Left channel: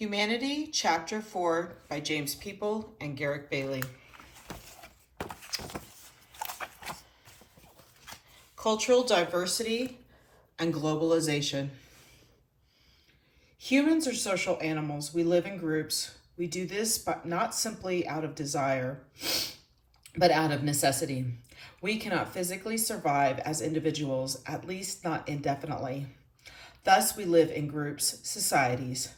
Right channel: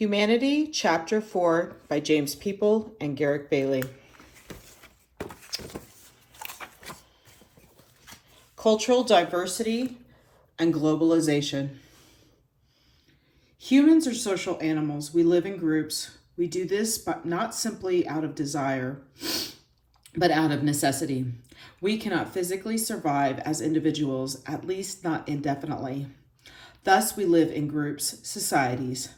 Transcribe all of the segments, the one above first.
Humanity, Chapter 4 by James People and Garrick Bailey. Cultural diversity and globalization. Humans are social animals. We live in groups. We do this but not simply out of desire, but out of necessity. We cannot physically survive as individuals, at least not indefinitely. Thus, we live in groups, societies.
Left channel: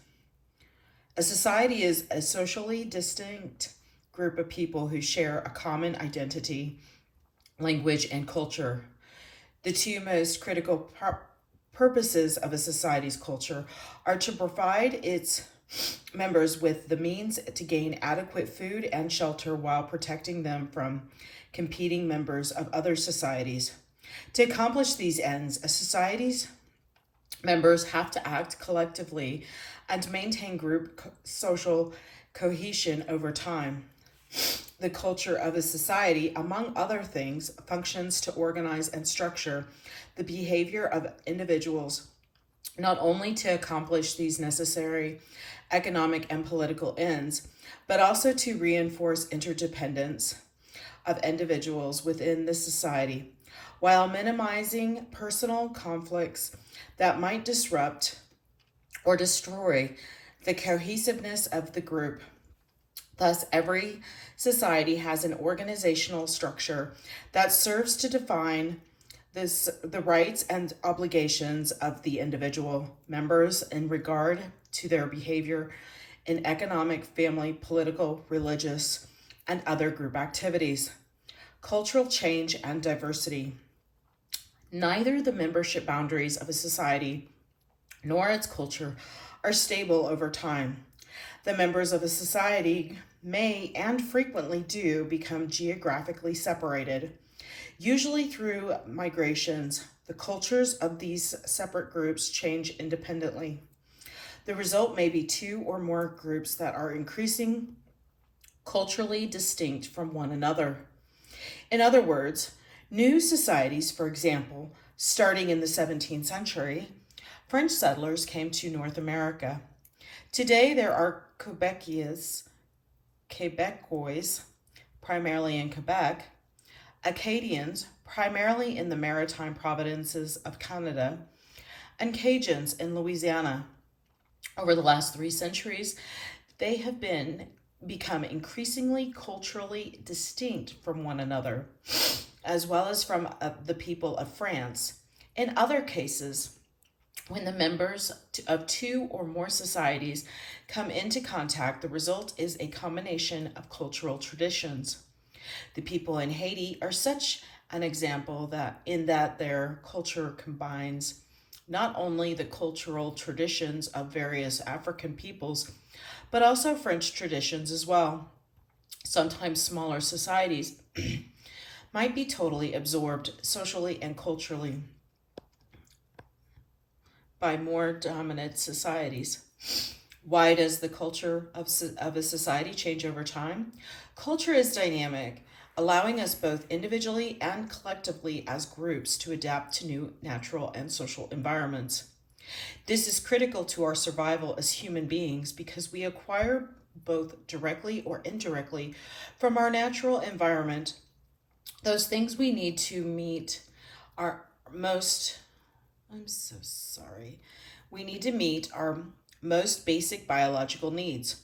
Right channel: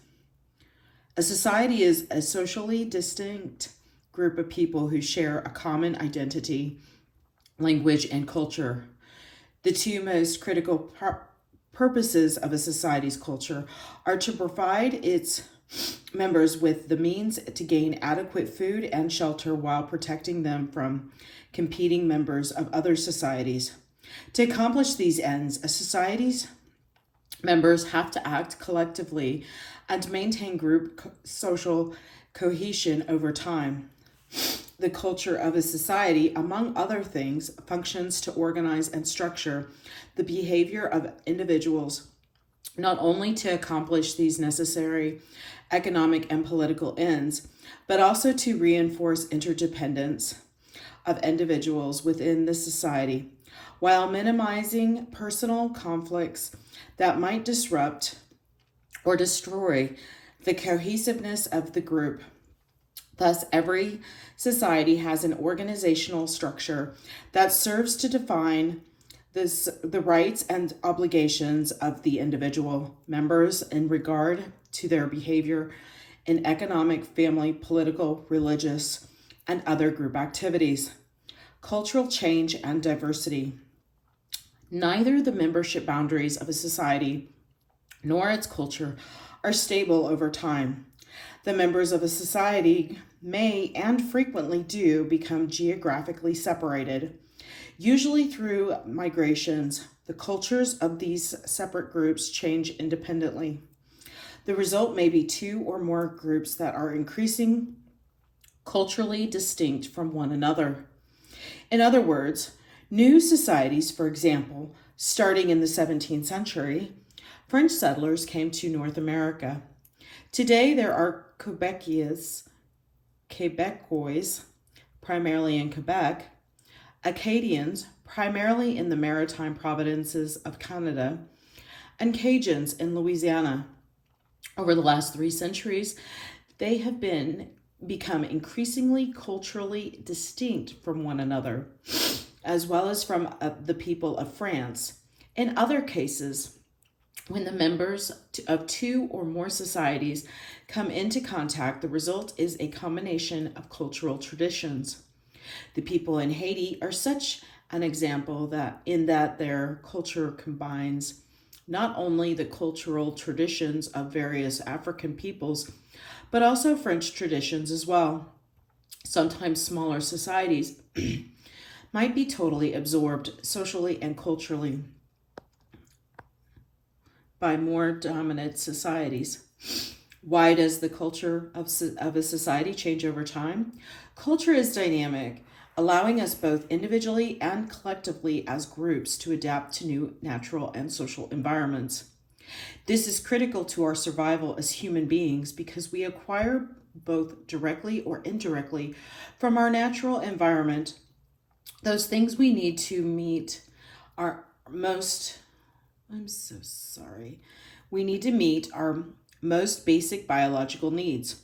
A society is a socially distinct group of people who share a common identity, language, and culture. The two most critical purposes of a society's culture are to provide its members with the means to gain adequate food and shelter while protecting them from competing members of other societies. To accomplish these ends, a society's members have to act collectively and maintain group social cohesion over time. The culture of a society, among other things, functions to organize and structure the behavior of individuals, not only to accomplish these necessary economic and political ends, but also to reinforce interdependence of individuals within the society, while minimizing personal conflicts that might disrupt or destroy the cohesiveness of the group. Thus, every society has an organizational structure that serves to define the rights and obligations of the individual members in regard to their behavior in economic, family, political, religious, and other group activities. Cultural change and diversity. Neither the membership boundaries of a society nor its culture are stable over time. The members of a society may and frequently do become geographically separated, usually through migrations. The cultures of these separate groups change independently. The result may be two or more groups that are increasingly culturally distinct from one another. In other words, new societies, for example, starting in the 17th century, French settlers came to North America. Today, there are Quebecois, primarily in Quebec, Acadians, primarily in the maritime provinces of Canada, and Cajuns in Louisiana. Over the last 3 centuries, they have become increasingly culturally distinct from one another, as well as from the people of France. In other cases, when the members of two or more societies come into contact, the result is a combination of cultural traditions. The people in Haiti are such an example that their culture combines not only the cultural traditions of various African peoples, but also French traditions as well. Sometimes smaller societies might be totally absorbed socially and culturally by more dominant societies. Why does the culture of a society change over time? Culture is dynamic, allowing us both individually and collectively as groups to adapt to new natural and social environments. This is critical to our survival as human beings because we acquire both directly or indirectly from our natural environment those things we need to meet our most We need to meet our most basic biological needs:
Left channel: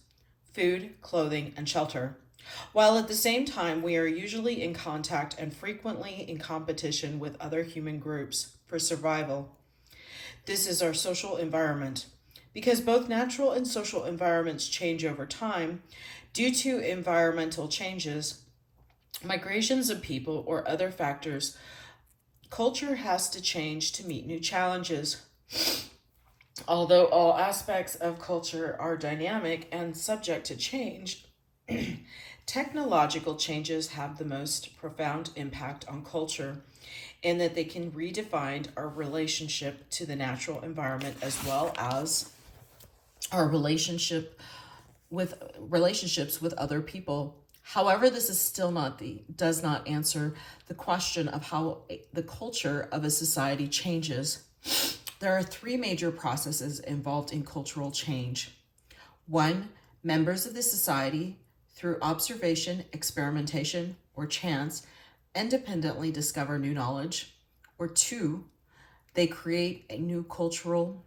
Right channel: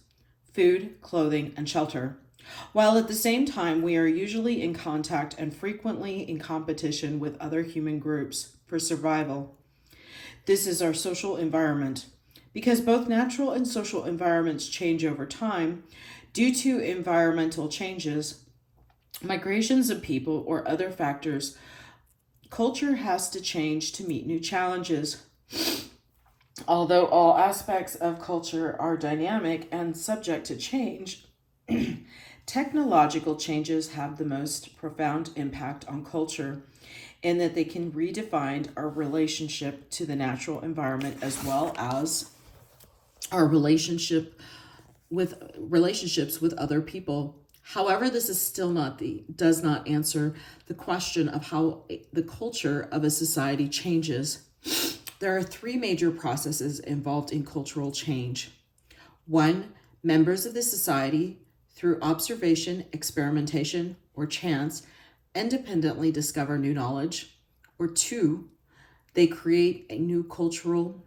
food, clothing, and shelter. While at the same time, we are usually in contact and frequently in competition with other human groups for survival. This is our social environment. Because both natural and social environments change over time due to environmental changes, migrations of people, or other factors, culture has to change to meet new challenges. Although all aspects of culture are dynamic and subject to change, technological changes have the most profound impact on culture in that they can redefine our relationship to the natural environment as well as our relationships with other people. However, this is still does not answer the question of how the culture of a society changes. There are 3 major processes involved in cultural change. 1. Members of the society, through observation, experimentation, or chance, independently discover new knowledge. Or 2. They create a new cultural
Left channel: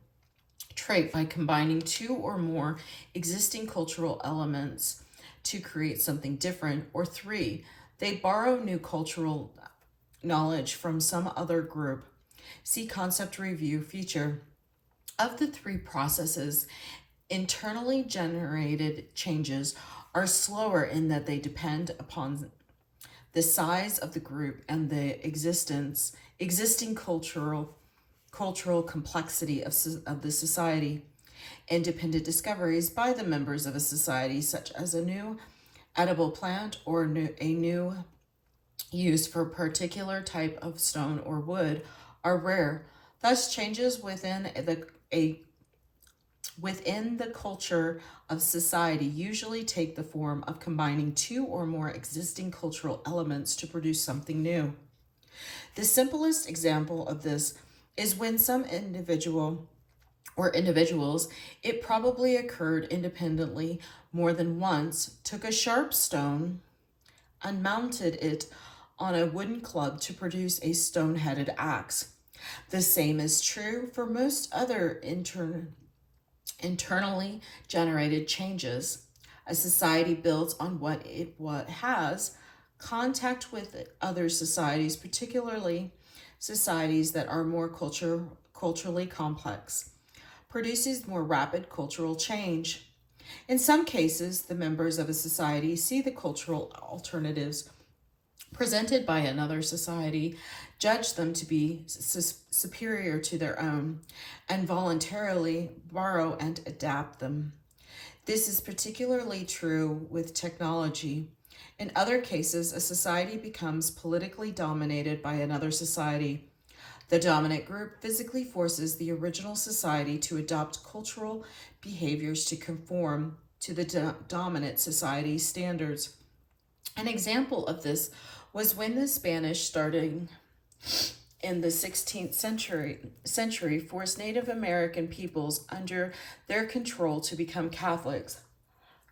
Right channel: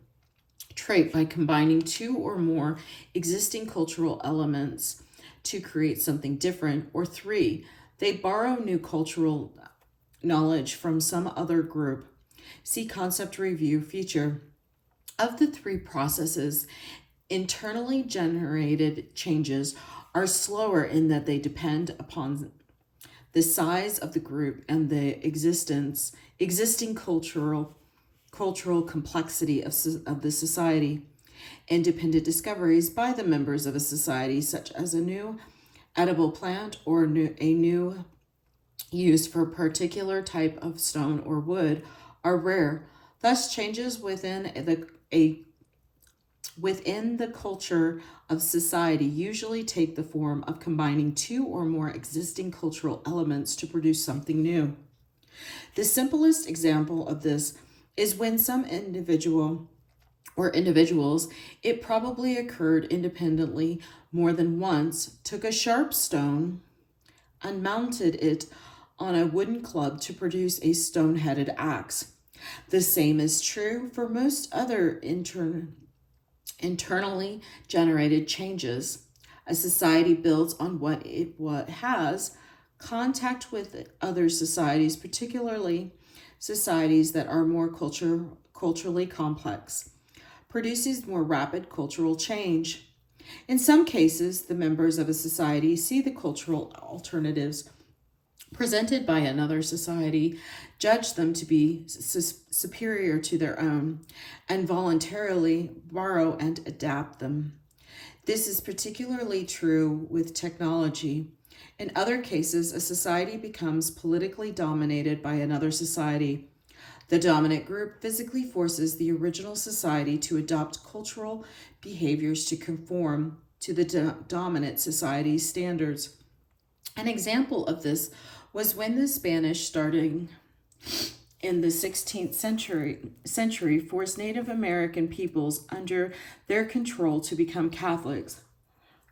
trait by combining two or more existing cultural elements to create something different. Or 3. They borrow new cultural knowledge from some other group. See concept review feature. Of the three processes, internally generated changes are slower in that they depend upon the size of the group and the existing cultural complexity of the society. Independent discoveries by the members of a society, such as a new edible plant or a new use for a particular type of stone or wood, are rare. Thus, changes within the culture of society usually take the form of combining two or more existing cultural elements to produce something new. The simplest example of this is when some individuals, it probably occurred independently more than once, took a sharp stone and mounted it on a wooden club to produce a stone-headed axe. The same is true for most other internally generated changes. A society builds on what it has. Contact with other societies, particularly societies that are more culturally complex, produces more rapid cultural change. In some cases, the members of a society see the cultural alternatives presented by another society, judge them to be superior to their own, and voluntarily borrow and adapt them. This is particularly true with technology. In other cases, a society becomes politically dominated by another society. The dominant group physically forces the original society to adopt cultural behaviors to conform to the dominant society's standards. An example of this was when the Spanish, starting in the 16th century, forced Native American peoples under their control to become Catholics.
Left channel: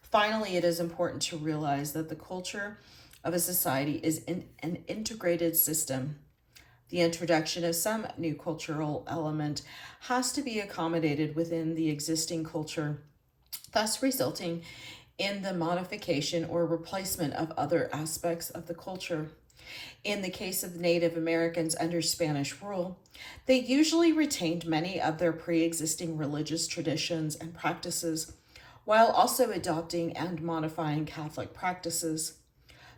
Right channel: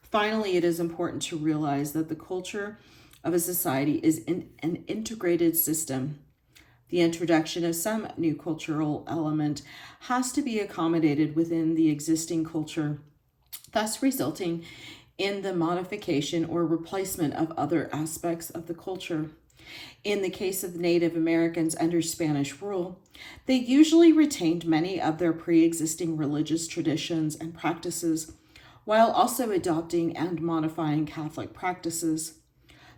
Finally, it is important to realize that the culture of a society is an integrated system. The introduction of some new cultural element has to be accommodated within the existing culture, thus resulting in the modification or replacement of other aspects of the culture. In the case of Native Americans under Spanish rule, they usually retained many of their pre-existing religious traditions and practices, while also adopting and modifying Catholic practices.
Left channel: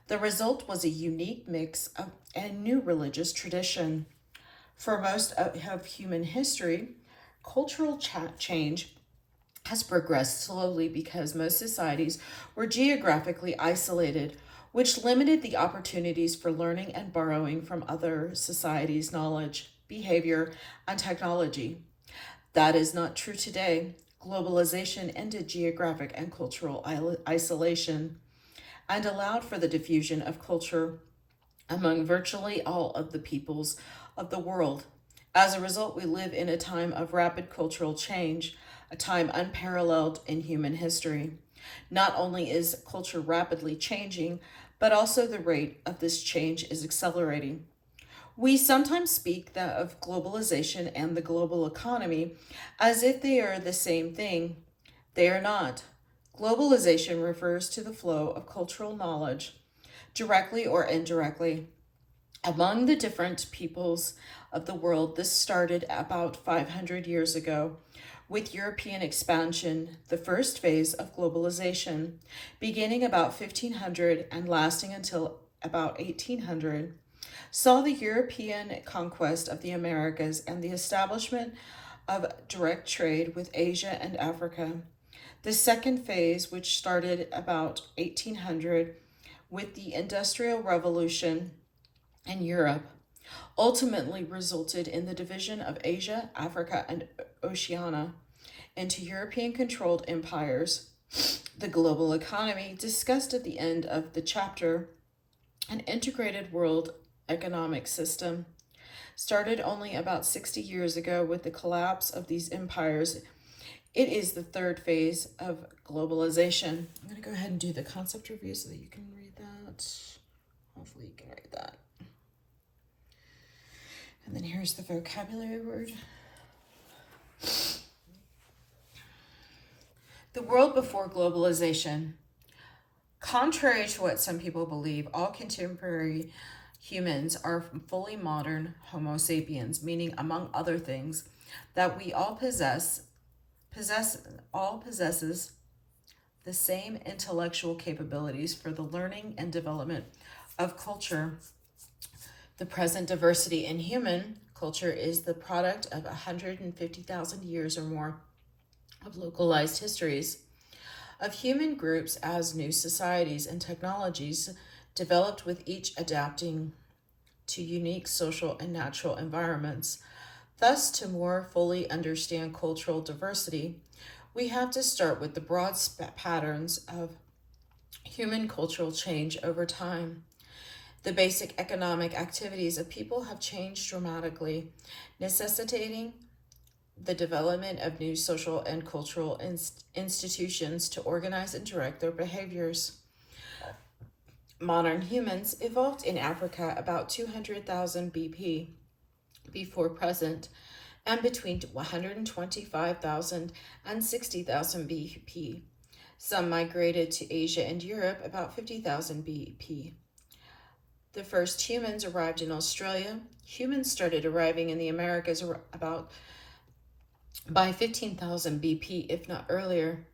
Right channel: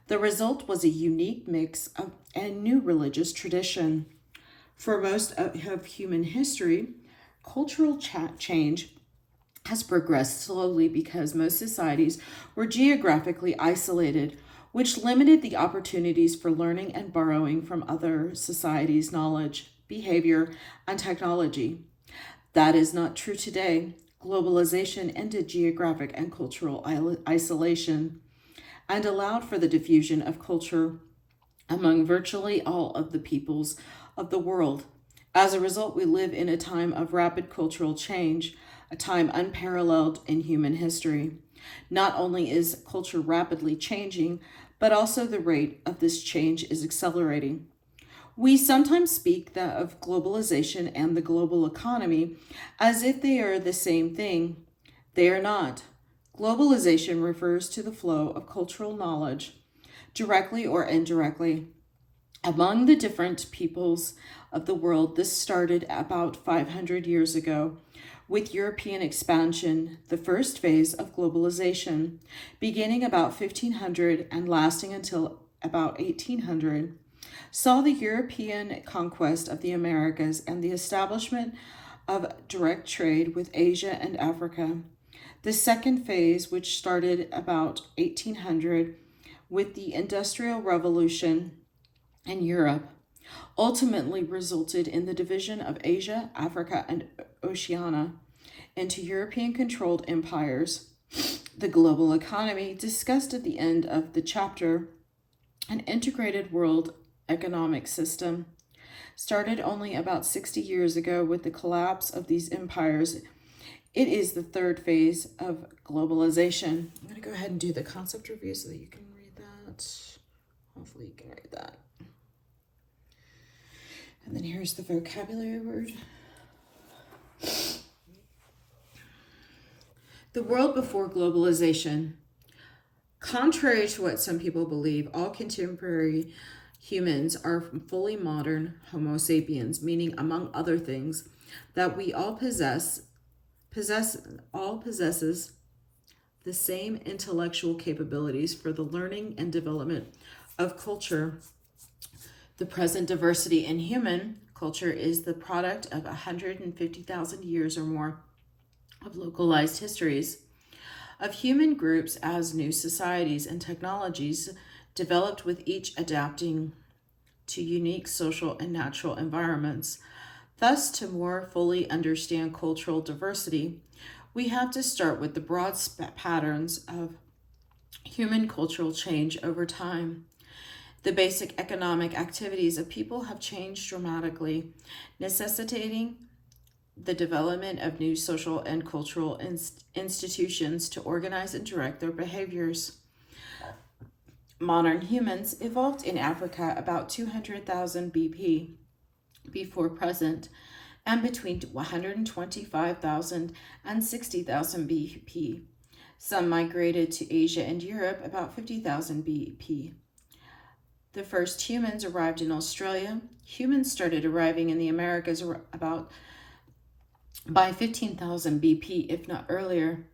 The result was a unique mix of a new religious tradition. For most of human history, cultural change has progressed slowly because most societies were geographically isolated, which limited the opportunities for learning and borrowing from other societies' knowledge, behavior, and technology. That is not true today. Globalization ended geographic and cultural isolation and allowed for the diffusion of culture among virtually all of the peoples of the world. As a result, we live in a time of rapid cultural change, a time unparalleled in human history. Not only is culture rapidly changing, but also the rate of this change is accelerating. We sometimes speak of globalization and the global economy as if they are the same thing. They are not. Globalization refers to the flow of cultural knowledge, directly or indirectly, among the different peoples of the world. This started about 500 years ago with European expansion, the first phase of globalization, beginning about 1500 and lasting until about 1800, saw the European conquest of the Americas and the establishment of direct trade with Asia and Africa. The second phase, which started about 1800 with the Industrial Revolution in Europe, ultimately resulted in the division of Asia, Africa, and Oceania into European-controlled empires. The global economy, discussed at the end of the chapter, an integrated world economic system, started only about 60 years ago with the collapse of these empires It is the third phase of globalization. I'm going to go ahead and do the concept review so that you can read that. Hopefully you can read that. And then here's the vocabulary word. The world before globalization. Contrary to what some people believe, all contemporary humans are fully modern Homo sapiens, meaning, among other things, that we all possesses the same intellectual capabilities for the learning and development of culture. The present diversity in human culture is the product of 150,000 years or more of localized histories of human groups as new societies and technologies developed, with each adapting to unique social and natural environments. Thus, to more fully understand cultural diversity, we have to start with the broad patterns of human cultural change over time. The basic economic activities of people have changed dramatically, necessitating the development of new social and cultural institutions to organize and direct their behaviors. Modern humans evolved in Africa about 200,000 BP before present, and between 125,000 and 60,000 BP. Some migrated to Asia and Europe about 50,000 BP. The first humans arrived in Australia. Humans started arriving in the Americas about by 15,000 BP, if not earlier.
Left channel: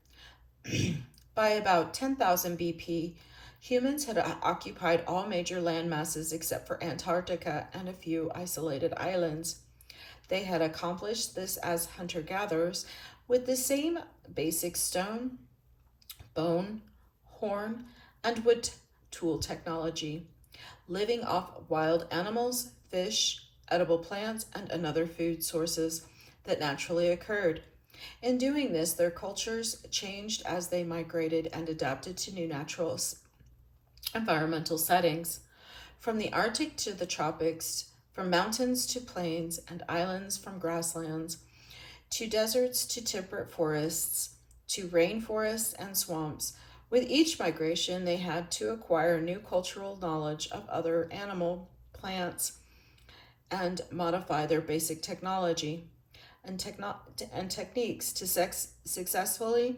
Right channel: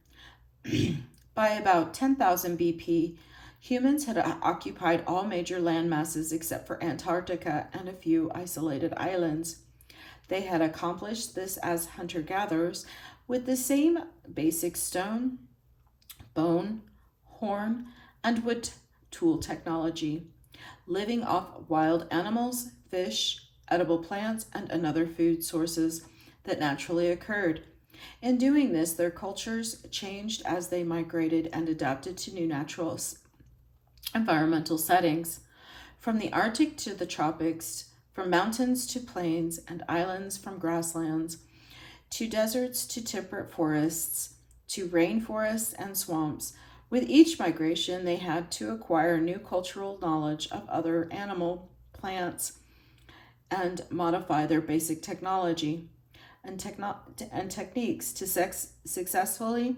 By about 10,000 BP, humans had occupied all major land masses except for Antarctica and a few isolated islands. They had accomplished this as hunter-gatherers with the same basic stone, bone, horn, and wood tool technology, living off wild animals, fish, edible plants, and other food sources that naturally occurred. In doing this, their cultures changed as they migrated and adapted to new natural environmental settings. From the Arctic to the tropics, from mountains to plains and islands, from grasslands to deserts to temperate forests to rainforests and swamps. With each migration, they had to acquire new cultural knowledge of other animal, plants, and modify their basic technology and techniques to successfully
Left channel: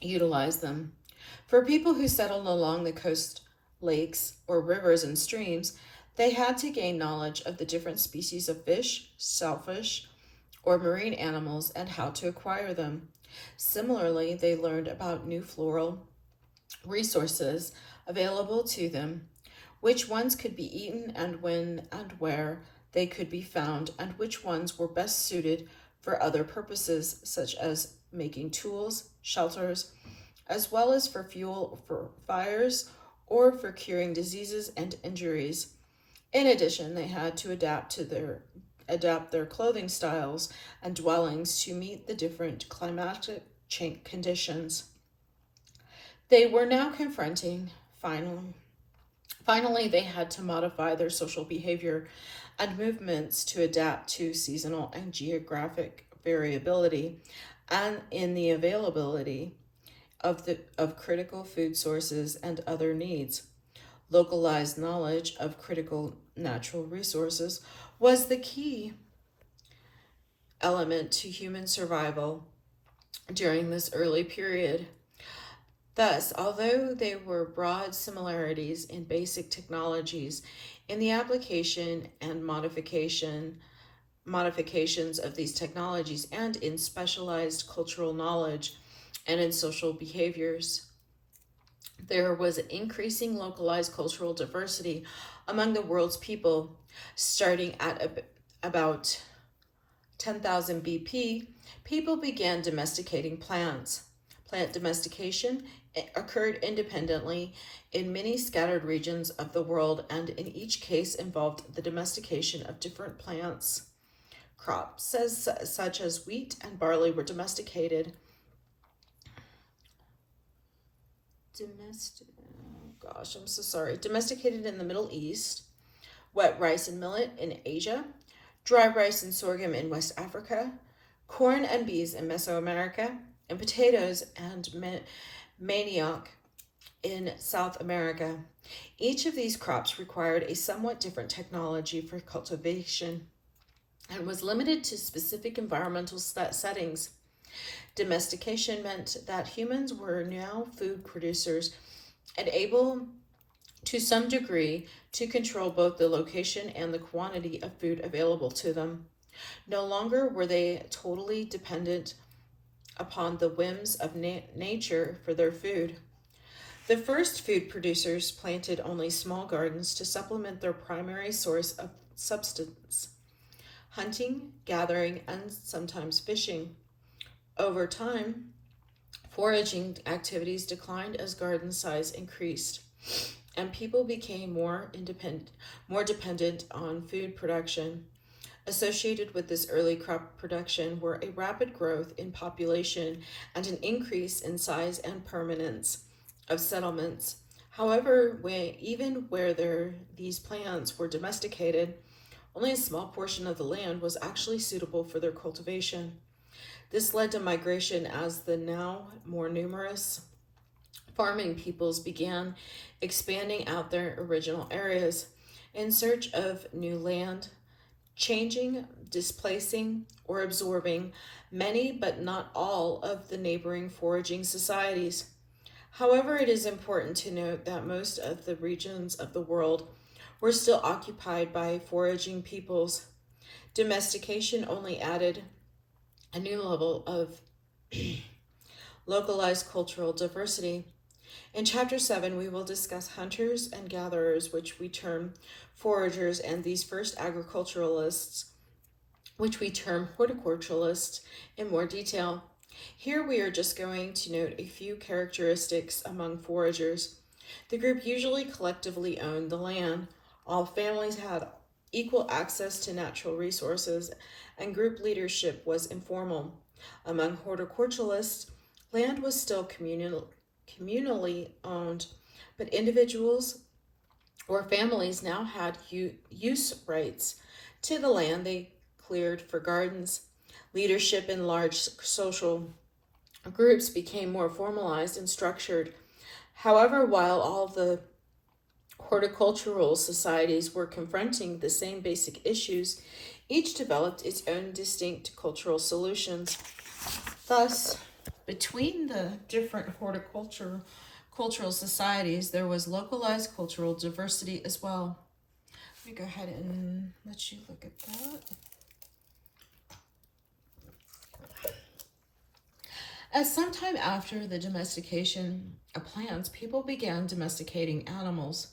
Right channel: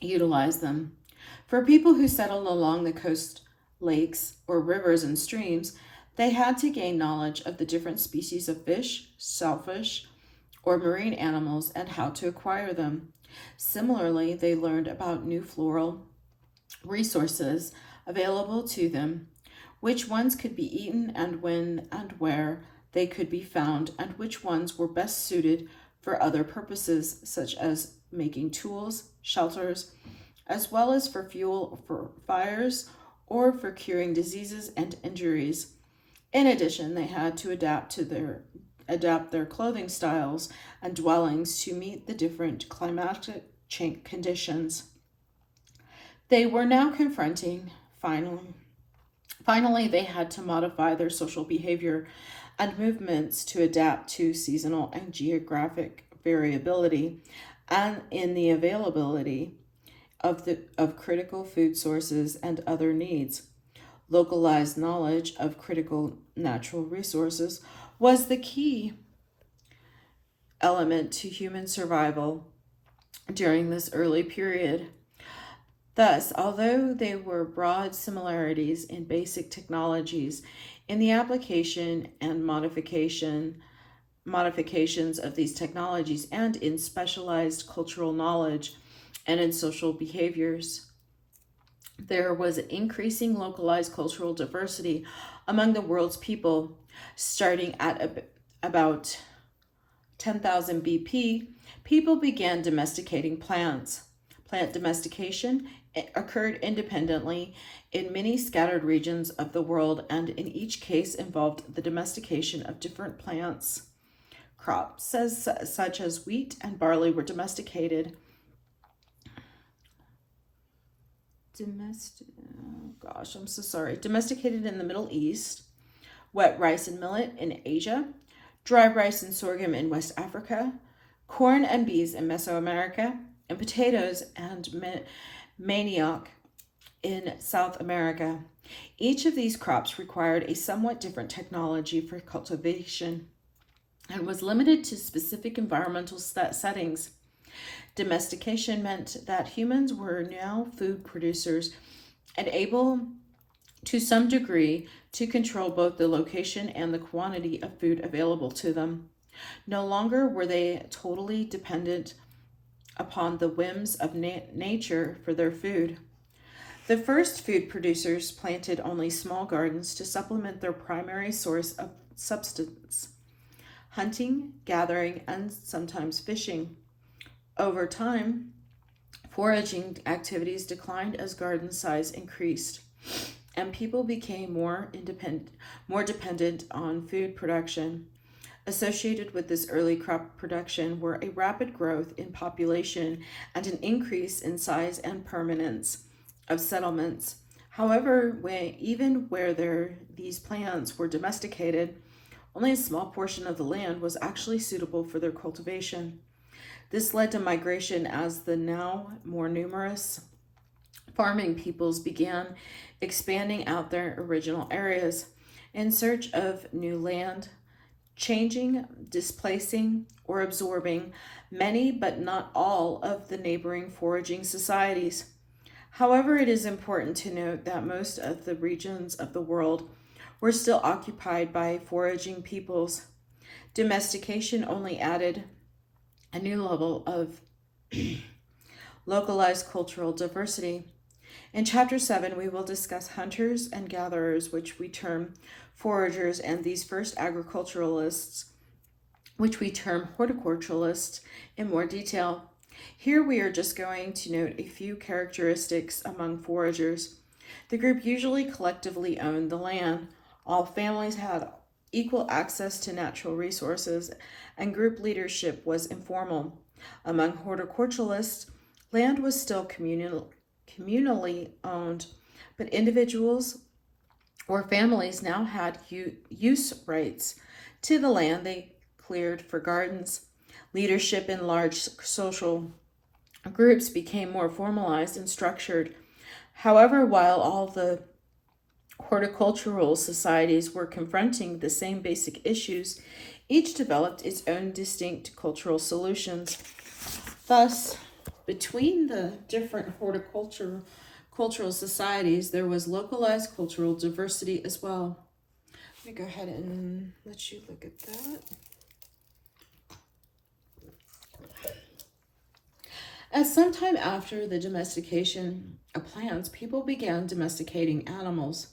utilize them. For people who settled along the coast, lakes, or rivers and streams, they had to gain knowledge of the different species of fish, shellfish, or marine animals and how to acquire them. Similarly, they learned about new floral resources available to them, which ones could be eaten and when and where they could be found, and which ones were best suited for other purposes, such as making tools, shelters, as well as for fuel for fires or for curing diseases and injuries. In addition, they had to adapt their clothing styles and dwellings to meet the different climatic conditions they were now confronting. Finally, they had to modify their social behavior and movements to adapt to seasonal and geographic variability and in the availability of critical food sources and other needs. Localized knowledge of critical natural resources was the key element to human survival during this early period. Thus, although there were broad similarities in basic technologies, in the application and modifications of these technologies, and in specialized cultural knowledge and in social behaviors, there was an increasing localized cultural diversity among the world's people. Starting at about 10,000 BP, people began domesticating plants. Plant domestication occurred independently in many scattered regions of the world, and in each case involved the domestication of different plants. Crops such as wheat and barley were domesticated. Domesticated in the Middle East, wet rice and millet in Asia, dry rice and sorghum in West Africa, corn and bees in Mesoamerica, and potatoes and manioc in South America. Each of these crops required a somewhat different technology for cultivation and was limited to specific environmental settings. Domestication meant that humans were now food producers and able to some degree to control both the location and the quantity of food available to them. No longer were they totally dependent upon the whims of nature for their food. The first food producers planted only small gardens to supplement their primary source of substance: hunting, gathering, and sometimes fishing. Over time, foraging activities declined as garden size increased, and people became more dependent on food production. Associated with this early crop production were a rapid growth in population and an increase in size and permanence of settlements. However, even where these plants were domesticated, only a small portion of the land was actually suitable for their cultivation. This led to migration as the now more numerous farming peoples began expanding out their original areas in search of new land, changing, displacing, or absorbing many but not all of the neighboring foraging societies. However, it is important to note that most of the regions of the world were still occupied by foraging peoples. Domestication only added a new level of localized cultural diversity. In Chapter 7, we will discuss hunters and gatherers, which we term foragers, and these first agriculturalists, which we term horticulturalists, in more detail. Here we are just going to note a few characteristics among foragers. The group usually collectively owned the land. All families had equal access to natural resources, and group leadership was informal. Among horticulturalists, land was still communally owned, but individuals or families now had use rights to the land they cleared for gardens. Leadership in large social groups became more formalized and structured. However, while all the horticultural societies were confronting the same basic issues, each developed its own distinct cultural solutions. Thus, between the different cultural societies, there was localized cultural diversity as well. Let me go ahead and let you look at that. As sometime after the domestication of plants, people began domesticating animals.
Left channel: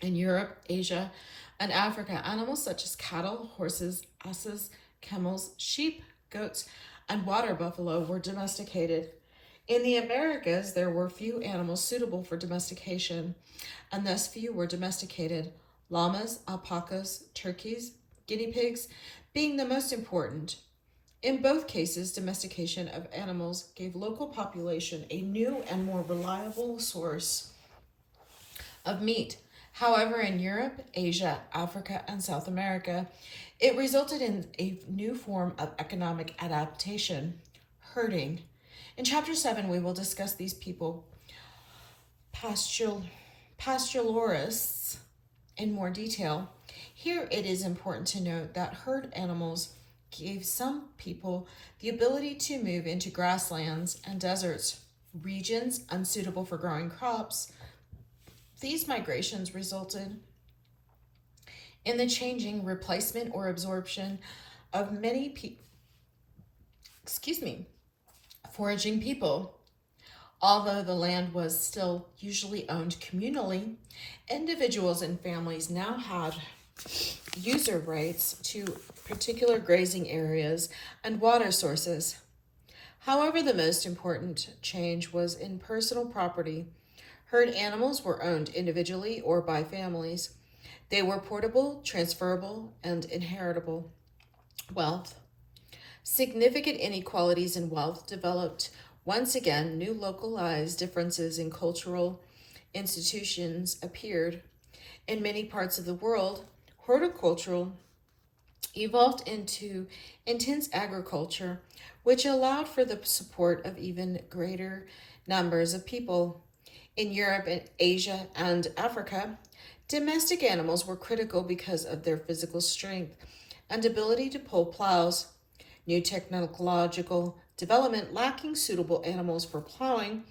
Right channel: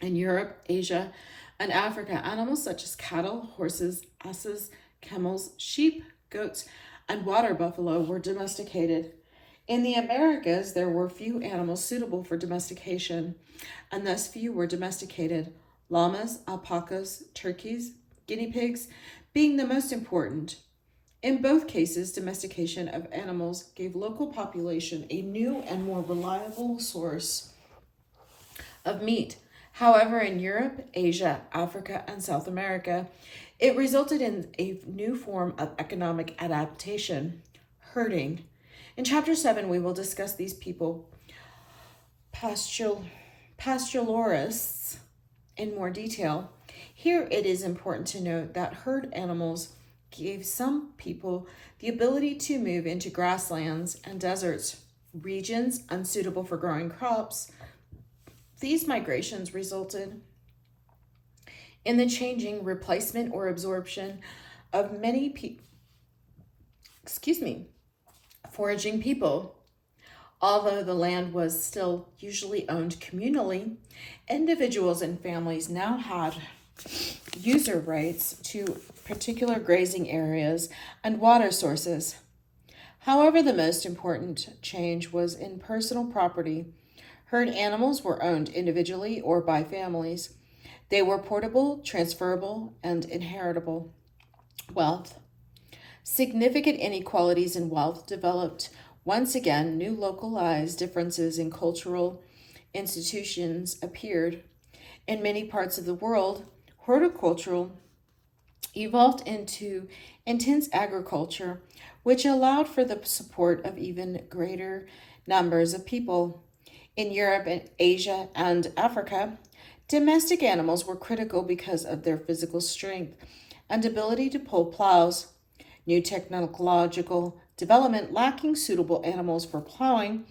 In Europe, Asia, and Africa, animals such as cattle, horses, asses, camels, sheep, goats, and water buffalo were domesticated. In the Americas, there were few animals suitable for domestication, and thus few were domesticated. Llamas, alpacas, turkeys, guinea pigs being the most important. In both cases, domestication of animals gave local population a new and more reliable source of meat. However, in Europe, Asia, Africa, and South America, it resulted in a new form of economic adaptation: herding. In Chapter 7, we will discuss these people, pastoralists, in more detail. Here it is important to note that herd animals gave some people the ability to move into grasslands and deserts, regions unsuitable for growing crops. These migrations resulted in the changing, replacement, or absorption of many foraging people. Although the land was still usually owned communally, individuals and families now had user rights to particular grazing areas and water sources. However, the most important change was in personal property. Herd animals were owned individually or by families. They were portable, transferable, and inheritable. Wealth. Significant inequalities in wealth developed. Once again, new localized differences in cultural institutions appeared. In many parts of the world, horticultural evolved into intense agriculture, which allowed for the support of even greater numbers of people. In Europe and Asia and Africa, domestic animals were critical because of their physical strength and ability to pull plows. New technological development lacking suitable animals for plowing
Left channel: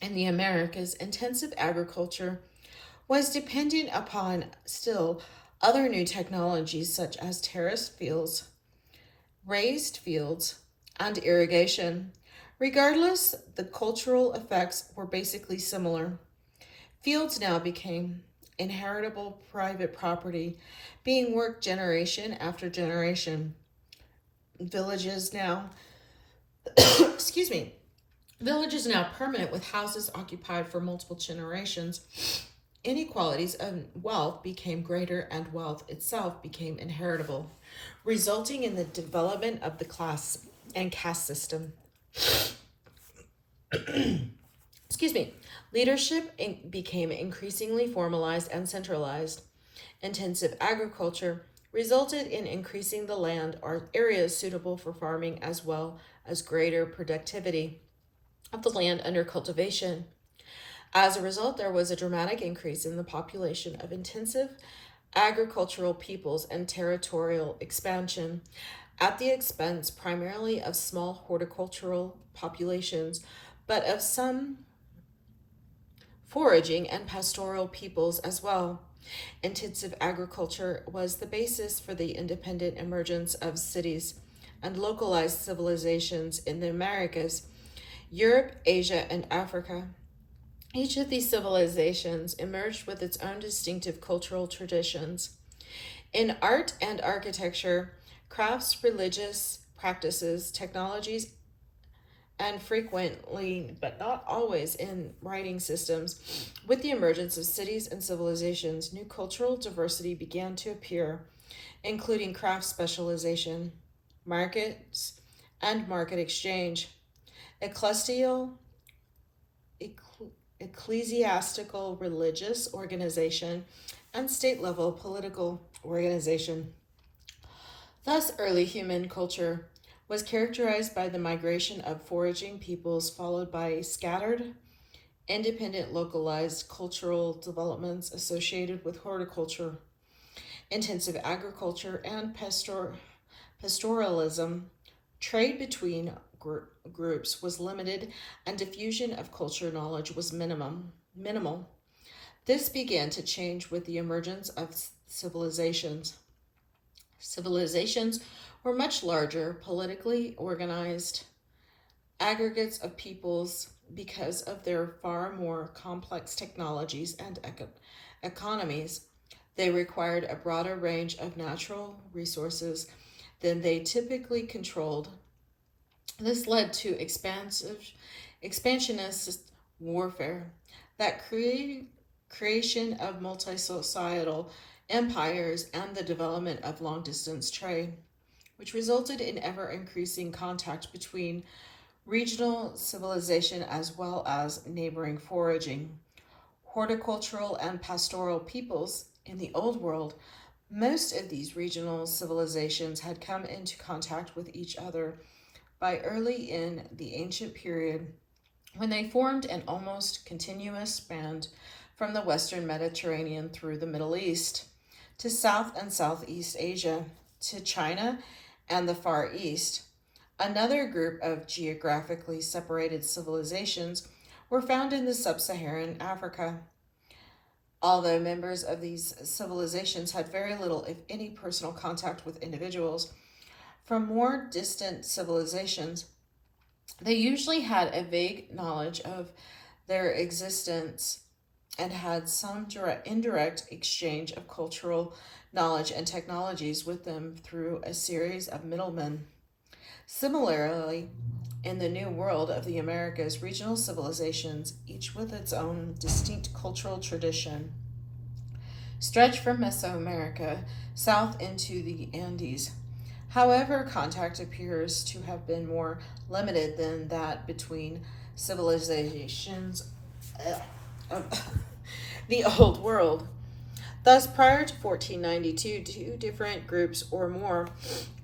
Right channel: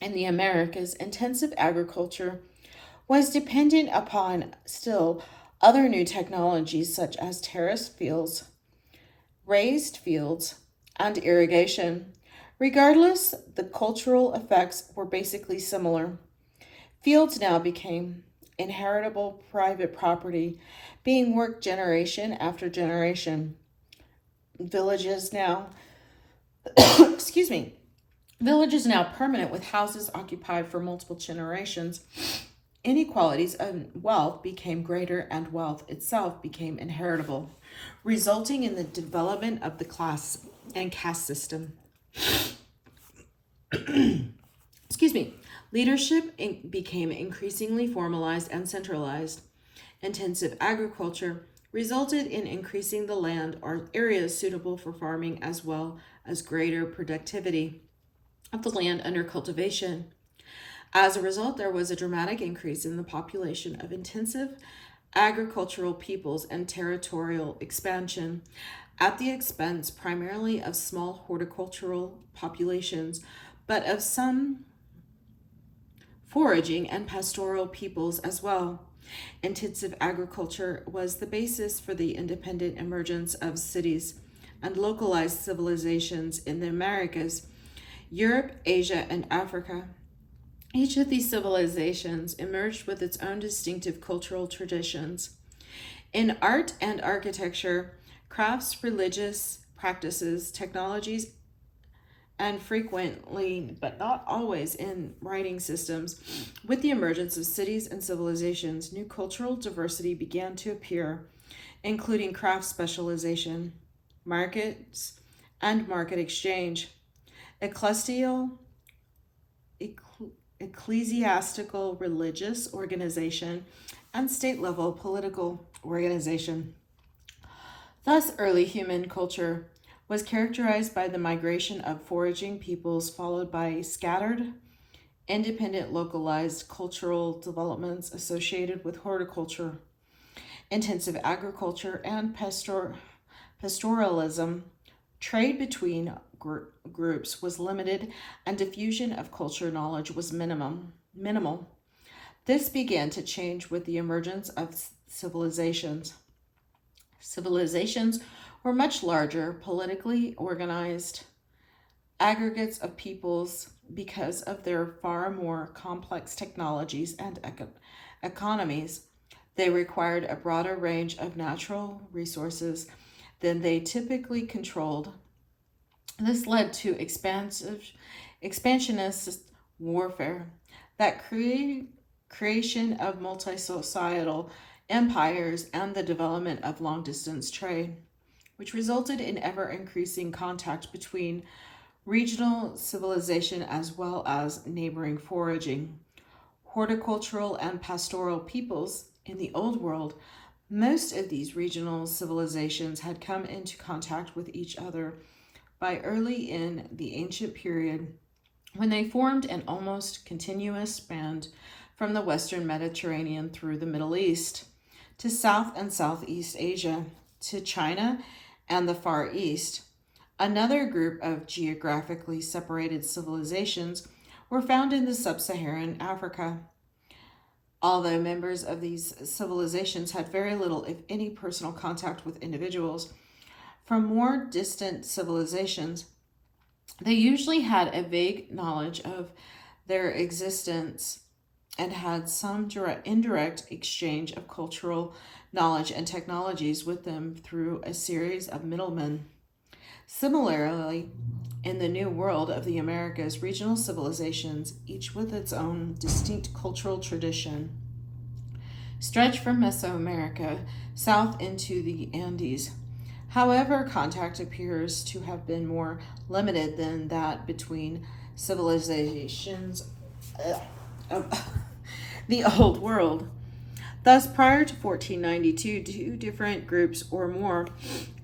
in the Americas, intensive agriculture was dependent upon still other new technologies such as terraced fields, raised fields, and irrigation. Regardless, the cultural effects were basically similar. Fields now became inheritable private property, being worked generation after generation. Villages now, excuse me, villages now permanent with houses occupied for multiple generations. Inequalities of wealth became greater and wealth itself became inheritable, resulting in the development of the class and caste system. Excuse me. Leadership became increasingly formalized and centralized. Intensive agriculture resulted in increasing the land or areas suitable for farming as well as greater productivity of the land under cultivation. As a result, there was a dramatic increase in the population of intensive agricultural peoples and territorial expansion at the expense primarily of small horticultural populations, but of some foraging and pastoral peoples as well. Intensive agriculture was the basis for the independent emergence of cities and localized civilizations in the Americas, Europe, Asia, and Africa. Each of these civilizations emerged with its own distinctive cultural traditions. In art and architecture, crafts, religious practices, technologies, and frequently, but not always, in writing systems, with the emergence of cities and civilizations, new cultural diversity began to appear, including craft specialization, markets, and market exchange. Ecclesiastical religious organization, and state-level political organization. Thus, early human culture was characterized by the migration of foraging peoples, followed by scattered, independent, localized cultural developments associated with horticulture, intensive agriculture, and pastoralism. Trade between groups was limited, and diffusion of culture knowledge was minimal. This began to change with the emergence of civilizations. Civilizations were much larger, politically organized aggregates of peoples because of their far more complex technologies and economies. They required a broader range of natural resources than they typically controlled. This led to expansionist warfare, that creation of multi-societal empires, and the development of long-distance trade, which resulted in ever-increasing contact between regional civilization as well as neighboring foraging, horticultural, and pastoral peoples in the Old World. Most of these regional civilizations had come into contact with each other by early in the ancient period, when they formed an almost continuous band from the Western Mediterranean through the Middle East to South and Southeast Asia to China and the Far East. Another group of geographically separated civilizations were found in the sub-Saharan Africa. Although members of these civilizations had very little, if any, personal contact with individuals from more distant civilizations, they usually had a vague knowledge of their existence and had some indirect exchange of cultural knowledge and technologies with them through a series of middlemen. Similarly, in the New World of the Americas, regional civilizations, each with its own distinct cultural tradition, stretched from Mesoamerica south into the Andes. However, contact appears to have been more limited than that between civilizations of the Old World. Thus, prior to 1492, two different groups or more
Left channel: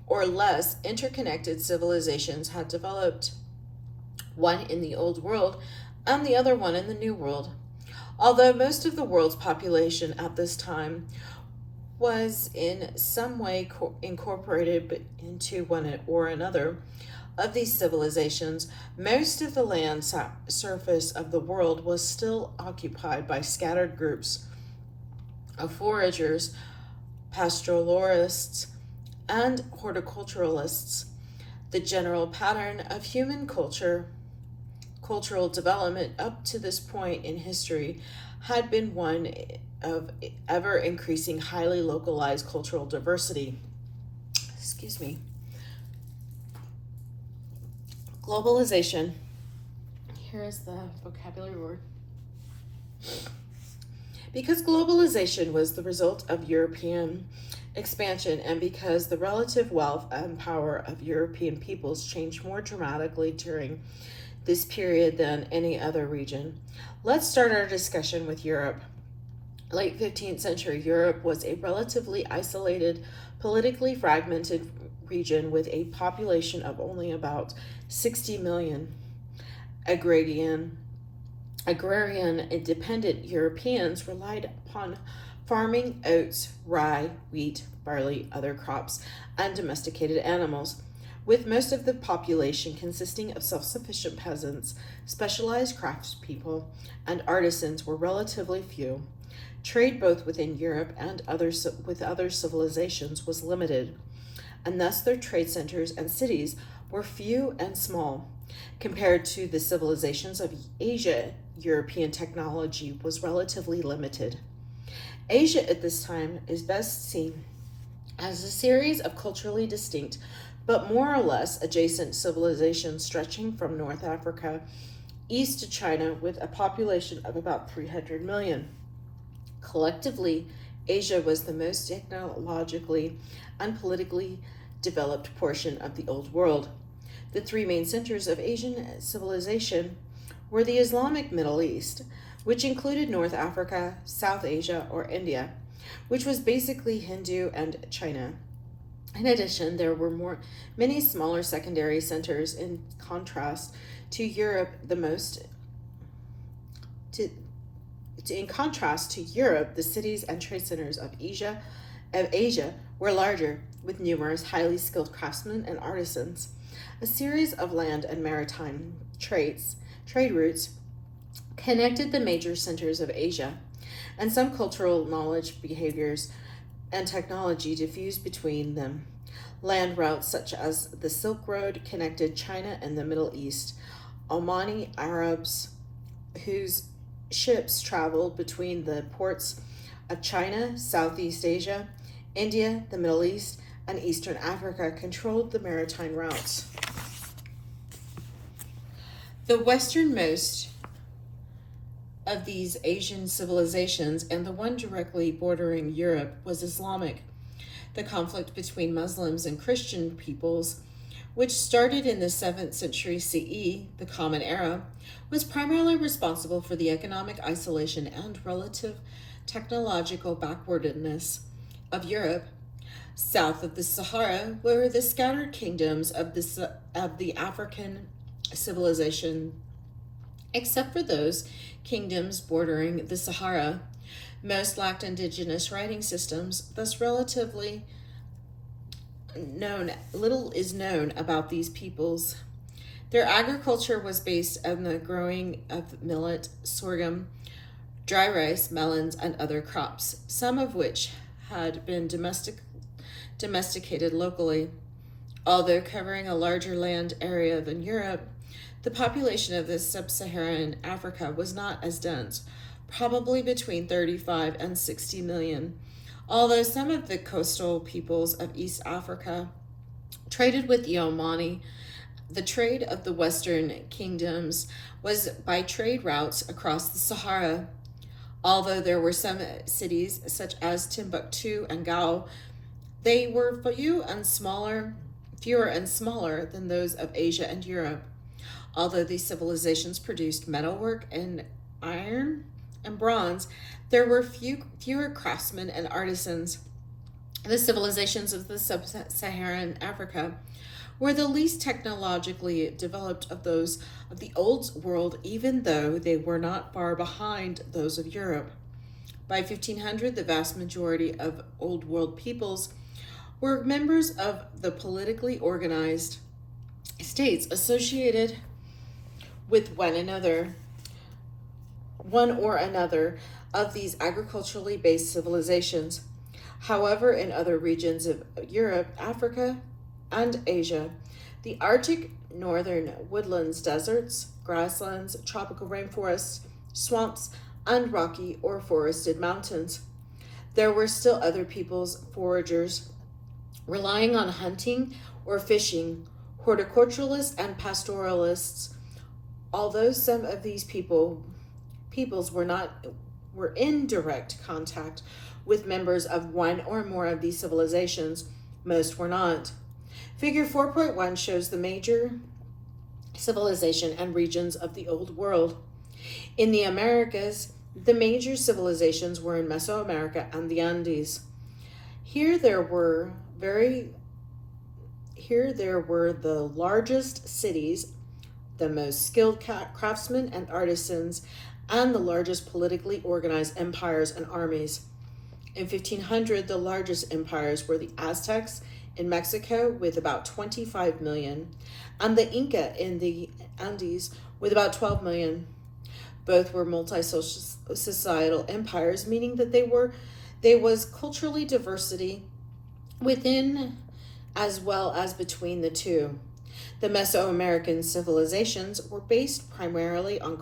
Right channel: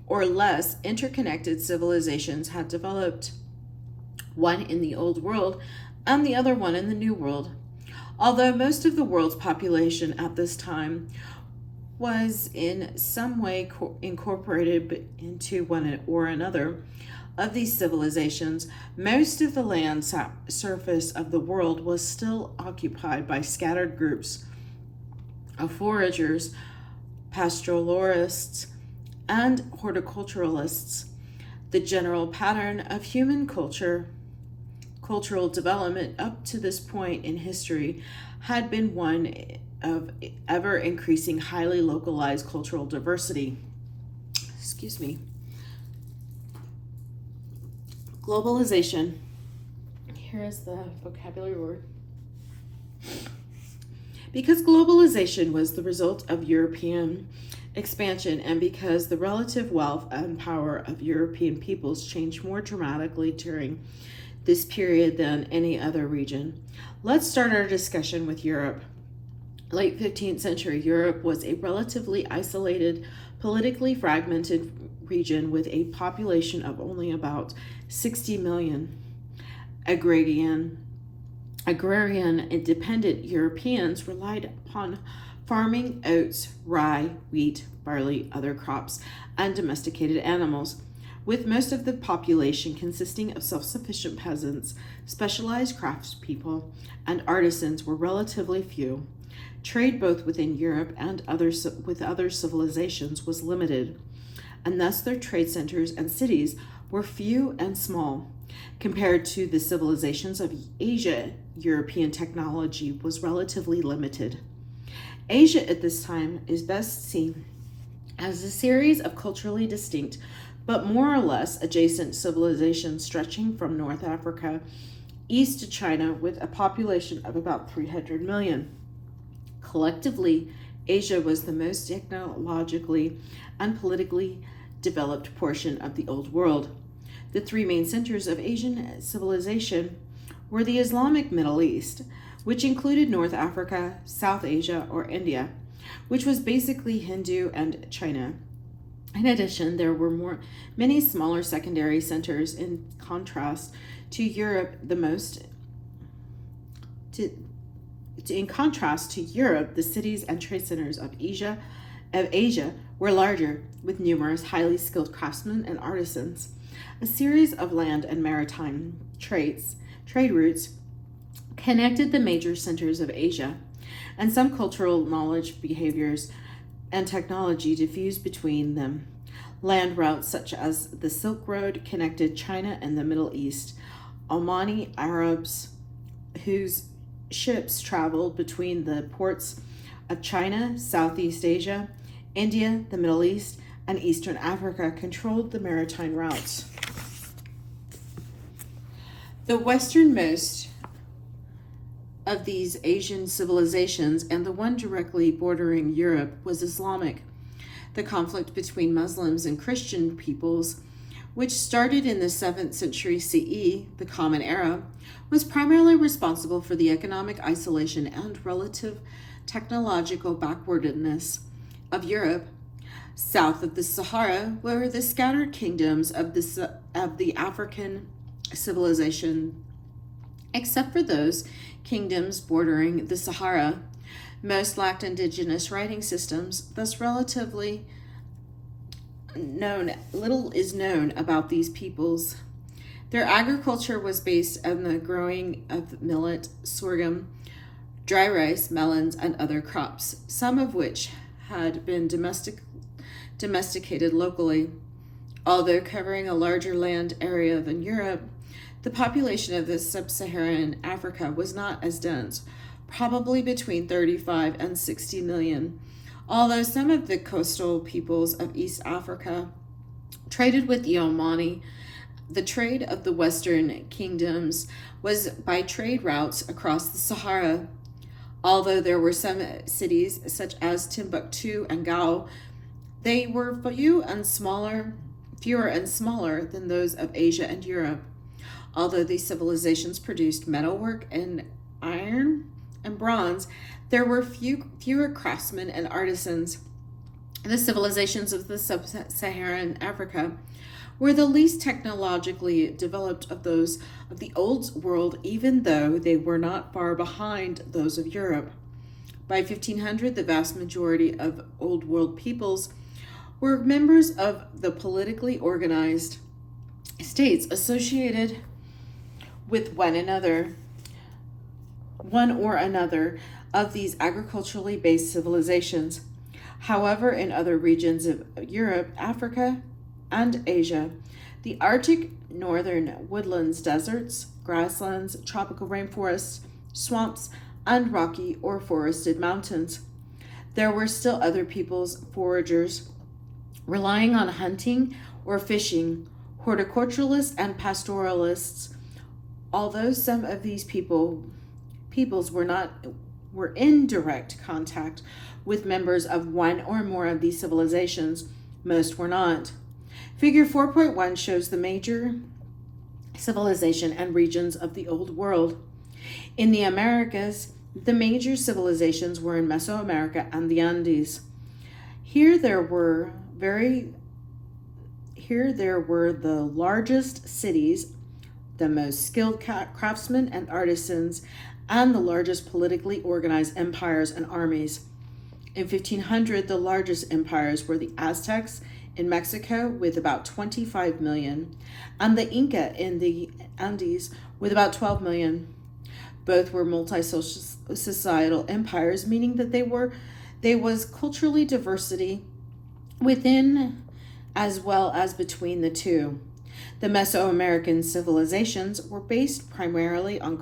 or less interconnected civilizations had developed, one in the Old World and the other one in the New World. Although most of the world's population at this time was in some way incorporated into one or another of these civilizations, most of the land surface of the world was still occupied by scattered groups of foragers, pastoralists, and horticulturalists. The general pattern of human cultural development up to this point in history had been one of ever increasing highly localized cultural diversity. Excuse me. Globalization. Here is the vocabulary word. Because globalization was the result of European expansion, and because the relative wealth and power of European peoples changed more dramatically during this period than any other region. Let's start our discussion with Europe. Late 15th century Europe was a relatively isolated, politically fragmented region with a population of only about 60 million. Agrarian independent Europeans relied upon farming oats, rye, wheat, barley, other crops, and domesticated animals, with most of the population consisting of self-sufficient peasants. Specialized craftspeople and artisans were relatively few. Trade both within Europe and with other civilizations was limited, and thus their trade centers and cities were few and small. Compared to the civilizations of Asia, European technology was relatively limited. Asia at this time is best seen as a series of culturally distinct but more or less adjacent civilizations stretching from North Africa east to China, with a population of about 300 million. Collectively, Asia was the most technologically and politically developed portion of the Old World. The three main centers of Asian civilization were the Islamic Middle East, which included North Africa, South Asia, or India, which was basically Hindu, and China. In addition, there were many smaller secondary centers. In contrast to Europe, the cities and trade centers of Asia were larger, with numerous highly skilled craftsmen and artisans. A series of land and maritime trade routes connected the major centers of Asia, and some cultural knowledge, behaviors, and technology diffused between them. Land routes such as the Silk Road connected China and the Middle East. Omani Arabs, whose ships traveled between the ports of China, Southeast Asia, India, the Middle East, and Eastern Africa, controlled the maritime routes. The westernmost of these Asian civilizations, and the one directly bordering Europe, was Islamic. The conflict between Muslims and Christian peoples, which started in the 7th century CE, the Common Era, was primarily responsible for the economic isolation and relative technological backwardness of Europe. South of the Sahara were the scattered kingdoms of the African civilization. Except for those kingdoms bordering the Sahara, most lacked indigenous writing systems, thus little is known about these peoples. Their agriculture was based on the growing of millet, sorghum, dry rice, melons, and other crops, some of which had been domesticated locally. Although covering a larger land area than Europe, the population of this sub-Saharan Africa was not as dense, probably between 35 and 60 million. Although some of the coastal peoples of East Africa traded with the Omani, the trade of the Western kingdoms was by trade routes across the Sahara. Although there were some cities such as Timbuktu and Gao, they were fewer and smaller than those of Asia and Europe. Although these civilizations produced metalwork and iron, and bronze, there were fewer craftsmen and artisans. The civilizations of the sub-Saharan Africa were the least technologically developed of those of the Old World, even though they were not far behind those of Europe. By 1500, the vast majority of Old World peoples were members of the politically organized states associated with one or another of these agriculturally based civilizations. However, in other regions of Europe, Africa, and Asia, the Arctic northern woodlands, deserts, grasslands, tropical rainforests, swamps, and rocky or forested mountains, there were still other peoples, foragers, relying on hunting or fishing, horticulturalists and pastoralists. Although some of these peoples were in direct contact with members of one or more of these civilizations, most were not. Figure 4.1 shows the major civilization and regions of the Old World. In the Americas, the major civilizations were in Mesoamerica and the Andes. Here there were the largest cities, the most skilled craftsmen and artisans, and the largest politically organized empires and armies. In 1500, the largest empires were the Aztecs in Mexico with about 25 million, and the Inca in the Andes with about 12 million. Both were multi-societal empires, meaning that there was culturally diversity within as well as between the two. The Mesoamerican civilizations were based primarily on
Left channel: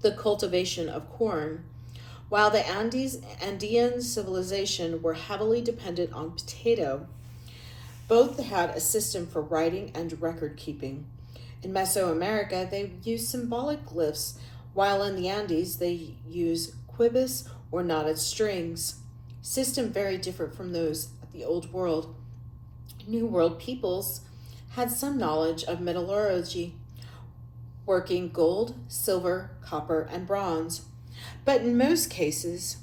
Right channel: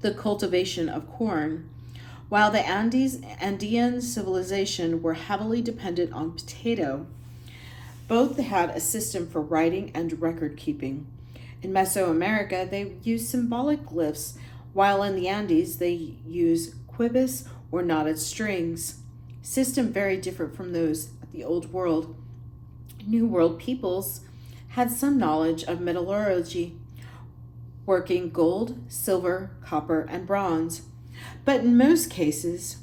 the cultivation of corn, while the Andean civilization were heavily dependent on potato. Both had a system for writing and record keeping. In Mesoamerica, they used symbolic glyphs, while in the Andes, they use quibus or knotted strings. System very different from those of the Old World. New World peoples had some knowledge of metallurgy, working gold, silver, copper, and bronze. But in most cases,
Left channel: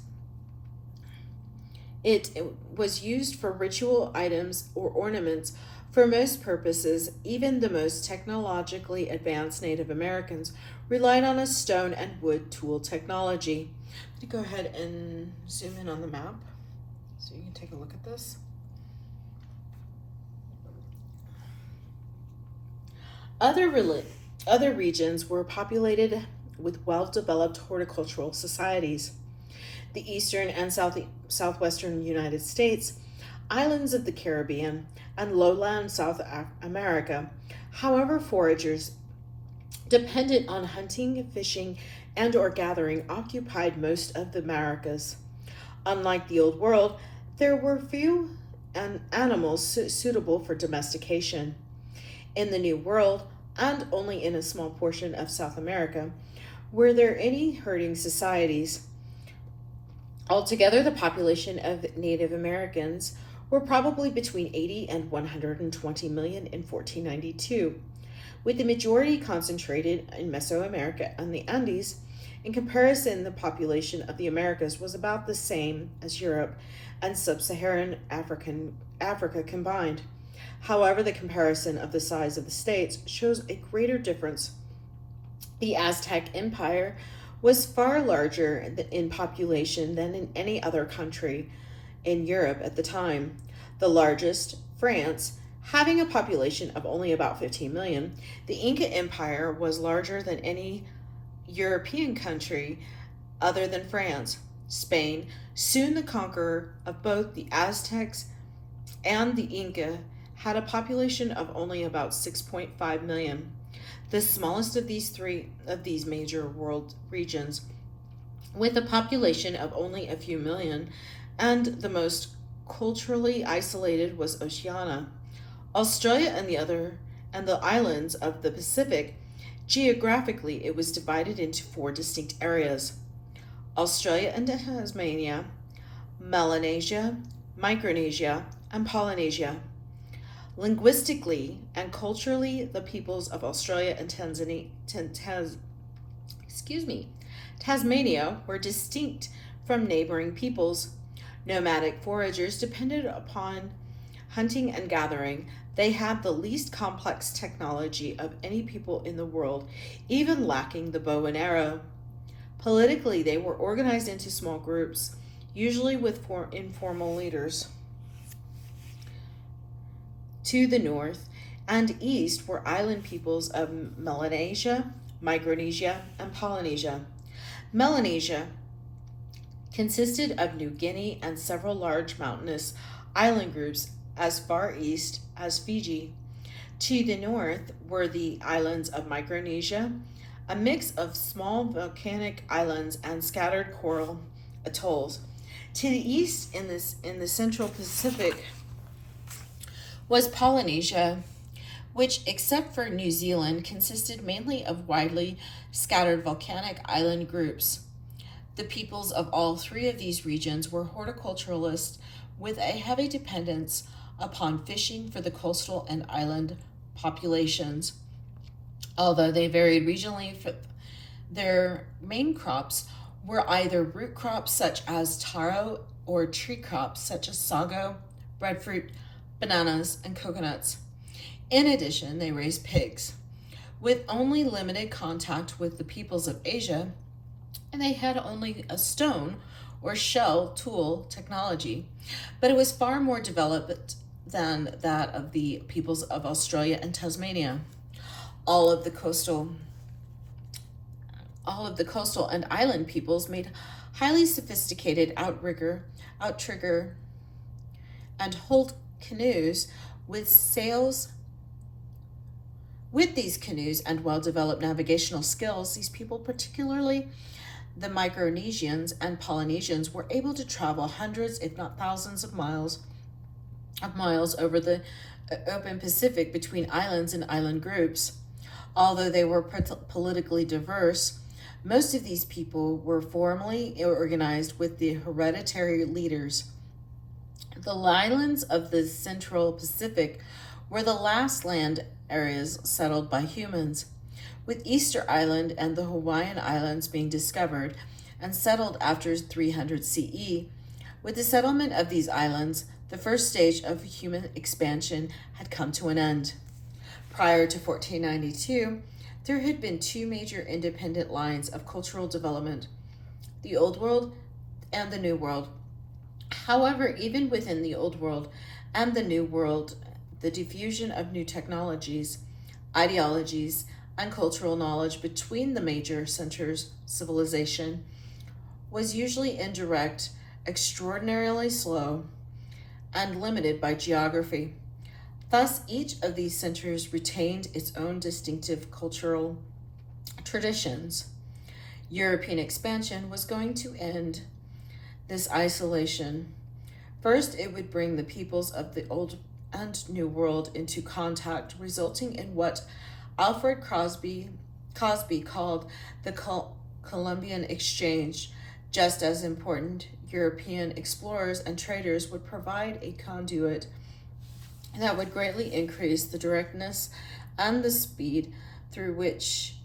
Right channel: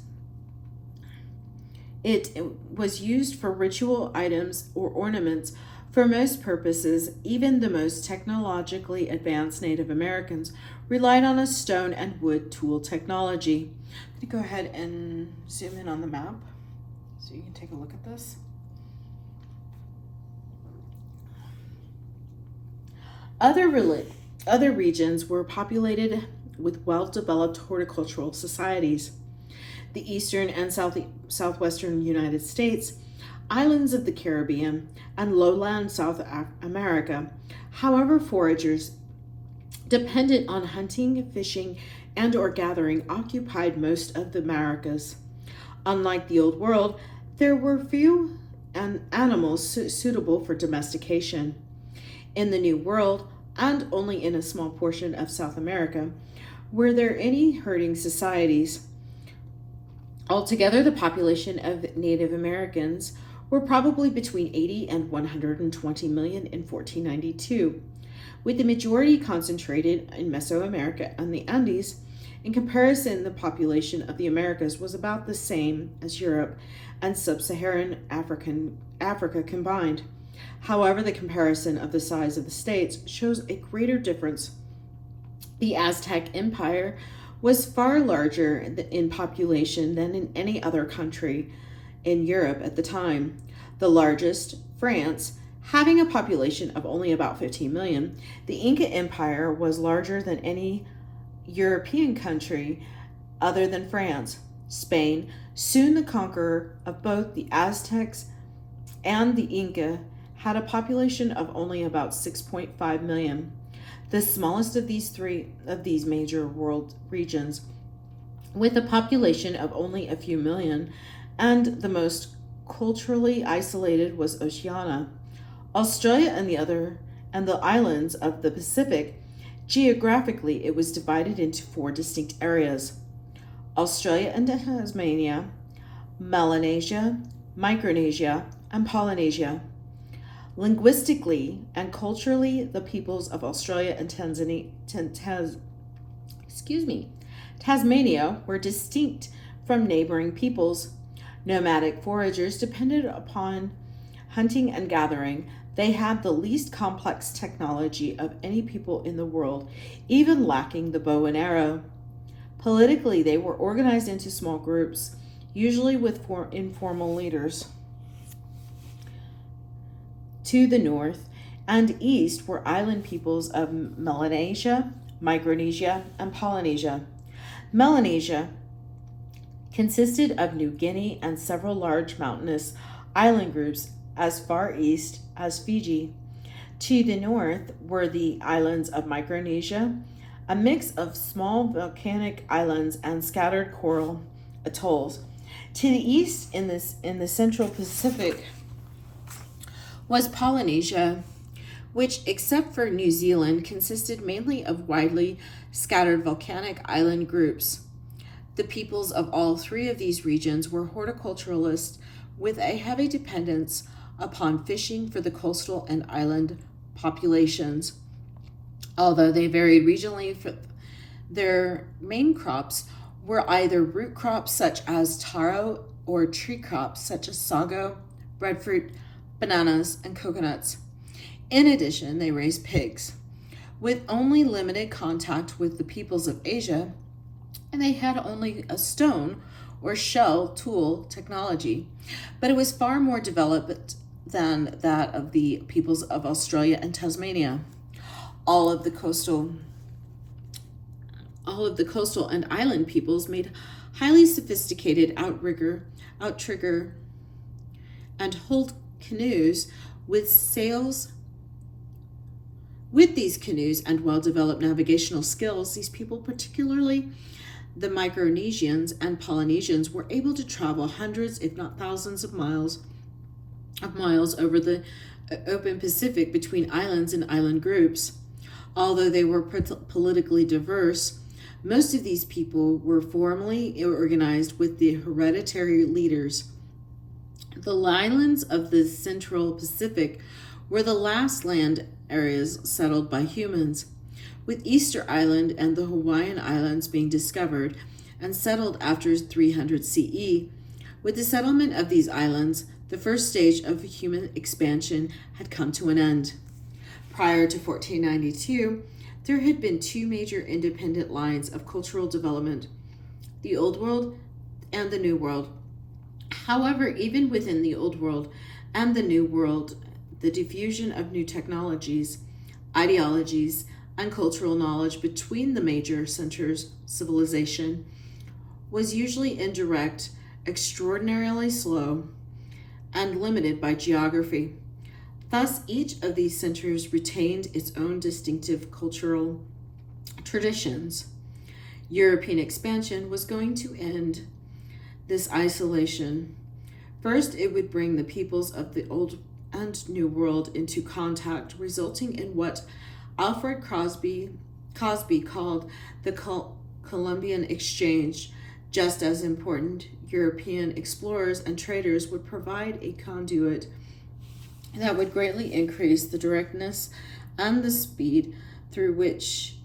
it was used for ritual items or ornaments. For most purposes, even the most technologically advanced Native Americans relied on a stone and wood tool technology. I'm going to go ahead and zoom in on the map so you can take a look at this. Other regions were populated with well-developed horticultural societies. The eastern and southwestern United States, islands of the Caribbean, and lowland South America. However, foragers dependent on hunting, fishing, and or gathering occupied most of the Americas. Unlike the Old World, there were few animals suitable for domestication. In the New World, and only in a small portion of South America, were there any herding societies. Altogether, the population of Native Americans were probably between 80 and 120 million in 1492, with the majority concentrated in Mesoamerica and the Andes. In comparison, the population of the Americas was about the same as Europe and sub-Saharan Africa combined. However, the comparison of the size of the states shows a greater difference. The Aztec Empire was far larger in population than in any other country in Europe at the time. The largest, France, having a population of only about 15 million, the Inca Empire was larger than any European country other than France. Spain, soon the conqueror of both the Aztecs and the Inca, had a population of only about 6.5 million. The smallest of these major world regions, with a population of only a few million, and the most culturally isolated was Oceania. Australia and the islands of the Pacific. Geographically, it was divided into 4 distinct areas: Australia and Tasmania, Melanesia, Micronesia, and Polynesia. Linguistically and Tasmania were distinct from neighboring peoples. Nomadic foragers depended upon hunting and gathering. They had the least complex technology of any people in the world, even lacking the bow and arrow. Politically, they were organized into small groups, usually with informal leaders. To the north and east were island peoples of Melanesia, Micronesia, and Polynesia. Melanesia consisted of New Guinea and several large mountainous island groups as far east as Fiji. To the north were the islands of Micronesia, a mix of small volcanic islands and scattered coral atolls. To the east, in the Central Pacific, was Polynesia, which, except for New Zealand, consisted mainly of widely scattered volcanic island groups. The peoples of all three of these regions were horticulturalists with a heavy dependence upon fishing for the coastal and island populations. Although they varied regionally, their main crops were either root crops such as taro or tree crops such as sago, breadfruit, bananas, and coconuts. In addition, they raised pigs. With only limited contact with the peoples of Asia, and they had only a stone or shell tool technology, but it was far more developed than that of the peoples of Australia and Tasmania. All of the coastal and island peoples made highly sophisticated outrigger, and hulled canoes with sails. With these canoes and well-developed navigational skills, these people, particularly the Micronesians and Polynesians, were able to travel hundreds, if not thousands of miles over the open Pacific between islands and island groups. Although they were politically diverse, most of these people were formally organized with the hereditary leaders. The islands of the Central Pacific were the last land areas settled by humans, with Easter Island and the Hawaiian Islands being discovered and settled after 300 CE. With the settlement of these islands, the first stage of human expansion had come to an end. Prior to 1492, there had been two major independent lines of cultural development, the Old World and the New World. However, even within the Old World and the New World, the diffusion of new technologies, ideologies, and cultural knowledge between the major centers of civilization was usually indirect, extraordinarily slow, and limited by geography. Thus, each of these centers retained its own distinctive cultural traditions. European expansion was going to end this isolation. First, it would bring the peoples of the Old and New World into contact, resulting in what Alfred Cosby called the Colombian Exchange. Just as important, European explorers and traders would provide a conduit that would greatly increase the directness and the speed through which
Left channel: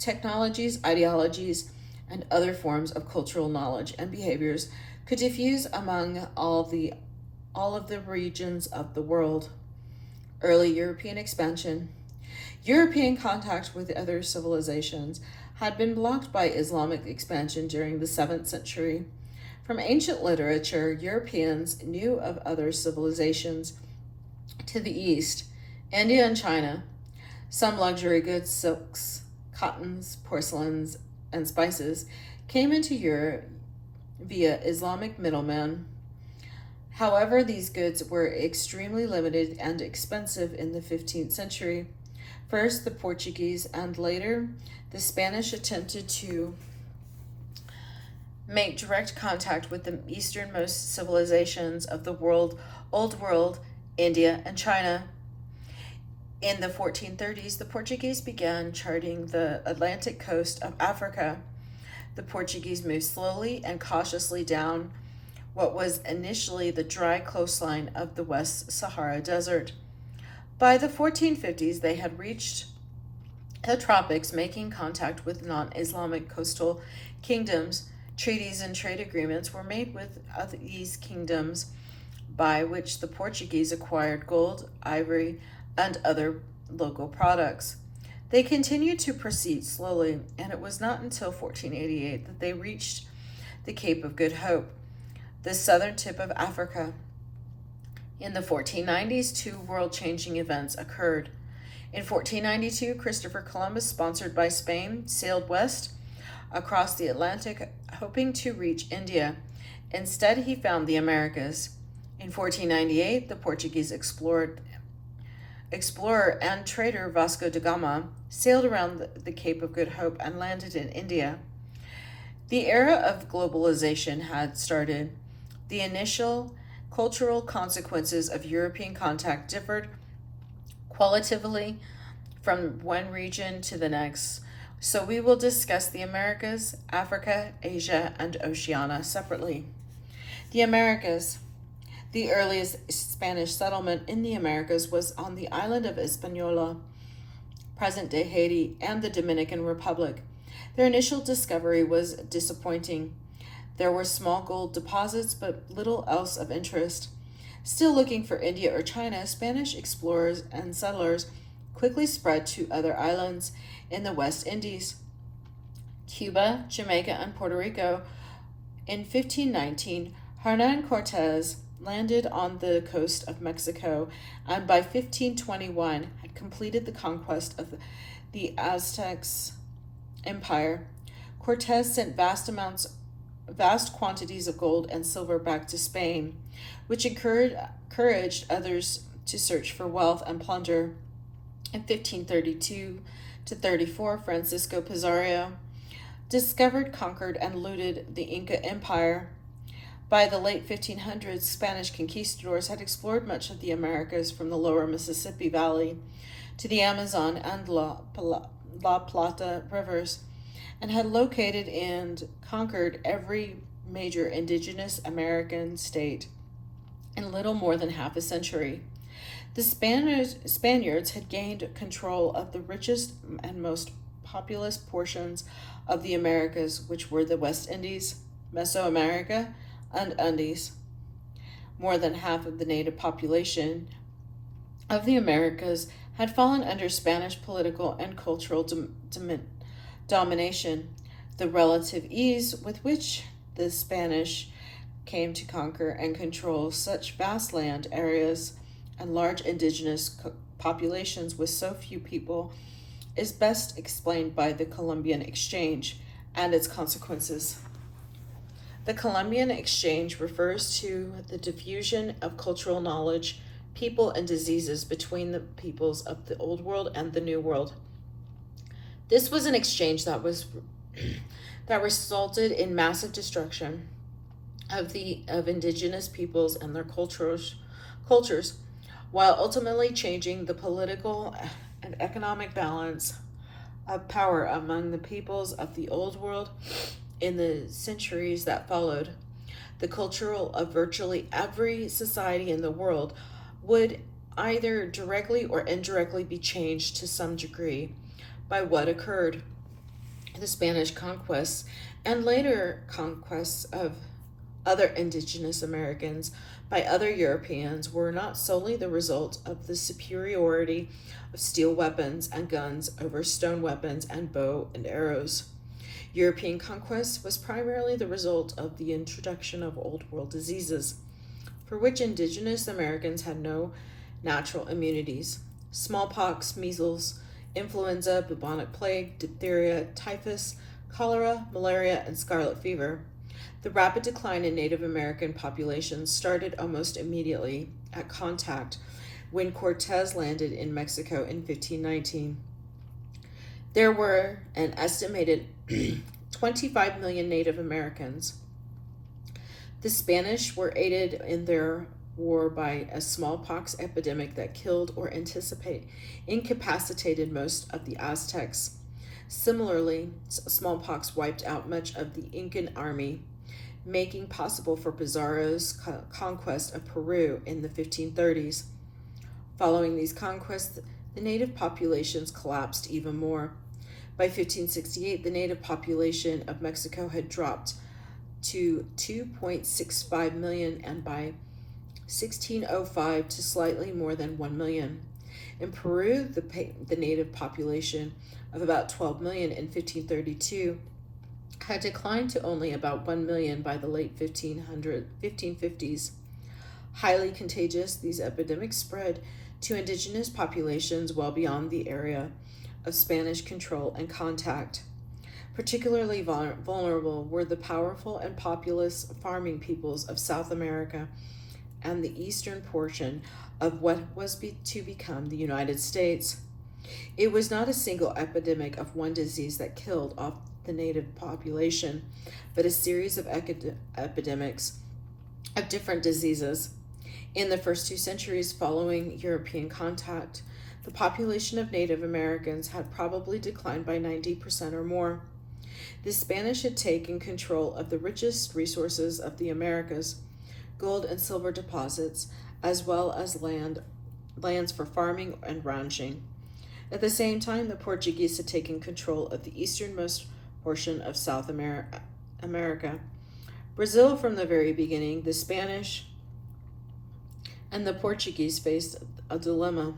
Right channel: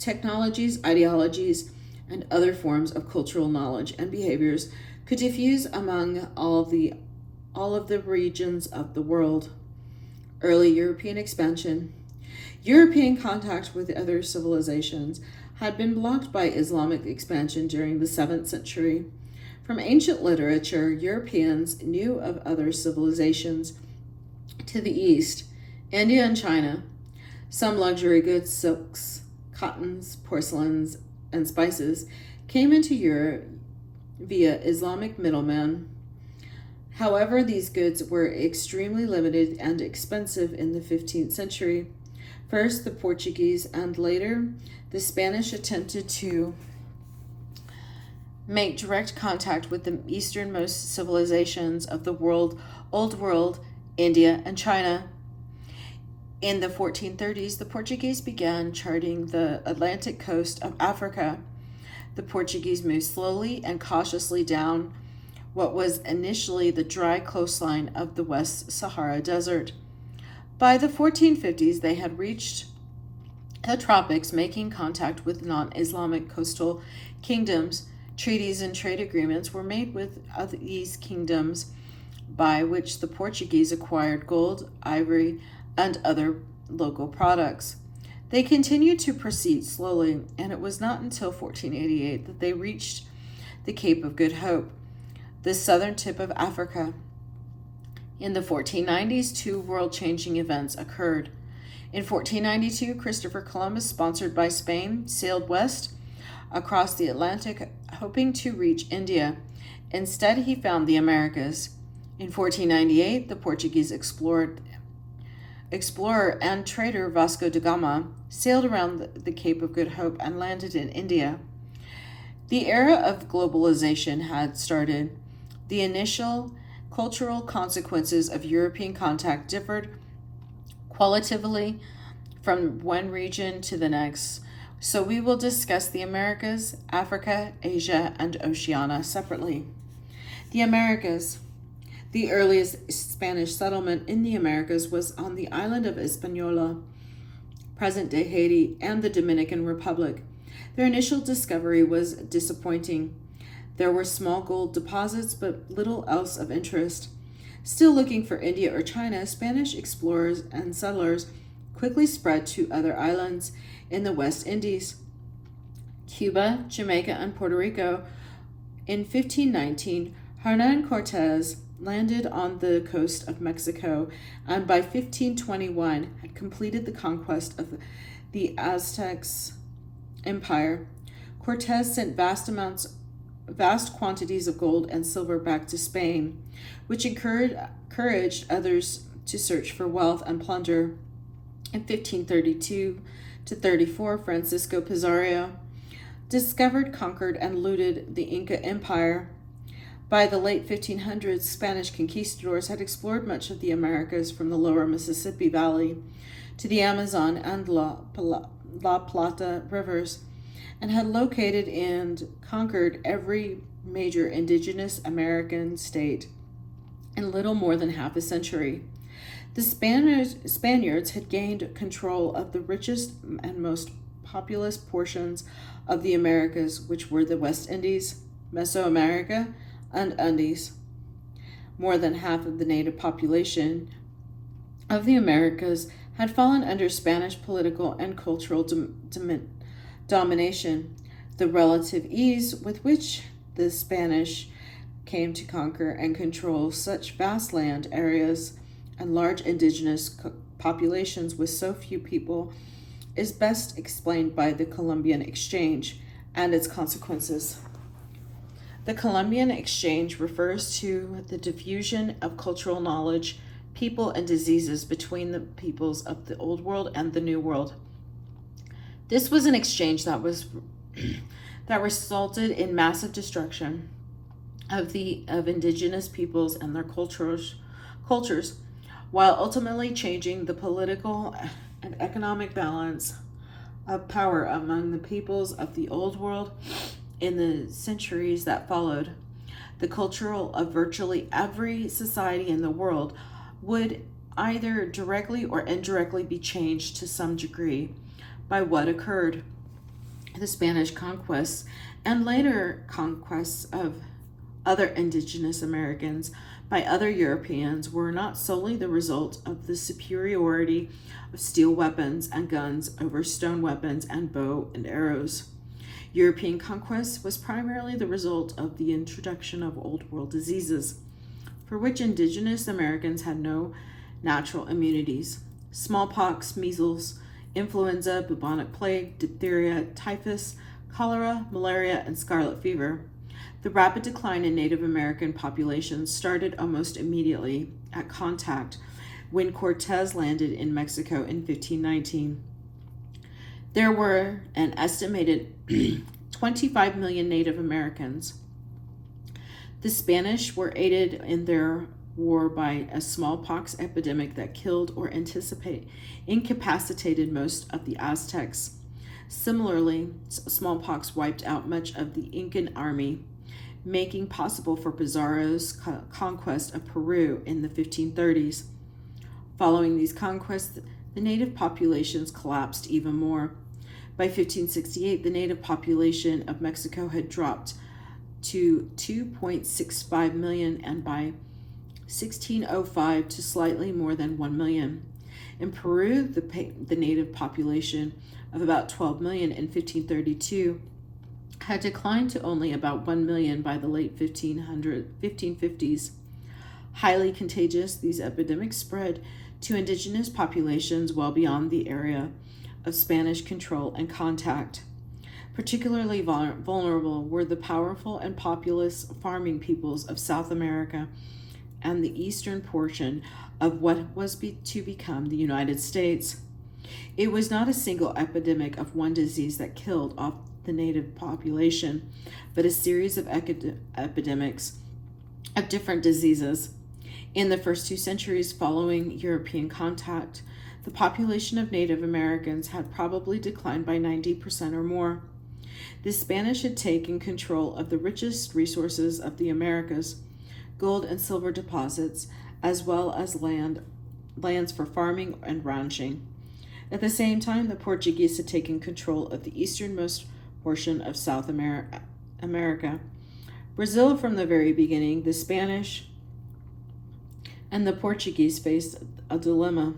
technologies, ideologies, and other forms of cultural knowledge and behaviors could diffuse among all of the regions of the world. Early European expansion. European contact with other civilizations had been blocked by Islamic expansion during the 7th century. From ancient literature, Europeans knew of other civilizations to the east, India and China. Some luxury goods, silks, cottons, porcelains, and spices came into Europe via Islamic middlemen. However, these goods were extremely limited and expensive in the 15th century. First, the Portuguese and later the Spanish attempted to make direct contact with the easternmost civilizations of the Old World, India, and China. In the 1430s, the Portuguese began charting the Atlantic coast of Africa. The Portuguese moved slowly and cautiously down what was initially the dry coastline of the West Sahara Desert. By the 1450s, they had reached the tropics, making contact with non-Islamic coastal kingdoms. Treaties and trade agreements were made with these kingdoms by which the Portuguese acquired gold, ivory, and other local products. They continued to proceed slowly, and it was not until 1488 that they reached the Cape of Good Hope, the southern tip of Africa. In the 1490s, two world-changing events occurred. In 1492, Christopher Columbus, sponsored by Spain, sailed west across the Atlantic, hoping to reach India. Instead, he found the Americas. In 1498, the Portuguese explorer and trader Vasco da Gama sailed around the Cape of Good Hope and landed in India. The era of globalization had started. The initial cultural consequences of European contact differed qualitatively from one region to the next, so we will discuss the Americas, Africa, Asia, and Oceania separately. The Americas. The earliest Spanish settlement in the Americas was on the island of Hispaniola, present-day Haiti, and the Dominican Republic. Their initial discovery was disappointing. There were small gold deposits, but little else of interest. Still looking for India or China, Spanish explorers and settlers quickly spread to other islands in the West Indies, Cuba, Jamaica, and Puerto Rico. In 1519, Hernan Cortez landed on the coast of Mexico, and by 1521 had completed the conquest of the Aztecs Empire. Cortez sent vast quantities of gold and silver back to Spain, which encouraged others to search for wealth and plunder. In 1532 to 34, Francisco Pizarro discovered, conquered, and looted the Inca Empire. By the late 1500s, Spanish conquistadors had explored much of the Americas from the lower Mississippi Valley to the Amazon and La Plata rivers, and had located and conquered every major indigenous American state in little more than half a century. The Spaniards had gained control of the richest and most populous portions of the Americas, which were the West Indies, Mesoamerica, and Andes. More than half of the native population of the Americas had fallen under Spanish political and cultural domination. The relative ease with which the Spanish came to conquer and control such vast land areas and large indigenous populations with so few people is best explained by the Colombian Exchange and its consequences. The Colombian Exchange refers to the diffusion of cultural knowledge, people, and diseases between the peoples of the Old World and the New World. This was an exchange that resulted in massive destruction of indigenous peoples and their cultures, while ultimately changing the political and economic balance of power among the peoples of the Old World in the centuries that followed. The culture of virtually every society in the world would either directly or indirectly be changed to some degree by what occurred. The Spanish conquests and later conquests of other indigenous Americans by other Europeans were not solely the result of the superiority of steel weapons and guns over stone weapons and bow and arrows. European conquest was primarily the result of the introduction of Old World diseases, for which indigenous Americans had no natural immunities. Smallpox, measles, influenza, bubonic plague, diphtheria, typhus, cholera, malaria, and scarlet fever. The rapid decline in Native American populations started almost immediately at contact when Cortez landed in Mexico in 1519. There were an estimated 25 million Native Americans. The Spanish were aided in their war by a smallpox epidemic that killed or incapacitated most of the Aztecs. Similarly, smallpox wiped out much of the Incan army, making possible for Pizarro's conquest of Peru in the 1530s. Following these conquests, the native populations collapsed even more. By 1568, the native population of Mexico had dropped to 2.65 million, and by 1605 to slightly more than 1 million. In Peru, the native population of about 12 million in 1532 had declined to only about 1 million by the late 1550s. Highly contagious, these epidemics spread to indigenous populations well beyond the area of Spanish control and contact. Particularly vulnerable were the powerful and populous farming peoples of South America and the eastern portion of what was to become the United States. It was not a single epidemic of one disease that killed off the native population, but a series of epidemics of different diseases. In the first 2 centuries following European contact, the population of Native Americans had probably declined by 90% or more. The Spanish had taken control of the richest resources of the Americas, gold and silver deposits, as well as lands for farming and ranching. At the same time, the Portuguese had taken control of the easternmost portion of South America. Brazil, from the very beginning, the Spanish and the Portuguese faced a dilemma.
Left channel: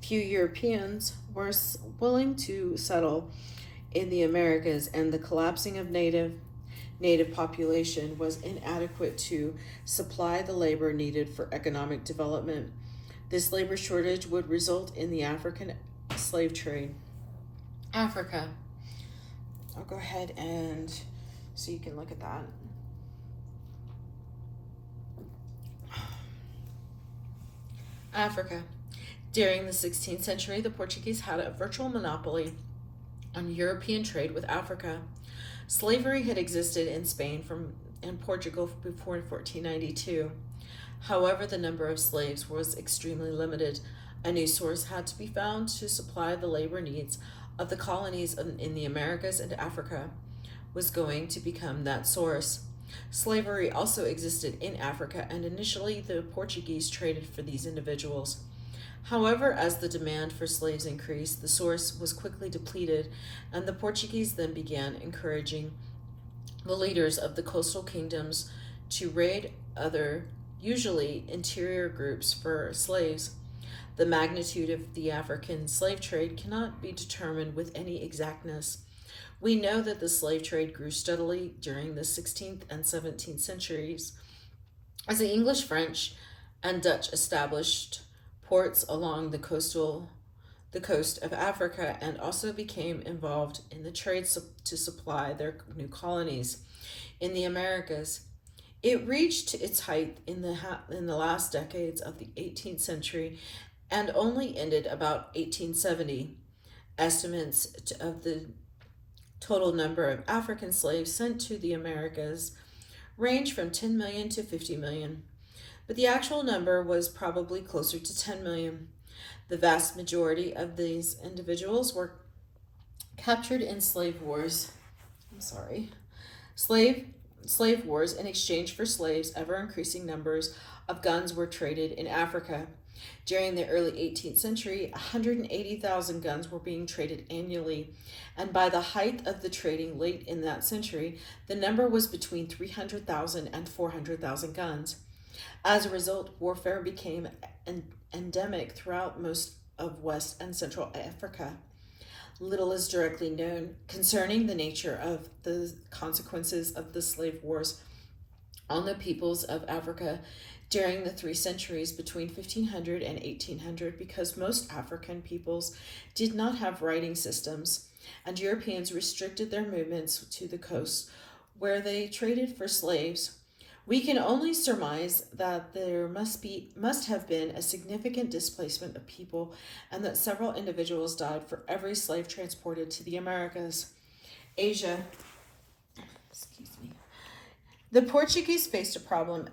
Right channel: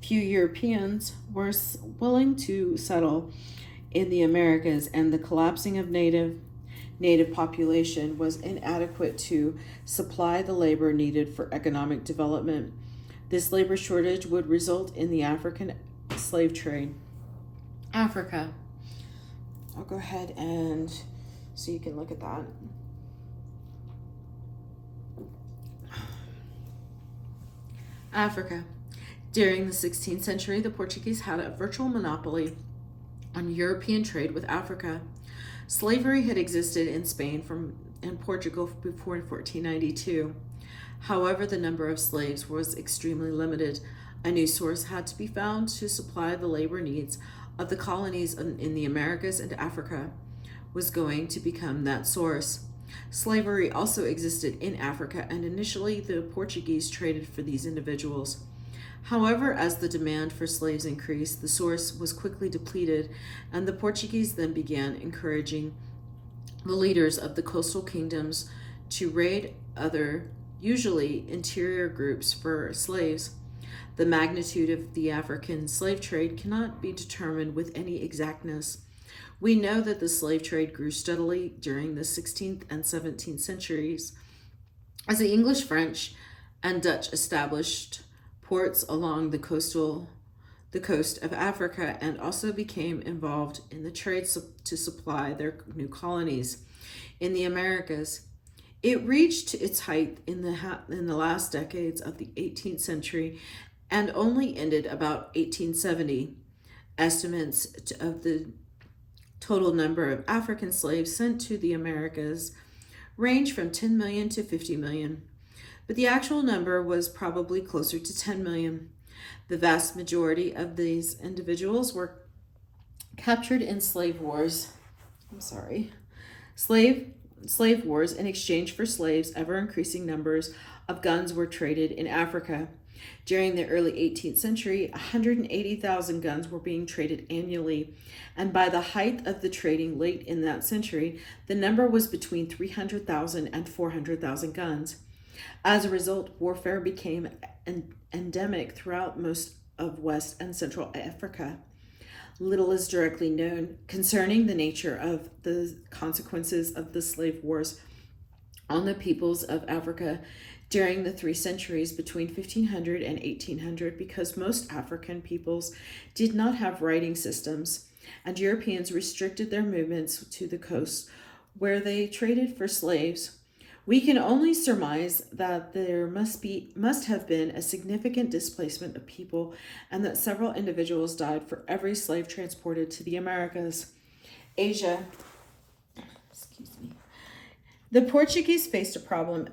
Few Europeans were willing to settle in the Americas, and the collapsing of native population was inadequate to supply the labor needed for economic development. This labor shortage would result in the African slave trade. Africa. I'll go ahead and so you can look at that. Africa. During the 16th century, the Portuguese had a virtual monopoly on European trade with Africa. Slavery had existed in Spain and Portugal before 1492. However, the number of slaves was extremely limited. A new source had to be found to supply the labor needs of the colonies in the Americas, and Africa was going to become that source. Slavery also existed in Africa, and initially the Portuguese traded for these individuals. However, as the demand for slaves increased, the source was quickly depleted, and the Portuguese then began encouraging the leaders of the coastal kingdoms to raid other, usually interior groups for slaves. The magnitude of the African slave trade cannot be determined with any exactness. We know that the slave trade grew steadily during the 16th and 17th centuries as the English, French, and Dutch established ports along the coast of Africa, and also became involved in the trade to supply their new colonies in the Americas. It reached its height in the last decades of the 18th century and only ended about 1870. Estimates of the total number of African slaves sent to the Americas range from 10 million to 50 million, but the actual number was probably closer to 10 million. The vast majority of these individuals were captured in slave wars in exchange for slaves. Ever increasing numbers of guns were traded in Africa. During the early 18th century, 180,000 guns were being traded annually, and by the height of the trading late in that century, the number was between 300,000 and 400,000 guns. As a result, warfare became endemic throughout most of West and Central Africa. Little is directly known concerning the nature of the consequences of the slave wars on the peoples of Africa during the 3 centuries between 1500 and 1800, because most African peoples did not have writing systems, and Europeans restricted their movements to the coast where they traded for slaves. We can only surmise that there must have been a significant displacement of people, and that several individuals died for every slave transported to the Americas. Asia. The Portuguese faced a problem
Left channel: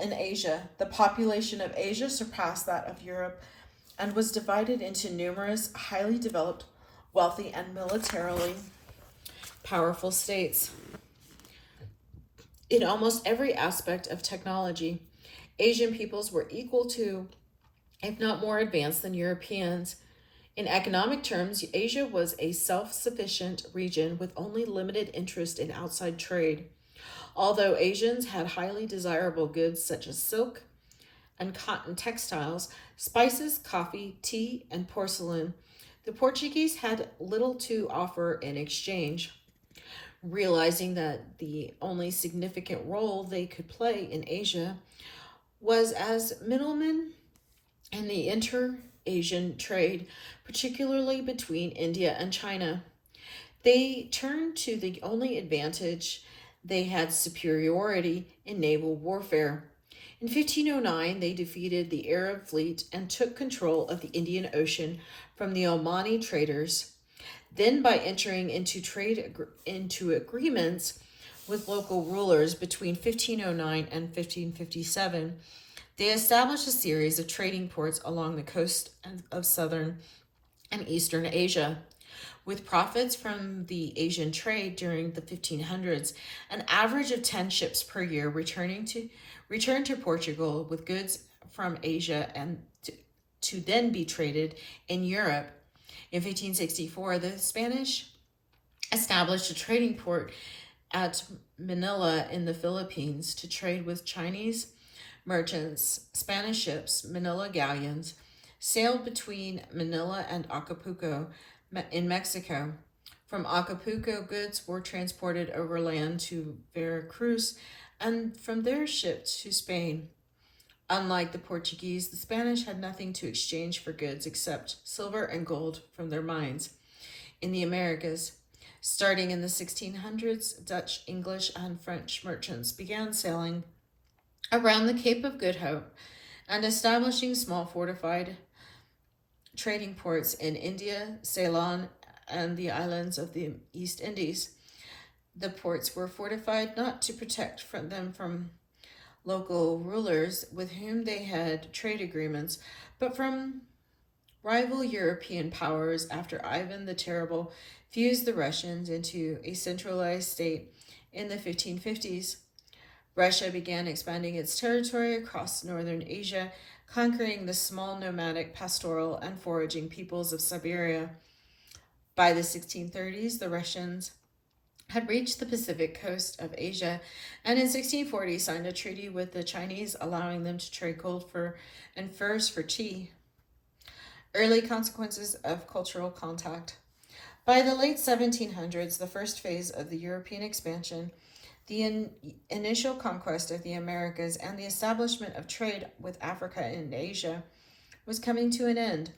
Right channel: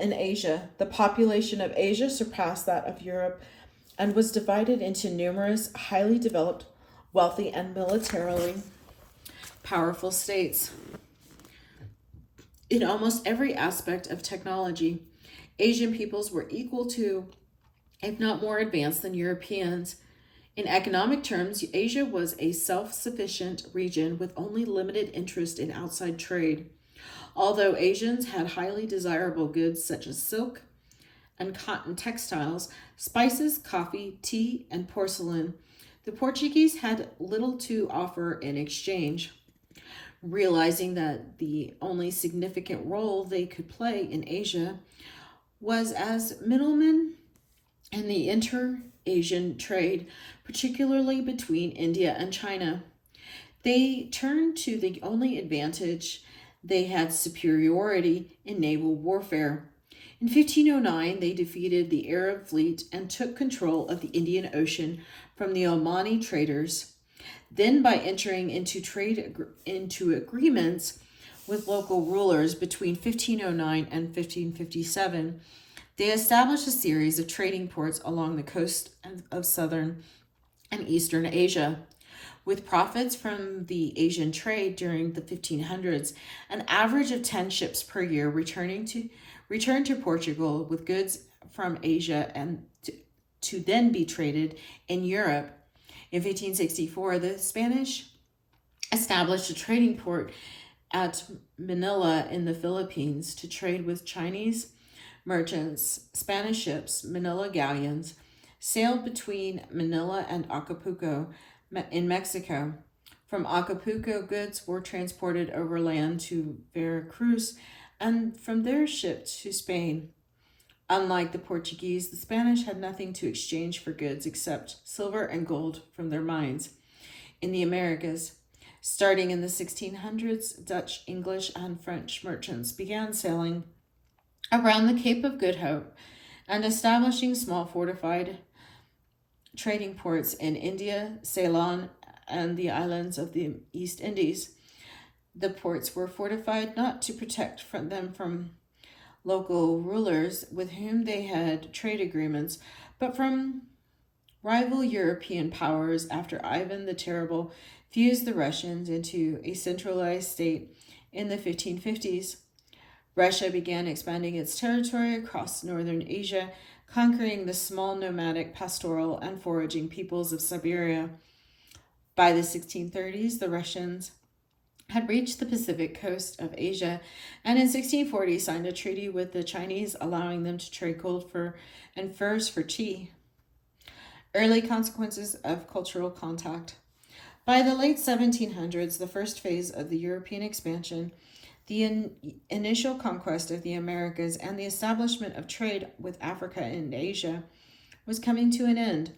in Asia. The population of Asia surpassed that of Europe and was divided into numerous highly developed, wealthy, and militarily powerful states. In almost every aspect of technology, Asian peoples were equal to if not more advanced than Europeans. In economic terms, Asia was a self-sufficient region with only limited interest in outside trade. Although Asians had highly desirable goods such as silk and cotton textiles, spices, coffee, tea, and porcelain, the Portuguese had little to offer in exchange. Realizing that the only significant role they could play in Asia was as middlemen in the inter-Asian trade, particularly between India and China. They turned to the only advantage: they had superiority in naval warfare. In 1509, they defeated the Arab fleet and took control of the Indian Ocean from the Omani traders. Then, by entering into agreements with local rulers between 1509 and 1557, they established a series of trading ports along the coast of southern and eastern Asia. With profits from the Asian trade during the 1500s, an average of 10 ships per year returned to Portugal with goods from Asia and to then be traded in Europe. In 1564, the Spanish established a trading port at Manila in the Philippines to trade with Chinese merchants. Spanish ships, Manila galleons, sailed between Manila and Acapulco in Mexico. From Acapulco, goods were transported overland to Veracruz and from there shipped to Spain. Unlike the Portuguese, the Spanish had nothing to exchange for goods except silver and gold from their mines. In the Americas, starting in the 1600s, Dutch, English, and French merchants began sailing around the Cape of Good Hope and establishing small fortified trading ports in India, Ceylon, and the islands of the East Indies. The ports were fortified not to protect them from local rulers with whom they had trade agreements, but from rival European powers after Ivan the Terrible fused the Russians into a centralized state in the 1550s. Russia began expanding its territory across northern Asia, conquering the small nomadic pastoral and foraging peoples of Siberia. By the 1630s, the Russians had reached the Pacific coast of Asia, and in 1640 signed a treaty with the Chinese allowing them to trade gold and furs for tea. Early consequences of cultural contact. By the late 1700s, the first phase of the European expansion, the initial conquest of the Americas, and the establishment of trade with Africa and Asia was coming to an end.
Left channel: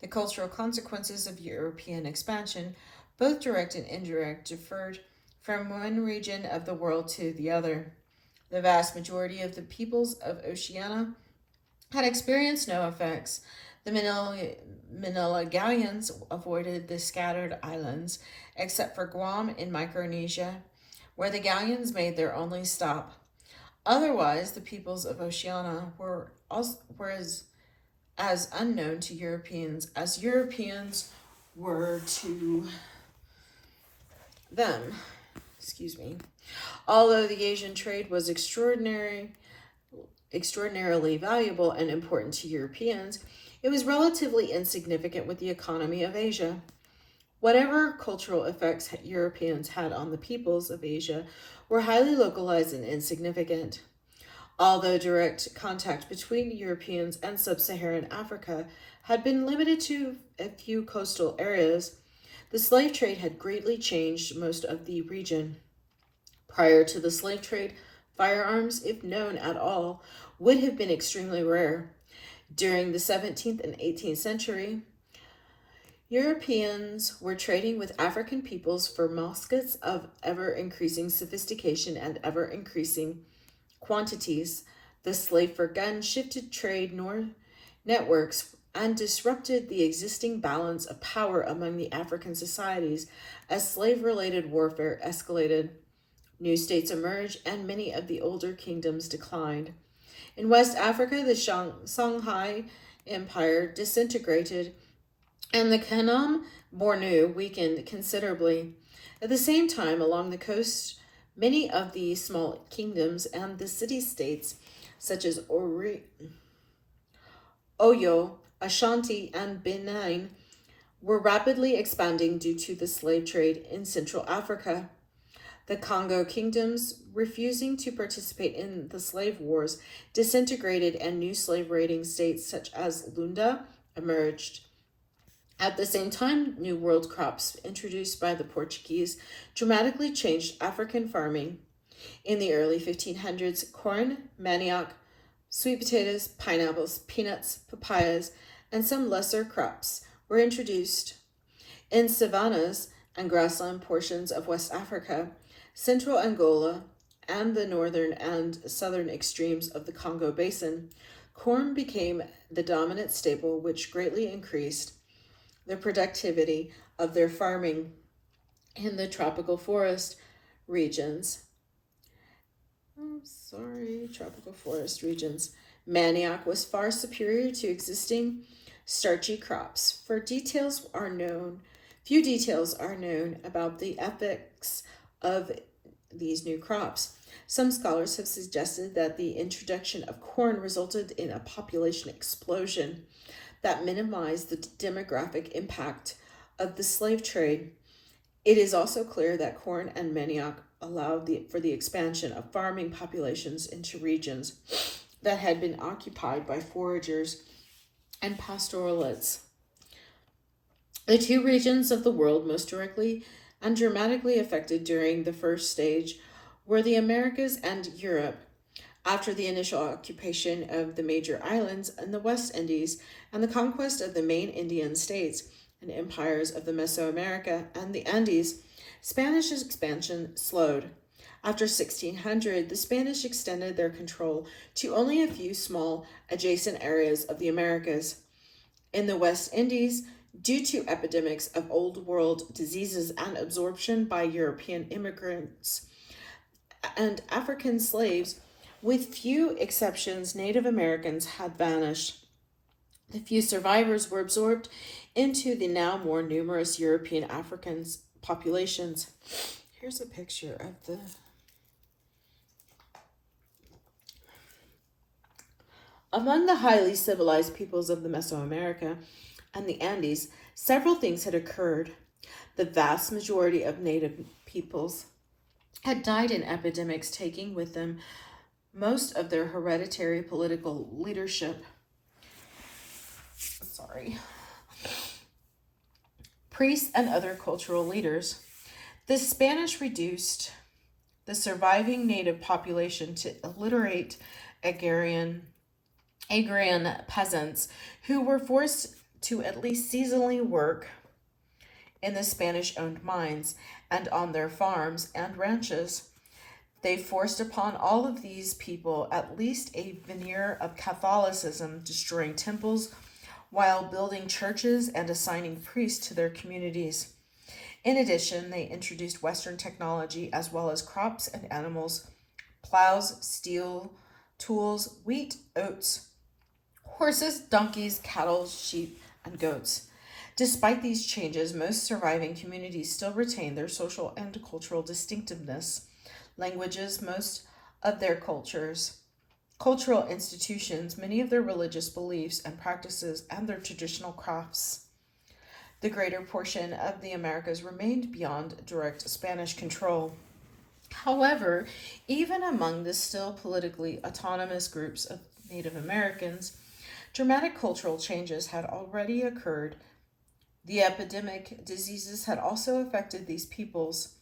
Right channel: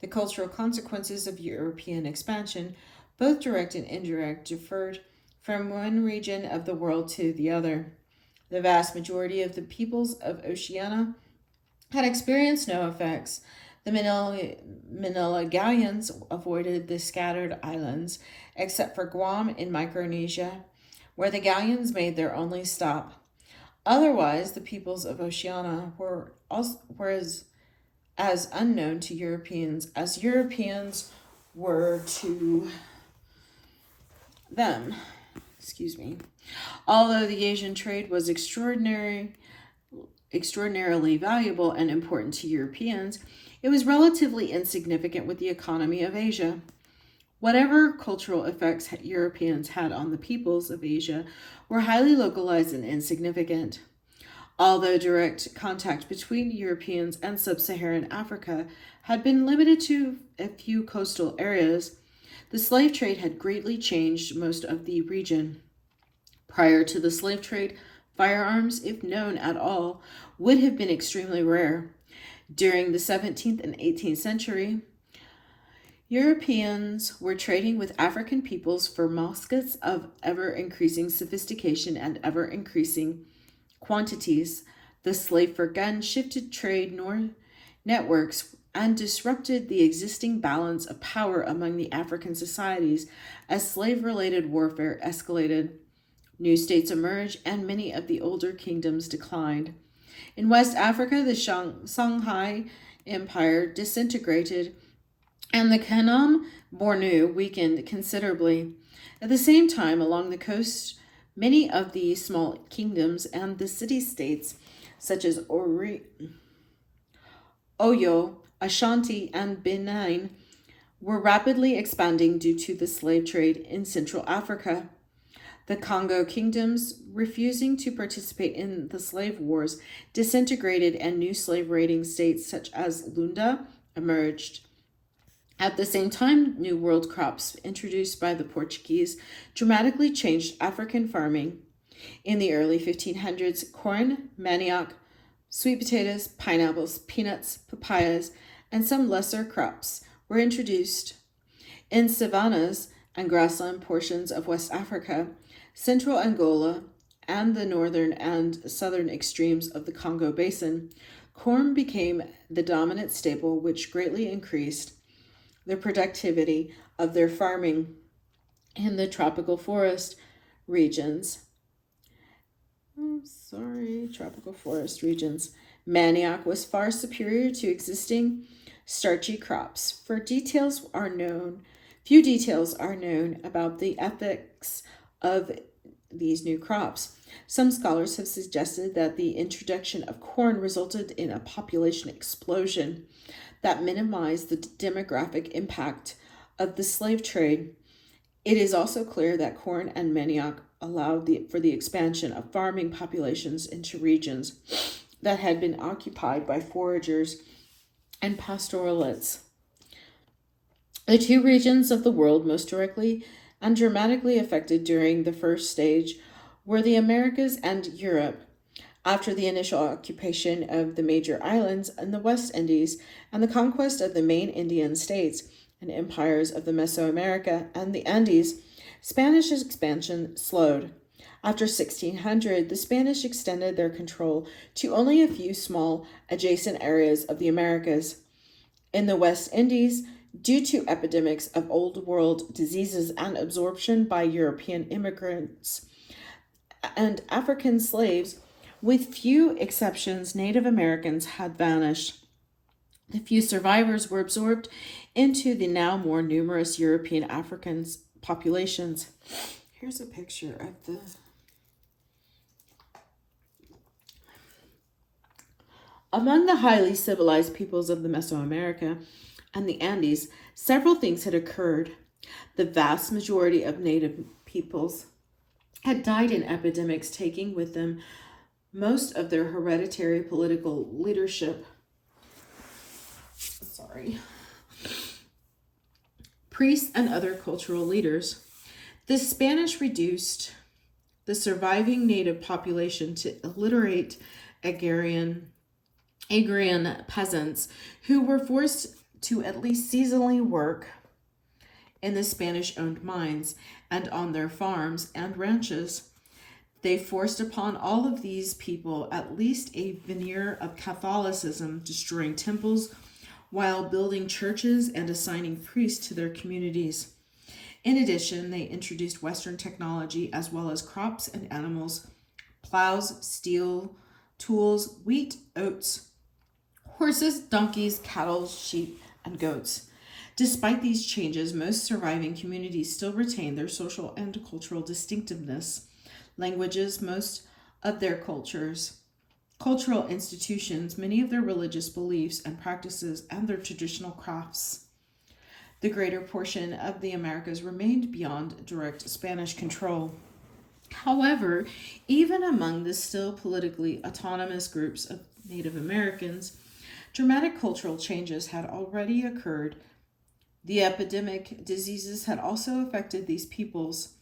The cultural consequences of European expansion, both direct and indirect, differed from one region of the world to the other. The vast majority of the peoples of Oceania had experienced no effects. The Manila galleons avoided the scattered islands, except for Guam in Micronesia, where the galleons made their only stop. Otherwise, the peoples of Oceania were as unknown to Europeans as Europeans were to them. Although the Asian trade was extraordinarily valuable and important to Europeans, it was relatively insignificant with the economy of Asia. Whatever cultural effects Europeans had on the peoples of Asia were highly localized and insignificant. Although direct contact between Europeans and sub-Saharan Africa had been limited to a few coastal areas, the slave trade had greatly changed most of the region. Prior to the slave trade, firearms, if known at all, would have been extremely rare. During the 17th and 18th century, Europeans were trading with African peoples for muskets of ever-increasing sophistication and ever-increasing quantities. The slave for gun shifted trade networks and disrupted the existing balance of power among the African societies as slave-related warfare escalated. New states emerged and many of the older kingdoms declined. In West Africa, the Songhai Empire disintegrated and the Khanom Bornu weakened considerably. At the same time, along the coast, many of the small kingdoms and the city-states, such as Oyo, Ashanti, and Benin were rapidly expanding due to the slave trade in Central Africa. The Congo kingdoms, refusing to participate in the slave wars, disintegrated and new slave raiding states such as Lunda emerged. At the same time, New World crops introduced by the Portuguese dramatically changed African farming. In the early 1500s, corn, manioc, sweet potatoes, pineapples, peanuts, papayas, and some lesser crops were introduced. In savannas and grassland portions of West Africa, central Angola, and the northern and southern extremes of the Congo Basin, corn became the dominant staple, which greatly increased the productivity of their farming. In the tropical forest regions, tropical forest regions, manioc was far superior to existing starchy crops. Few details are known about the ethics of these new crops. Some scholars have suggested that the introduction of corn resulted in a population explosion that minimized the demographic impact of the slave trade. It is also clear that corn and manioc allowed for the expansion of farming populations into regions that had been occupied by foragers and pastoralists. The two regions of the world most directly and dramatically affected during the first stage were the Americas and Europe. After the initial occupation of the major islands in the West Indies and the conquest of the main Indian states and empires of the Mesoamerica and the Andes, Spanish expansion slowed. After 1600, the Spanish extended their control to only a few small adjacent areas of the Americas. In the West Indies, due to epidemics of Old World diseases and absorption by European immigrants and African slaves, with few exceptions, Native Americans had vanished. The few survivors were absorbed into the now more numerous European African populations. Here's a picture of the Among the highly civilized peoples of the Mesoamerica and the Andes, several things had occurred. The vast majority of native peoples had died in epidemics, taking with them most of their hereditary political leadership. Priests and other cultural leaders. The Spanish reduced the surviving native population to illiterate agrarian peasants who were forced to at least seasonally work in the Spanish-owned mines and on their farms and ranches. They forced upon all of these people at least a veneer of Catholicism, destroying temples while building churches and assigning priests to their communities. In addition, they introduced Western technology as well as crops and animals, plows, steel, tools, wheat, oats, horses, donkeys, cattle, sheep, and goats. Despite these changes, most surviving communities still retain their social and cultural distinctiveness, languages, most of their cultural institutions, many of their religious beliefs and practices, and their traditional crafts. The greater portion of the Americas remained beyond direct Spanish control. However, even among the still politically autonomous groups of Native Americans, dramatic cultural changes had already occurred. The epidemic diseases had also affected these peoples.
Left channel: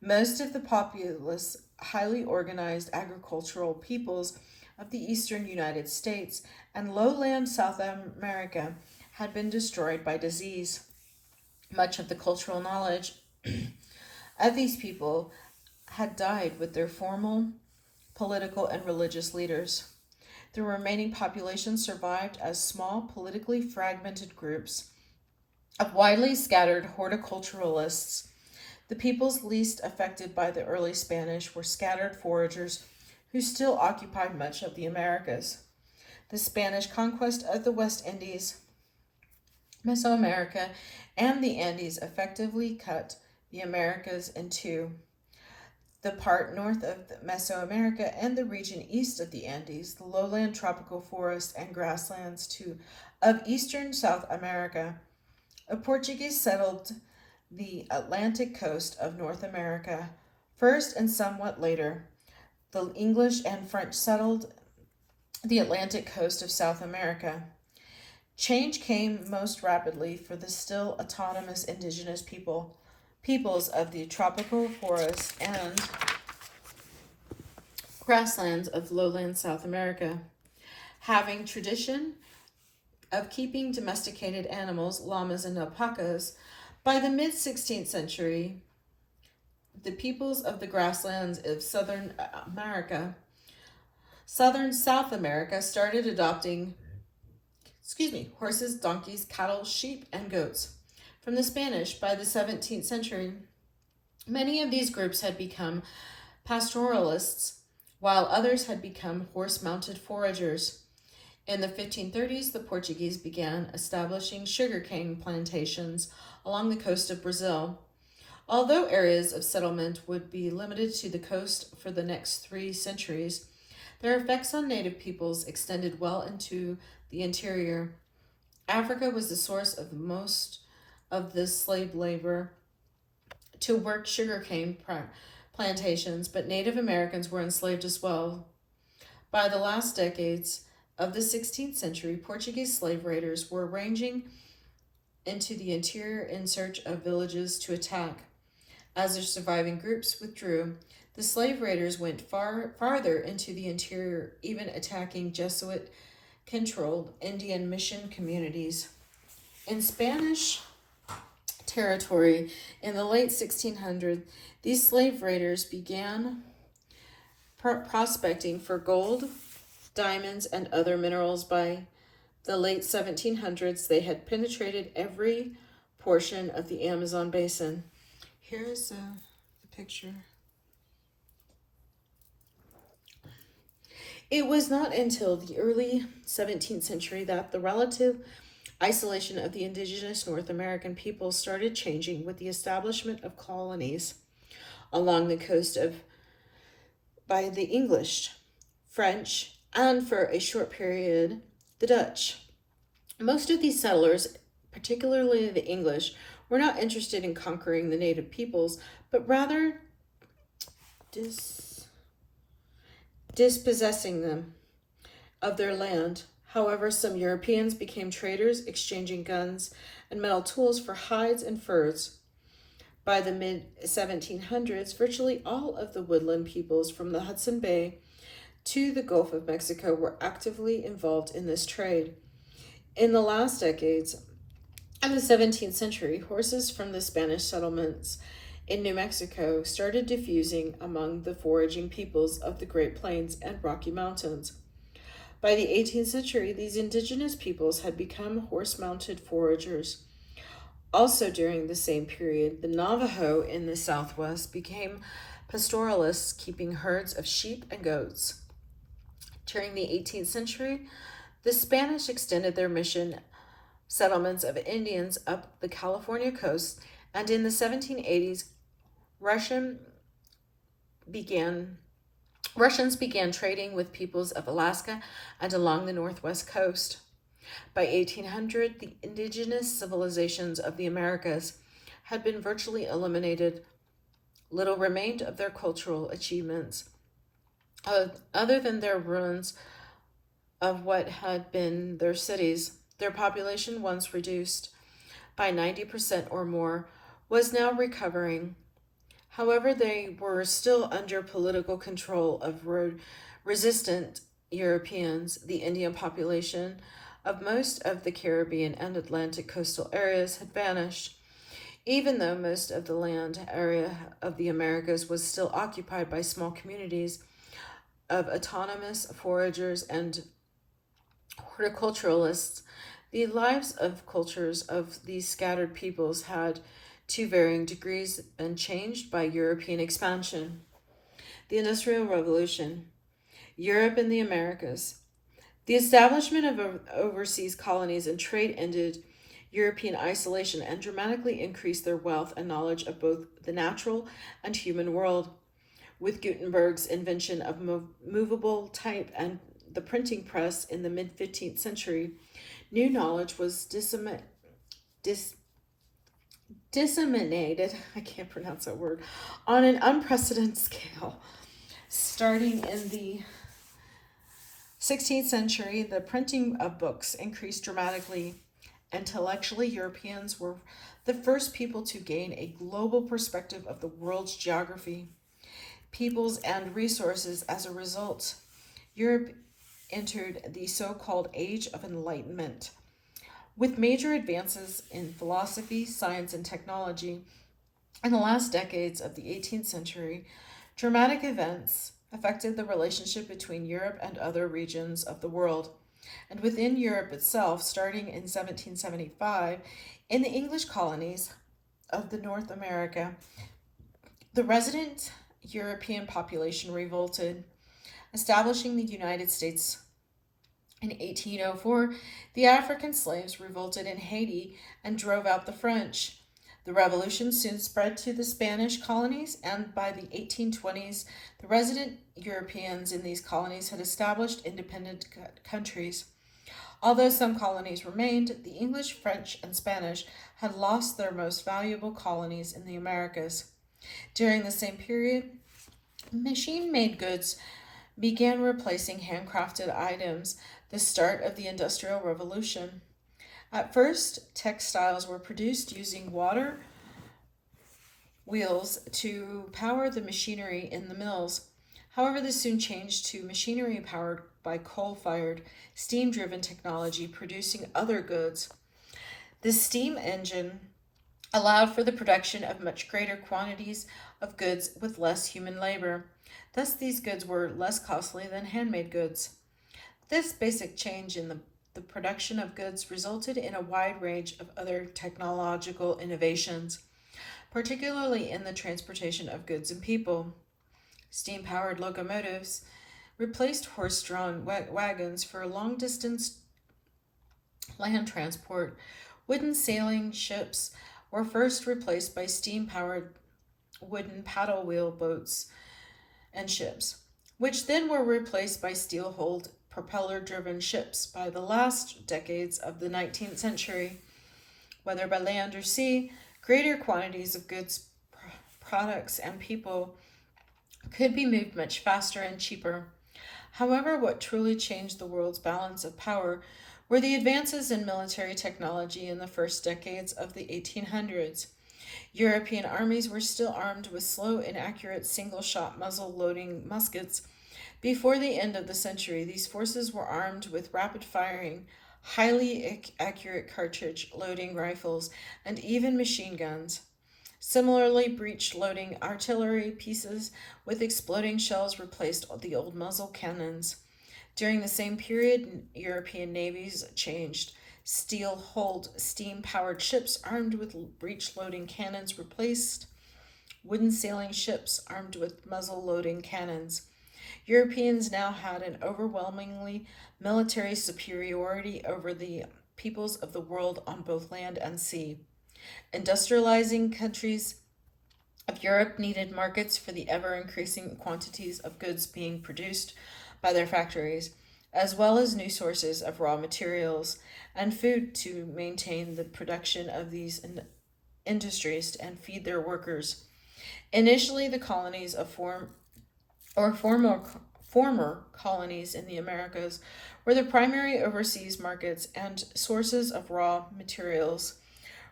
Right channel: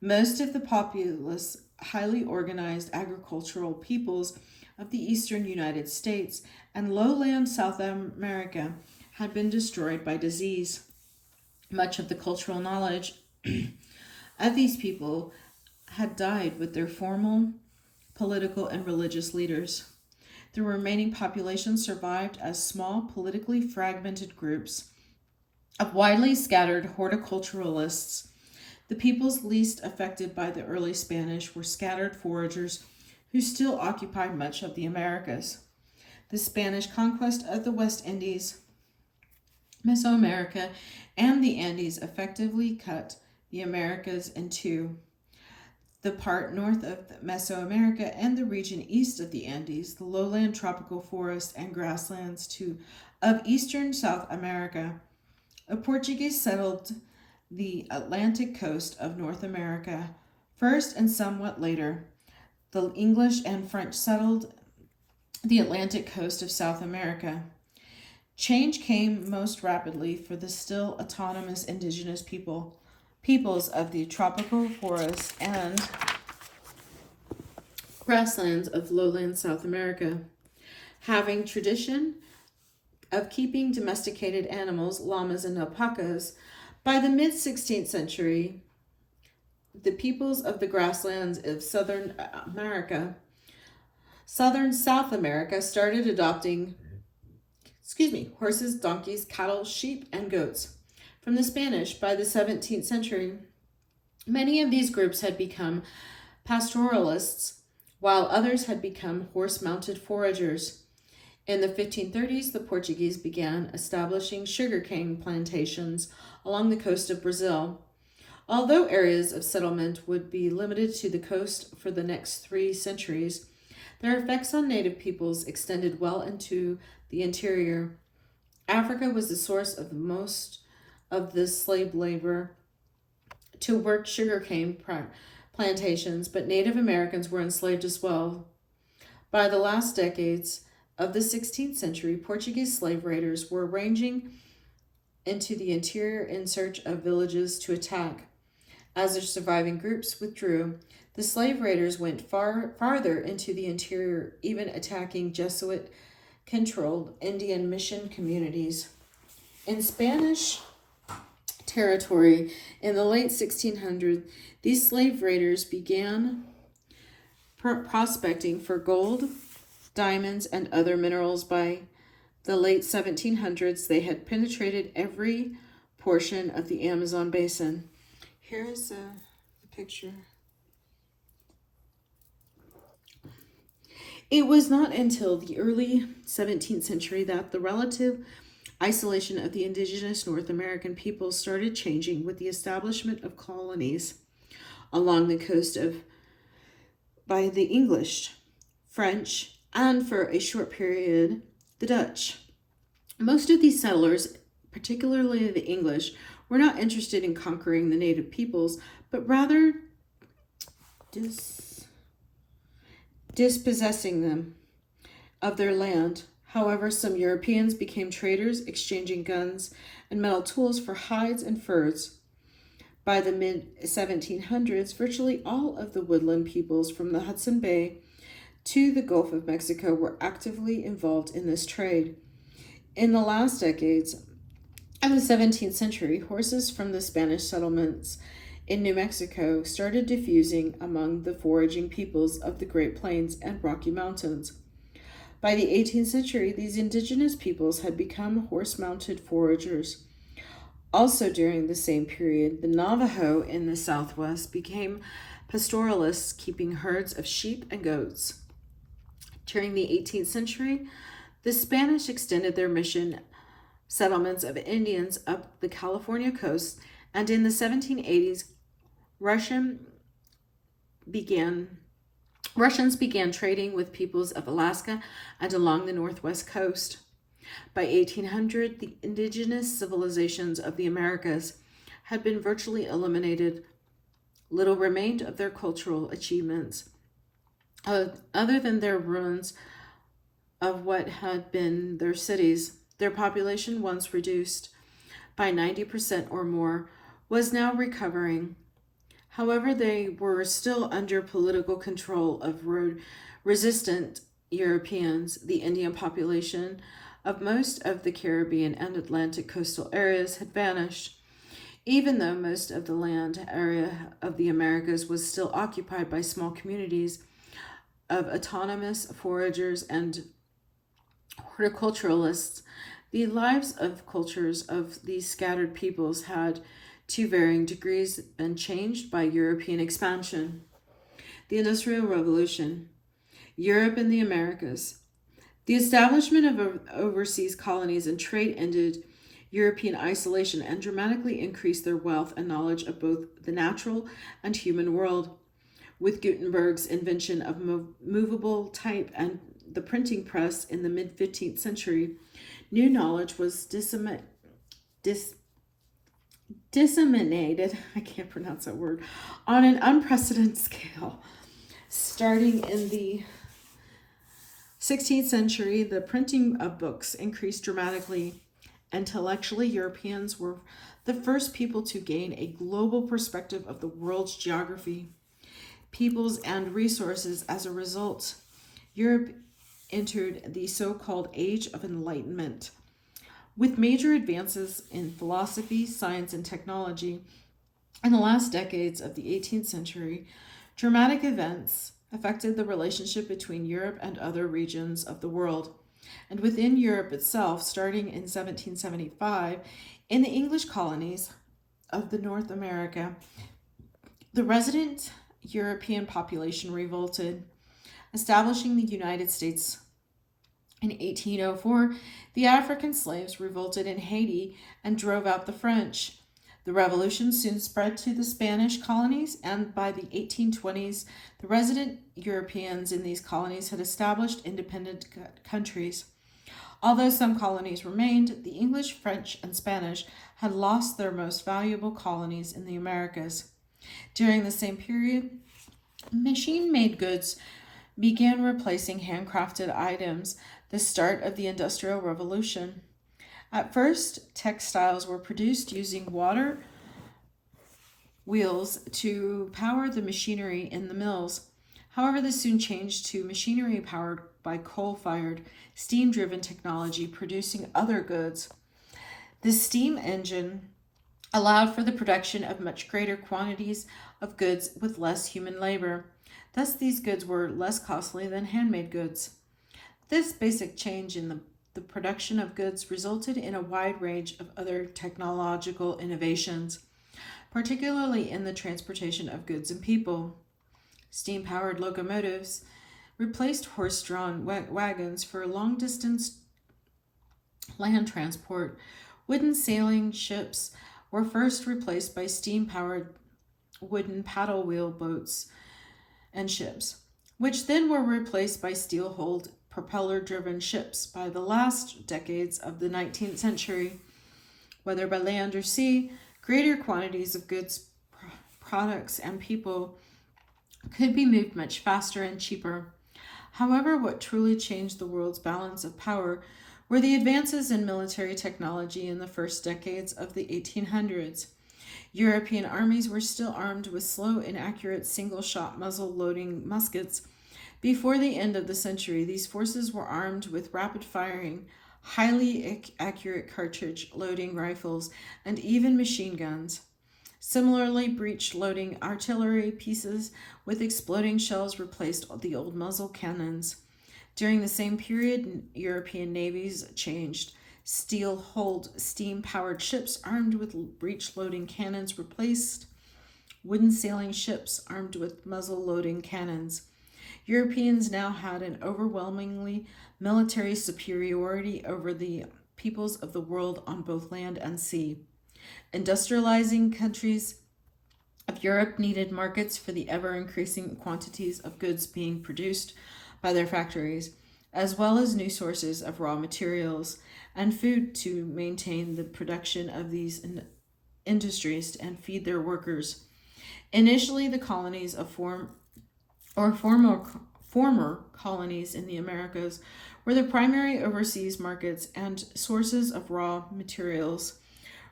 Most of the populous, highly organized agricultural peoples of the eastern United States and lowland South America had been destroyed by disease. Much of the cultural knowledge of these people had died with their formal political and religious leaders. The remaining population survived as small, politically fragmented groups of widely scattered horticulturalists. The peoples least affected by the early Spanish were scattered foragers who still occupied much of the Americas. The Spanish conquest of the West Indies, Mesoamerica, and the Andes effectively cut the Americas in two. the part north of Mesoamerica and the region east of the Andes, the lowland tropical forests and grasslands of eastern South America. The Portuguese settled the Atlantic coast of North America first and somewhat later. The English and French settled the Atlantic coast of South America. Change came most rapidly for the still autonomous indigenous peoples of the tropical forests and grasslands of lowland South America. Having tradition of keeping domesticated animals, llamas and alpacas, by the mid-16th century, the peoples of the grasslands of southern South America started adopting horses, donkeys, cattle, sheep, and goats from the Spanish. By the 17th century, many of these groups had become pastoralists, while others had become horse-mounted foragers. In the 1530s, the Portuguese began establishing sugarcane plantations along the coast of Brazil. Although areas of settlement would be limited to the coast for the next 3 centuries, their effects on native peoples extended well into the interior. Africa was the source of most of the slave labor to work sugarcane plantations, but Native Americans were enslaved as well. By the last decades of the 16th century, Portuguese slave raiders were ranging into the interior in search of villages to attack. As their surviving groups withdrew, the slave raiders went farther into the interior, even attacking Jesuit-controlled Indian mission communities. In Spanish territory in the late 1600s, these slave raiders began prospecting for gold, diamonds, and other minerals. By the late 1700s, they had penetrated every portion of the Amazon basin. Here's a picture. It was not until the early 17th century that the relative isolation of the indigenous North American peoples started changing with the establishment of colonies along the coast by the English, French, and for a short period, the Dutch. Most of these settlers, particularly the English, were not interested in conquering the native peoples, but rather dispossessing them of their land. However, some Europeans became traders, exchanging guns and metal tools for hides and furs. By the mid-1700s, virtually all of the woodland peoples from the Hudson Bay to the Gulf of Mexico were actively involved in this trade. In the last decades of the 17th century, horses from the Spanish settlements in New Mexico started diffusing among the foraging peoples of the Great Plains and Rocky Mountains. By the 18th century, these indigenous peoples had become horse-mounted foragers. Also during the same period, the Navajo in the Southwest became pastoralists, keeping herds of sheep and goats. During the 18th century, the Spanish extended their mission settlements of Indians up the California coast, and in the 1780s, Russians began trading with peoples of Alaska and along the northwest coast. By 1800, the indigenous civilizations of the Americas had been virtually eliminated. Little remained of their cultural achievements, other than their ruins of what had been their cities. Their population, once reduced by 90% or more, was now recovering. However, they were still under political control of resistant Europeans. The Indian population of most of the Caribbean and Atlantic coastal areas had vanished, even though most of the land area of the Americas was still occupied by small communities of autonomous foragers and horticulturalists. The lives of cultures of these scattered peoples had, to varying degrees, been changed by European expansion. The Industrial Revolution, Europe and the Americas. The establishment of overseas colonies and trade ended European isolation and dramatically increased their wealth and knowledge of both the natural and human world. With Gutenberg's invention of movable type and the printing press in the mid 15th century, new knowledge was disseminated, I can't pronounce that word, on an unprecedented scale. Starting in the 16th century, the printing of books increased dramatically. Intellectually, Europeans were the first people to gain a global perspective of the world's geography, peoples, and resources. As a result, Europe entered the so-called Age of Enlightenment, with major advances in philosophy, science, and technology. In the last decades of the 18th century, dramatic events affected the relationship between Europe and other regions of the world. And within Europe itself, starting in 1775, in the English colonies of the North America, the resident European population revolted, establishing the United States. In 1804, the African slaves revolted in Haiti and drove out the French. The revolution soon spread to the Spanish colonies, and by the 1820s, the resident Europeans in these colonies had established independent countries. Although some colonies remained, the English, French, and Spanish had lost their most valuable colonies in the Americas. During the same period, machine-made goods began replacing handcrafted items, the start of the Industrial Revolution. At first, textiles were produced using water wheels to power the machinery in the mills. However, this soon changed to machinery powered by coal-fired, steam-driven technology producing other goods. The steam engine allowed for the production of much greater quantities of goods with less human labor. Thus, these goods were less costly than handmade goods. This basic change in the production of goods resulted in a wide range of other technological innovations, particularly in the transportation of goods and people. Steam-powered locomotives replaced horse-drawn wagons for long-distance land transport. Wooden sailing ships were first replaced by steam-powered wooden paddle wheel boats and ships, which then were replaced by steel-hulled propeller-driven ships by the last decades of the 19th century. Whether by land or sea, greater quantities of goods, products, and people could be moved much faster and cheaper. However, what truly changed the world's balance of power were the advances in military technology in the first decades of the 1800s. European armies were still armed with slow, inaccurate, single-shot muzzle-loading muskets. Before the end of the century, these forces were armed with rapid-firing, highly accurate cartridge-loading rifles and even machine guns. Similarly, breech-loading artillery pieces with exploding shells replaced the old muzzle cannons. During the same period, European navies changed. Steel-hulled, steam-powered ships armed with breech-loading cannons replaced wooden sailing ships armed with muzzle-loading cannons. Europeans now had an overwhelmingly military superiority over the peoples of the world on both land and sea. Industrializing countries of Europe needed markets for the ever-increasing quantities of goods being produced by their factories, as well as new sources of raw materials and food to maintain the production of these industries and feed their workers. Initially, the colonies of former colonies in the Americas were the primary overseas markets and sources of raw materials,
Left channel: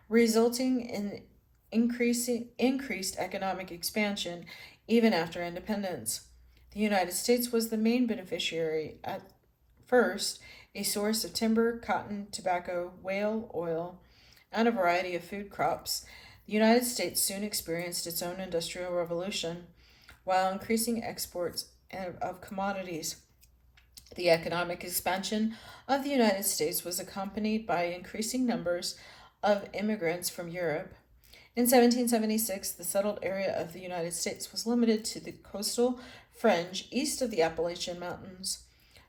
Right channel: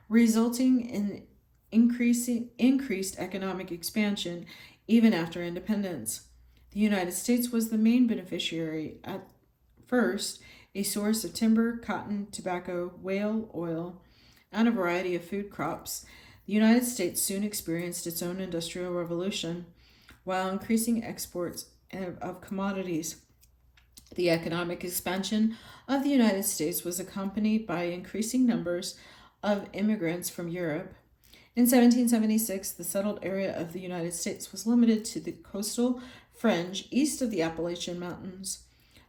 resulting in increased economic expansion even after independence. The United States was the main beneficiary, at first a source of timber, cotton, tobacco, whale oil, and a variety of food crops. The United States soon experienced its own industrial revolution, while increasing exports of commodities. The economic expansion of the United States was accompanied by increasing numbers of immigrants from Europe. In 1776, the settled area of the United States was limited to the coastal fringe east of the Appalachian Mountains.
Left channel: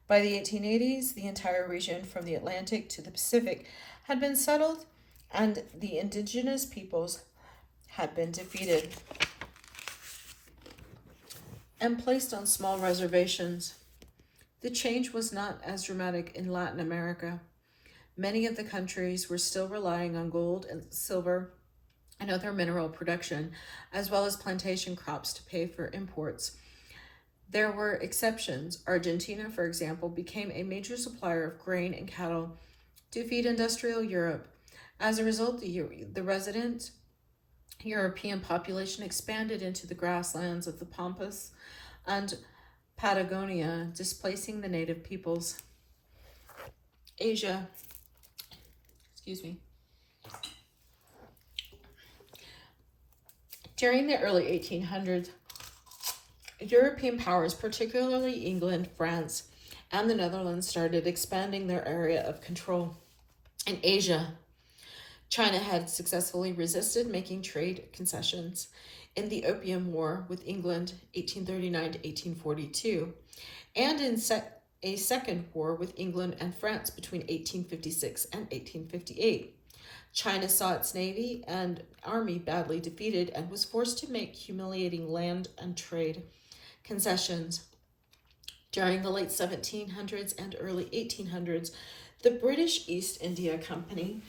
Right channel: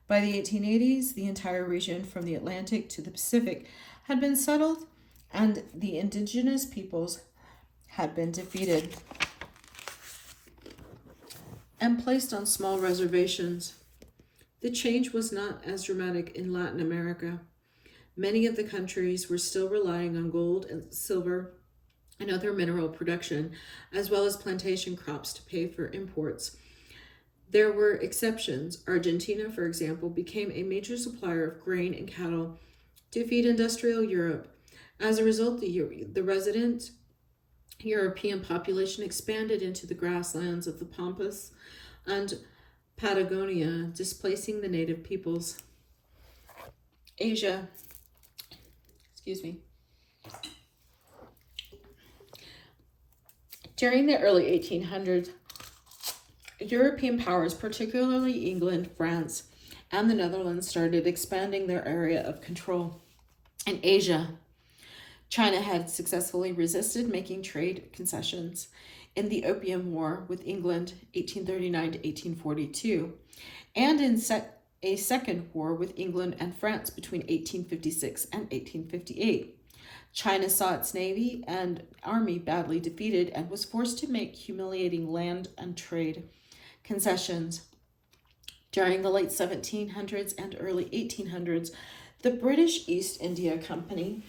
By the 1880s, the entire region from the Atlantic to the Pacific had been settled, and the indigenous peoples had been defeated. and placed on small reservations. The change was not as dramatic in Latin America. Many of the countries were still relying on gold and silver and other mineral production, as well as plantation crops to pay for imports. There were exceptions. Argentina, for example, became a major supplier of grain and cattle to feed industrial Europe. As a result, the resident European population expanded into the grasslands of the Pampas and Patagonia, displacing the native peoples. Asia, excuse me. During the early 1800s, European powers, particularly England, France, and the Netherlands, started expanding their area of control. In Asia, China had successfully resisted making trade concessions in the Opium War with England, 1839 to 1842, and in a second war with England and France between 1856 and 1858. China saw its navy and army badly defeated and was forced to make humiliating land and trade concessions. During the late 1700s and early 1800s, the British East India Company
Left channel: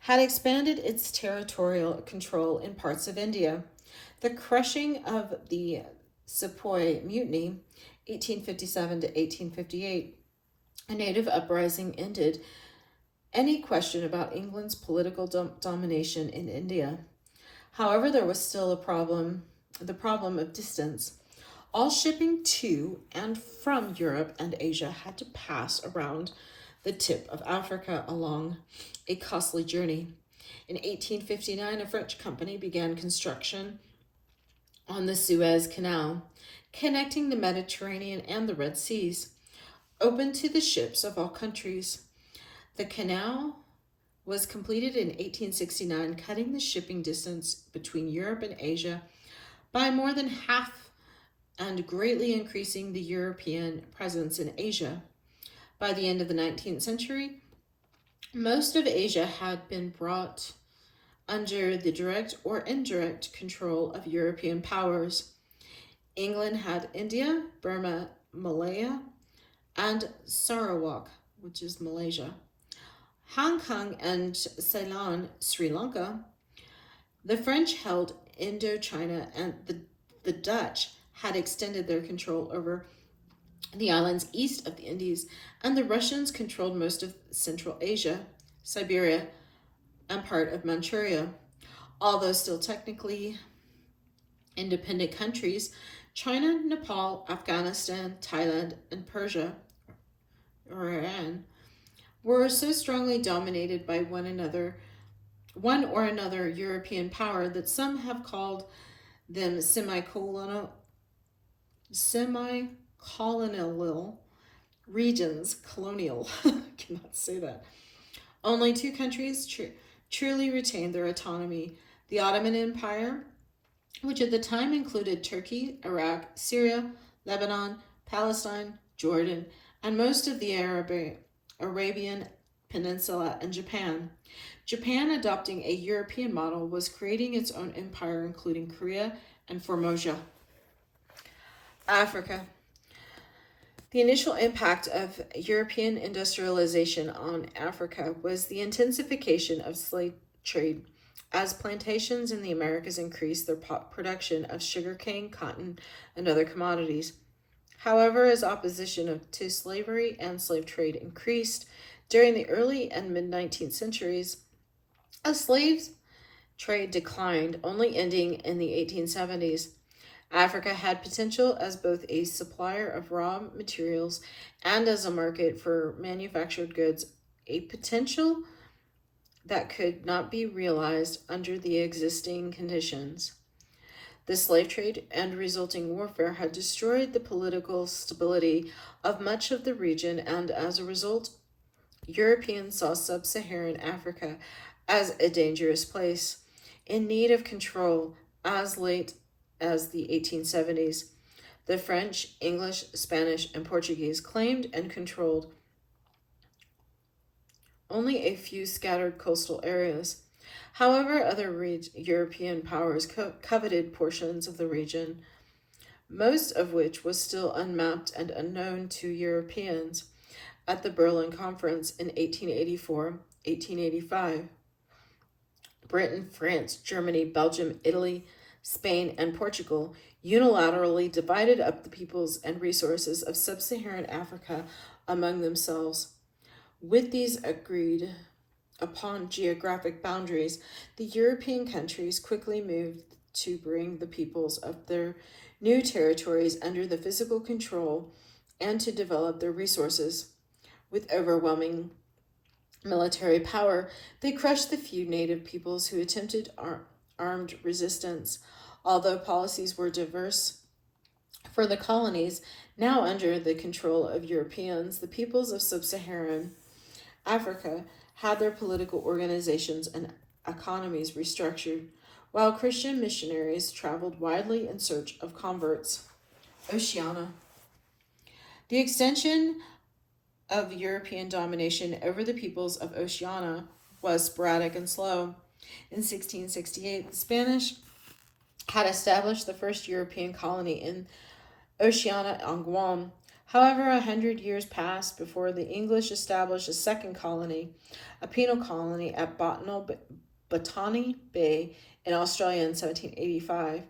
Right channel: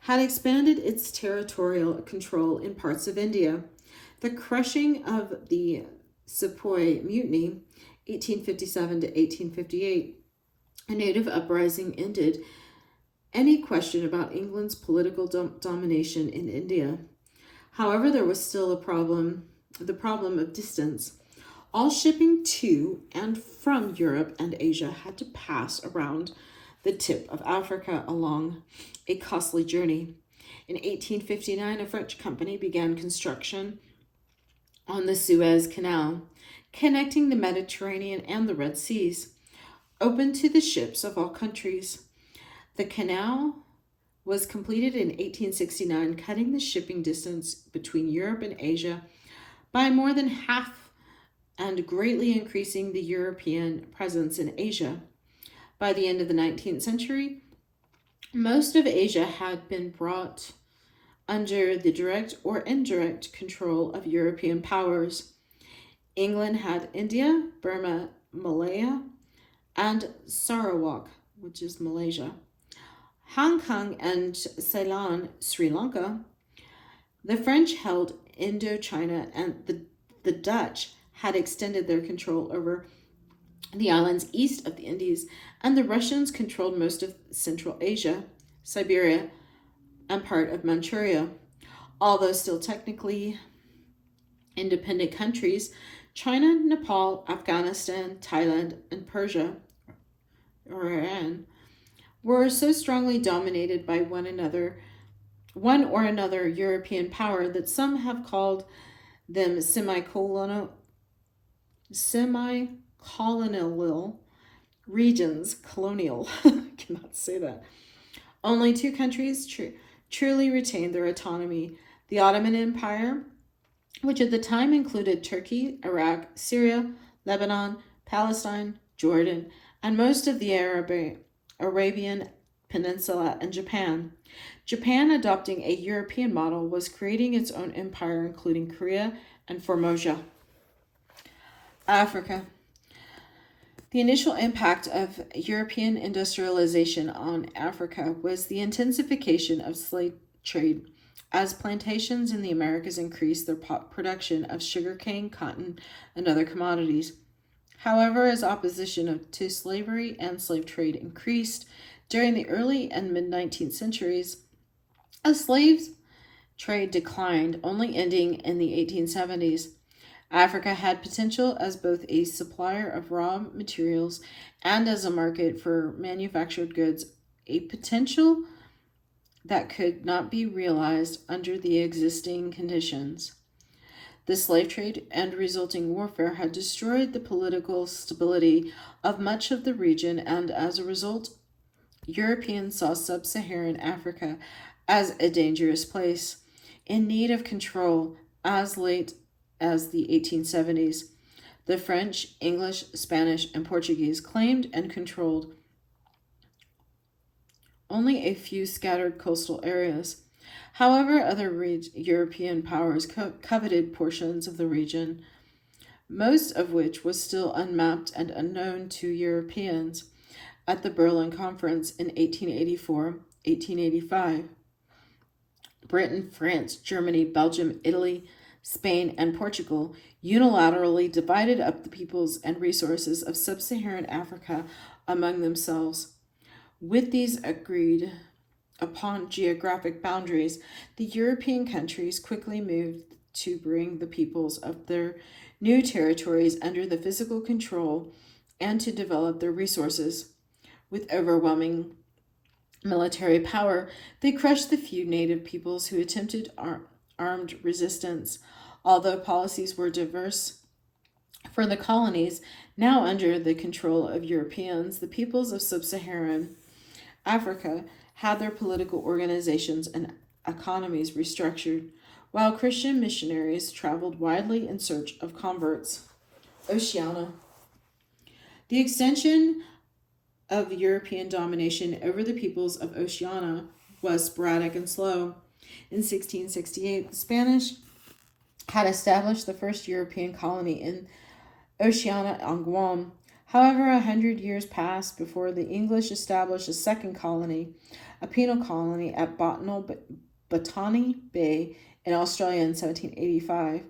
had expanded its territorial control in parts of India. The crushing of the Sepoy Mutiny, 1857 to 1858, a native uprising, ended any question about England's political domination in India. However, there was still the problem of distance. All shipping to and from Europe and Asia had to pass around the tip of Africa along a costly journey. In 1859, a French company began construction on the Suez Canal, connecting the Mediterranean and the Red Seas, open to the ships of all countries. The canal was completed in 1869, cutting the shipping distance between Europe and Asia by more than half and greatly increasing the European presence in Asia. By the end of the 19th century, most of Asia had been brought under the direct or indirect control of European powers. England had India, Burma, Malaya, and Sarawak, which is Malaysia, Hong Kong and Ceylon, Sri Lanka. The French held Indochina, and the Dutch had extended their control over the islands east of the Indies, and the Russians controlled most of Central Asia, Siberia, and part of Manchuria. Although still technically independent countries, China, Nepal, Afghanistan, Thailand, and Persia, or Iran, were so strongly dominated by one or another European power that some have called them semi-colonial regions. Colonial, cannot say that. Only two countries truly retained their autonomy: the Ottoman Empire, which at the time included Turkey, Iraq, Syria, Lebanon, Palestine, Jordan, and most of the Arabian Peninsula, and Japan. Japan, adopting a European model, was creating its own empire, including Korea and Formosa. Africa. The initial impact of European industrialization on Africa was the intensification of slave trade, as plantations in the Americas increased their production of sugarcane, cotton, and other commodities. However, as opposition to slavery and slave trade increased during the early and mid-19th centuries, a slave trade declined, only ending in the 1870s. Africa had potential as both a supplier of raw materials and as a market for manufactured goods, a potential that could not be realized under the existing conditions. The slave trade and resulting warfare had destroyed the political stability of much of the region, and as a result, Europeans saw sub-Saharan Africa as a dangerous place, in need of control. As late as the 1870s, the French, English, Spanish, and Portuguese claimed and controlled only a few scattered coastal areas. However, other European powers coveted portions of the region, most of which was still unmapped and unknown to Europeans at the Berlin Conference in 1884-1885. Britain, France, Germany, Belgium, Italy, Spain, and Portugal unilaterally divided up the peoples and resources of sub-Saharan Africa among themselves. With these agreed upon geographic boundaries, the European countries quickly moved to bring the peoples of their new territories under the physical control and to develop their resources. With overwhelming military power, they crushed the few native peoples who attempted armed resistance. Although policies were diverse for the colonies, now under the control of Europeans, the peoples of sub-Saharan Africa had their political organizations and economies restructured, while Christian missionaries traveled widely in search of converts. Oceania. The extension of European domination over the peoples of Oceania was sporadic and slow. In 1668, the Spanish had established the first European colony in Oceania on Guam. However, 100 years passed before the English established a second colony, a penal colony at Botany Bay in Australia in 1785.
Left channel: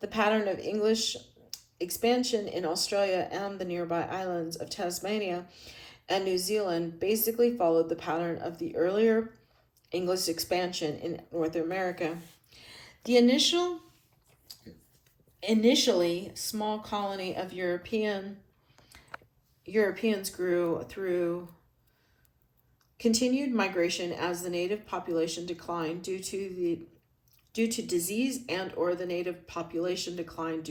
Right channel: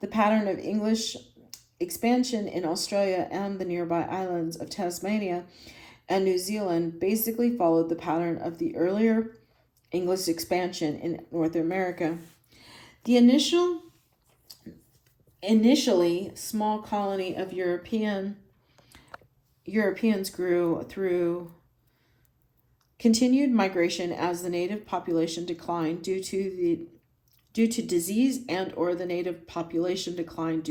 The pattern of English expansion in Australia and the nearby islands of Tasmania and New Zealand basically followed the pattern of the earlier English expansion in North America. The initially small colony of Europeans grew through continued migration as the native population declined due to disease and or the native population declined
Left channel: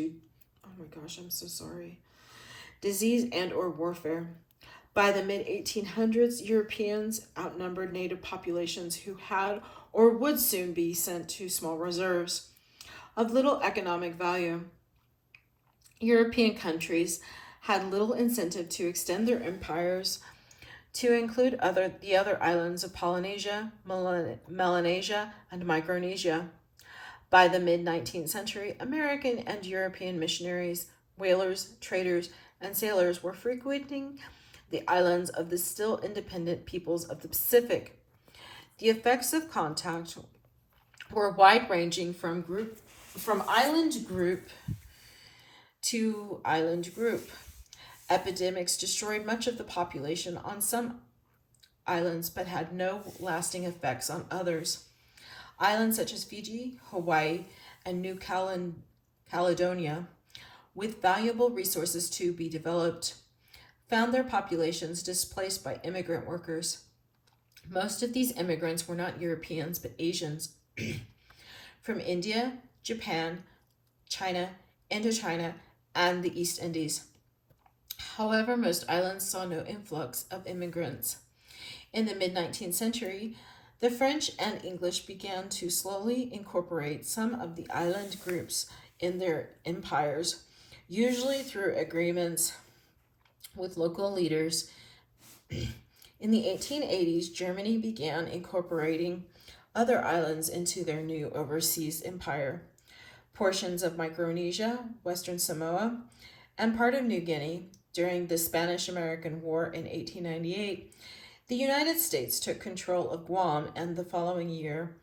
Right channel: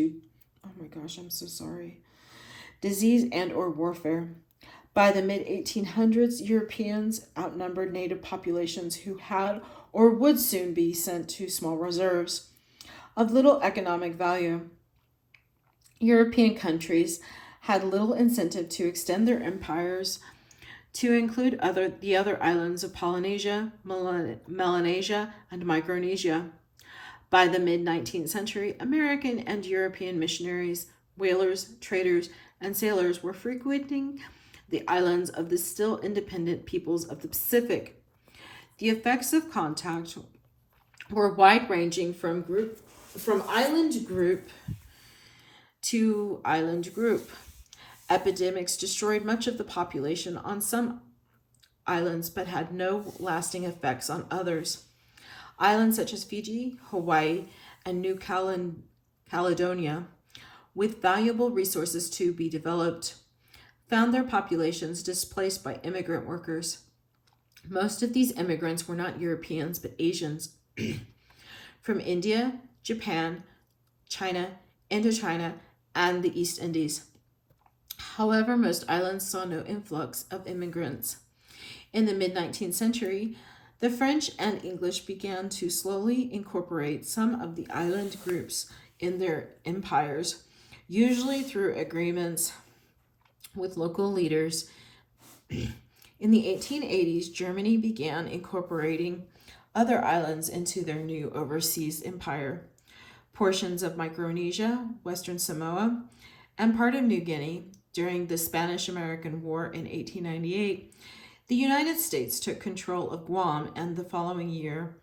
disease and or warfare. By the mid-1800s, Europeans outnumbered native populations who had or would soon be sent to small reserves of little economic value. European countries had little incentive to extend their empires to include the other islands of Polynesia, Melanesia, and Micronesia. By the mid-19th century, American and European missionaries, whalers, traders, and sailors were frequenting the islands of the still independent peoples of the Pacific. The effects of contact were wide-ranging from island group to island group. Epidemics destroyed much of the population on some islands but had no lasting effects on others. Islands such as Fiji, Hawaii, and New Caledonia, with valuable resources to be developed, found their populations displaced by immigrant workers. Most of these immigrants were not Europeans but Asians from India, Japan, China, Indochina, and the East Indies. However, most islands saw no influx of immigrants. In the mid-19th century, the French and English began to slowly incorporate some of the island groups in their empires, usually through agreements with local leaders. In the 1880s, Germany began incorporating other islands into their new overseas empire. Portions of Micronesia, Western Samoa, and part of New Guinea. During the Spanish-American War in 1898, the United States took control of Guam and the following year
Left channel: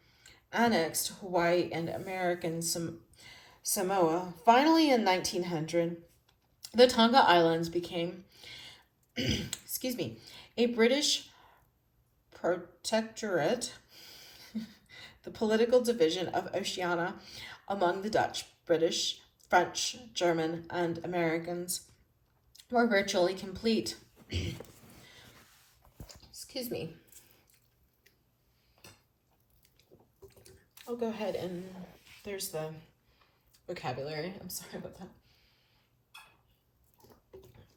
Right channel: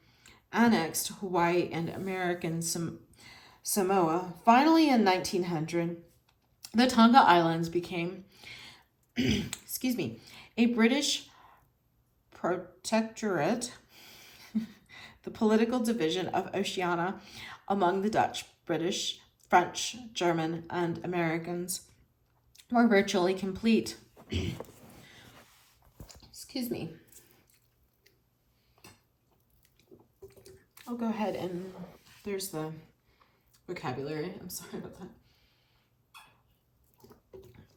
annexed Hawaii and American Samoa. Finally, in 1900, the Tonga Islands became a British protectorate, the political division of Oceania among the Dutch, British, French, German, and Americans were virtually complete. I'll go ahead and there's the vocabulary. I'm sorry about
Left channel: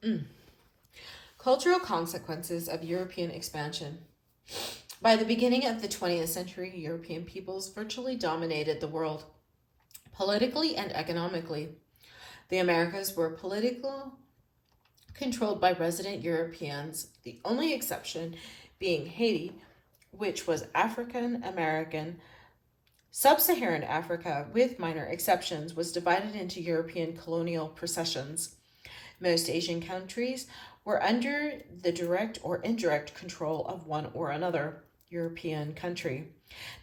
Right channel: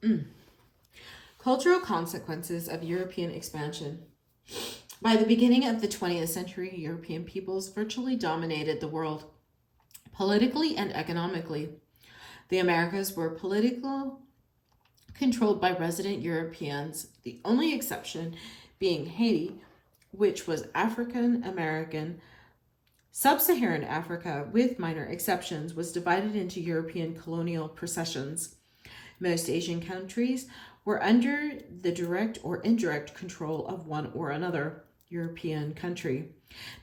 that. Cultural consequences of European expansion. By the beginning of the 20th century, European peoples virtually dominated the world, politically and economically. The Americas were politically controlled by resident Europeans, the only exception being Haiti, which was African American Sub-Saharan Africa, with minor exceptions, was divided into European colonial possessions. Most Asian countries were under the direct or indirect control of one or another European country.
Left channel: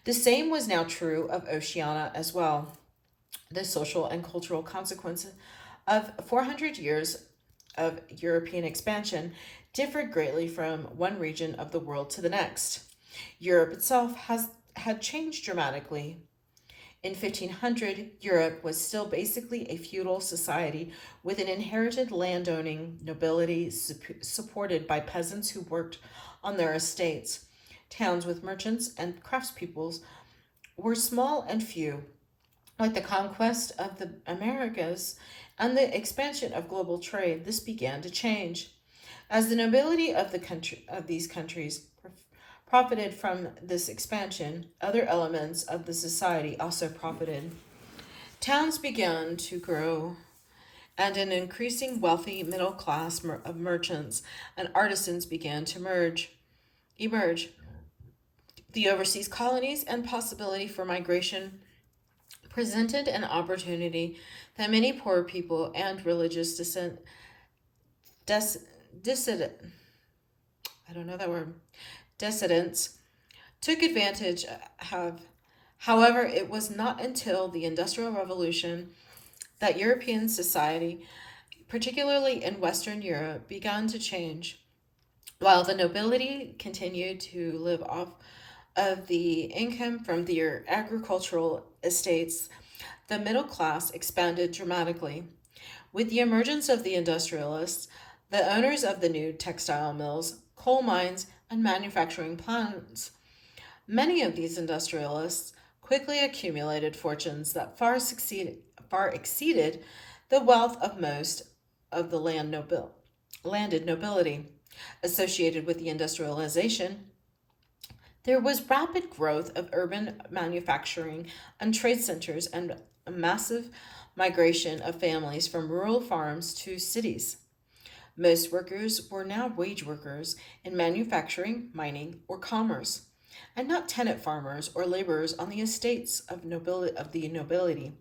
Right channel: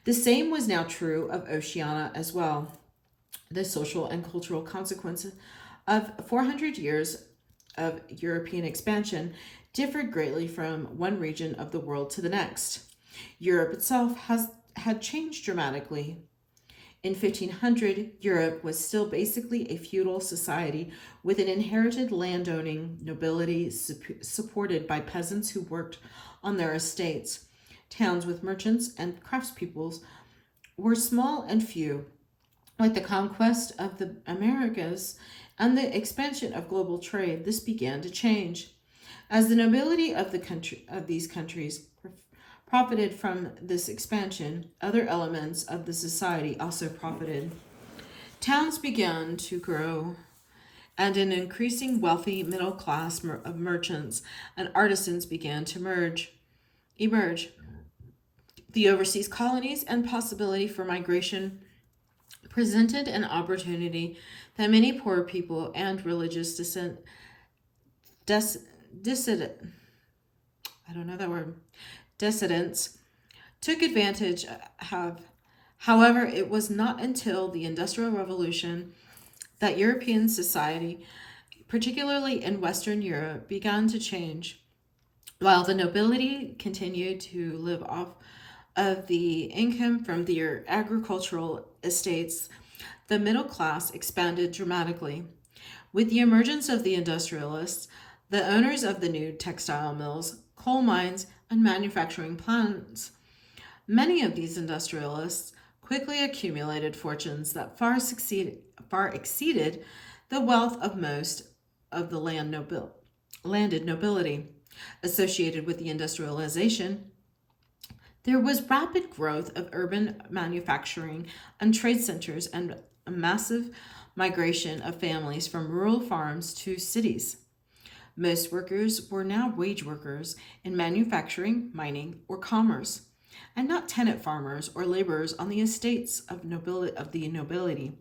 The same was now true of Oceania as well. The social and cultural consequences of 400 years of European expansion differed greatly from one region of the world to the next. Europe itself had changed dramatically. In 1500, Europe was still basically a feudal society with an inherited landowning nobility supported by peasants who worked on their estates. Towns with merchants and craftspeoples were small and few. With the conquest of the Americas and the expansion of global trade, this began to change. As the nobility of these countries profited from this expansion, other elements of the society also profited. Towns began to grow, and an increasing wealthy middle class of merchants and artisans began to emerge. The overseas colonies and possibility for migration presented an opportunity that many poor people and religious dissident I don't know that word dissidents took advantage of. However, it was not until the Industrial Revolution that European society, particularly in Western Europe, began to change. While the nobility continued to live off of the income from their agricultural estates, the middle class expanded dramatically. With the emergence of the industrialists, the owners of the new textile mills, coal mines, and manufacturing plants, many of these industrialists quickly accumulated fortunes that far exceeded the wealth of most of the landed nobility. Associated with the industrialization, there was rapid growth of urban manufacturing and trade centers and a massive migration of families from rural farms to cities. Most workers were now wage workers in manufacturing, mining, or commerce, and not tenant farmers or laborers on the estates of the nobility.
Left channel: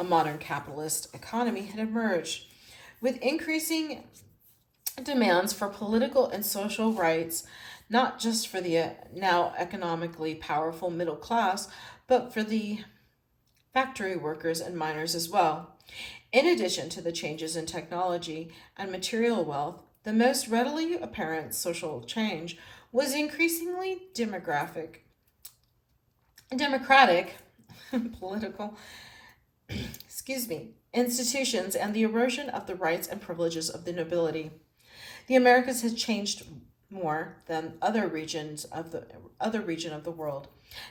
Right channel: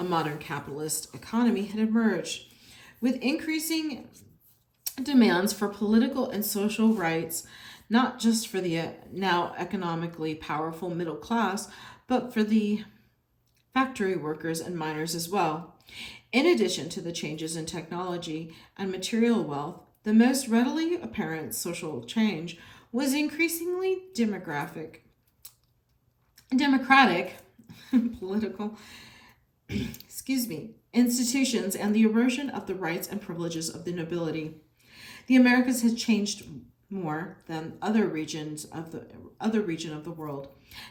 A modern capitalist economy had emerged, with increasing demands for political and social rights, not just for the now economically powerful middle class, but for the factory workers and miners as well. In addition to the changes in technology and material wealth, the most readily apparent social change was increasingly democratic political institutions and the erosion of the rights and privileges of the nobility. The Americas had changed more than other region of the world.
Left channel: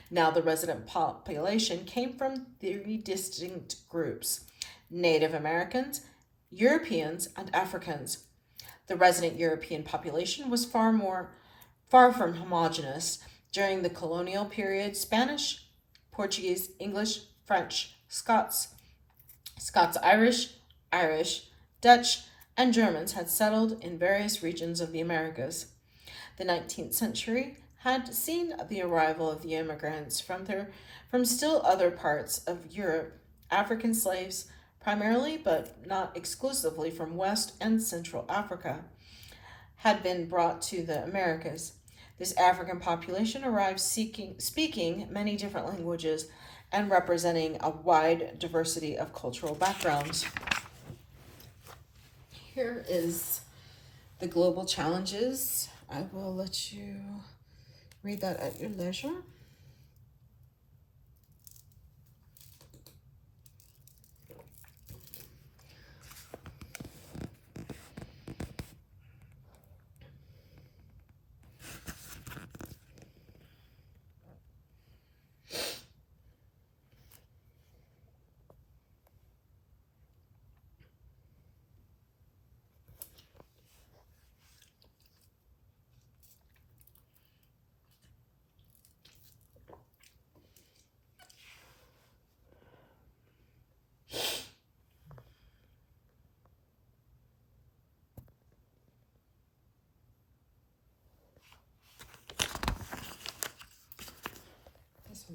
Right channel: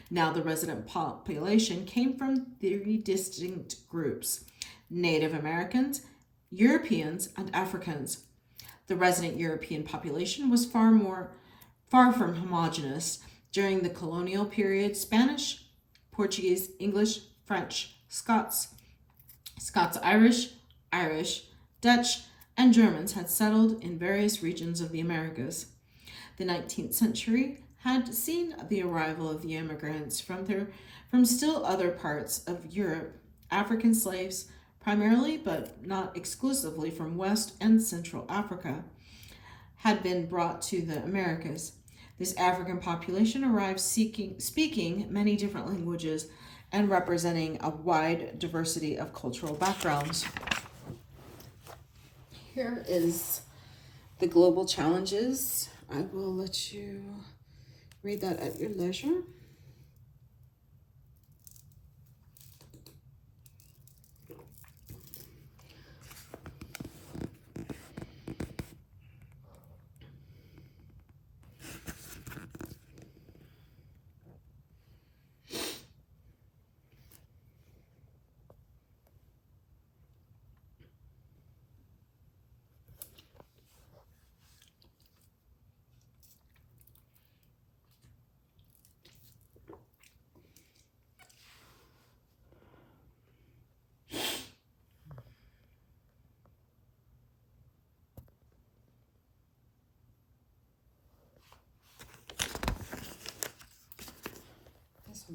Now the resident population came from three distinct groups: Native Americans, Europeans, and Africans. The resident European population was far from homogeneous. During the colonial period, Spanish, Portuguese, English, French, Irish, Dutch, and Germans had settled in various regions of the Americas. The 19th century had seen the arrival of the immigrants from still other parts of Europe. African slaves, primarily but not exclusively from West and Central Africa, had been brought to the Americas. This African population arrived speaking many different languages and representing a wide diversity of cultural backgrounds. Here is the global challenges. I will let you read that at your leisure.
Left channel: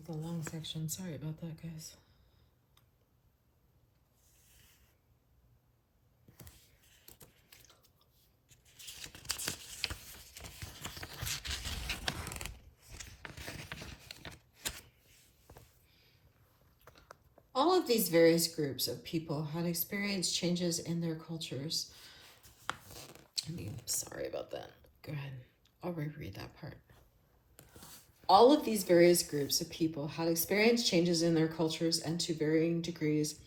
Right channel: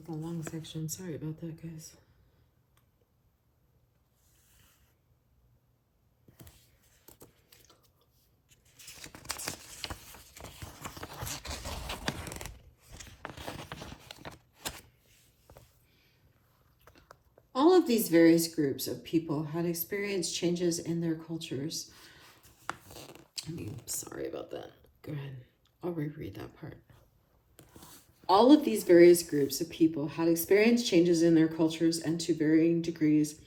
the long section. Sorry about that, guys. All of these various groups of people had experienced changes in their cultures. Sorry about that. Go ahead. I'll reread that part. All of these various groups of people had experienced changes in their cultures and to varying degrees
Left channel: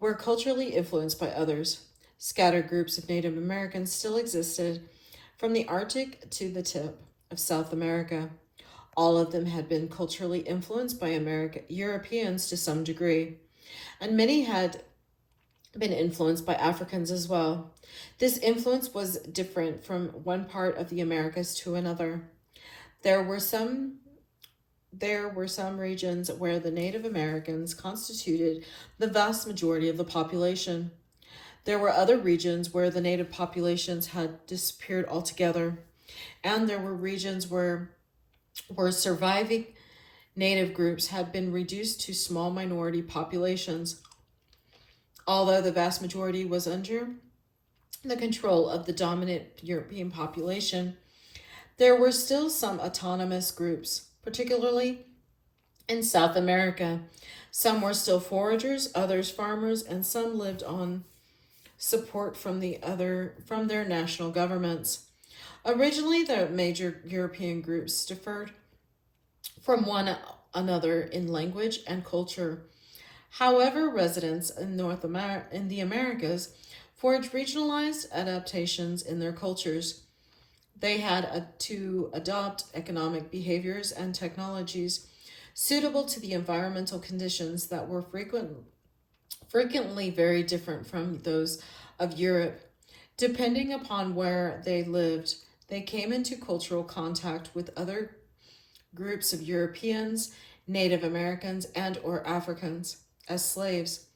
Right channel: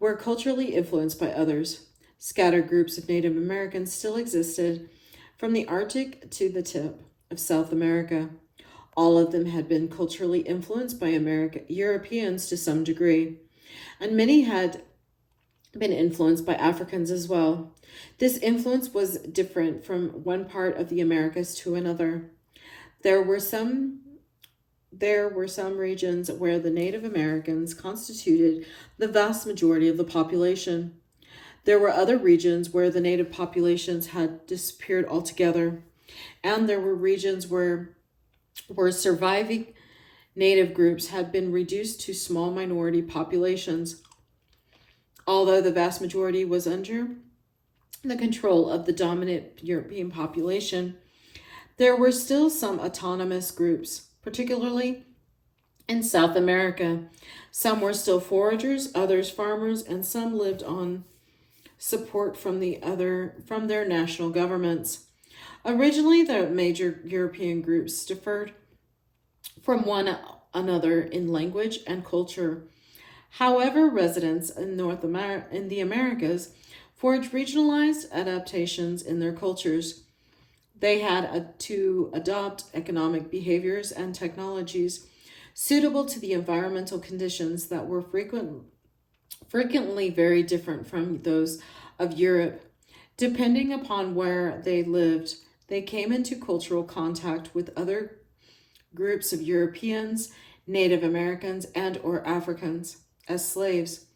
were culturally influenced by others. Scattered groups of Native Americans still existed from the Arctic to the tip of South America. All of them had been culturally influenced by Europeans to some degree, and many had been influenced by Africans as well. This influence was different from one part of the Americas to another. There were some regions where the Native Americans constituted the vast majority of the population. There were other regions where the native populations had disappeared altogether, and there were regions where surviving native groups had been reduced to small minority populations. Although the vast majority was under the control of the dominant European population, there were still some autonomous groups, particularly in South America. Some were still foragers, others farmers, and some lived on support from their national governments. Originally, the major European groups differed from one another in language and culture. However, residents in the Americas forged regionalized adaptations in their cultures. They had to adopt economic behaviors and technologies suitable to the environmental conditions that were frequently very different from those of Europe. Depending upon where they lived, they came into cultural contact with other groups of Europeans, Native Americans, and or Africans as slaves.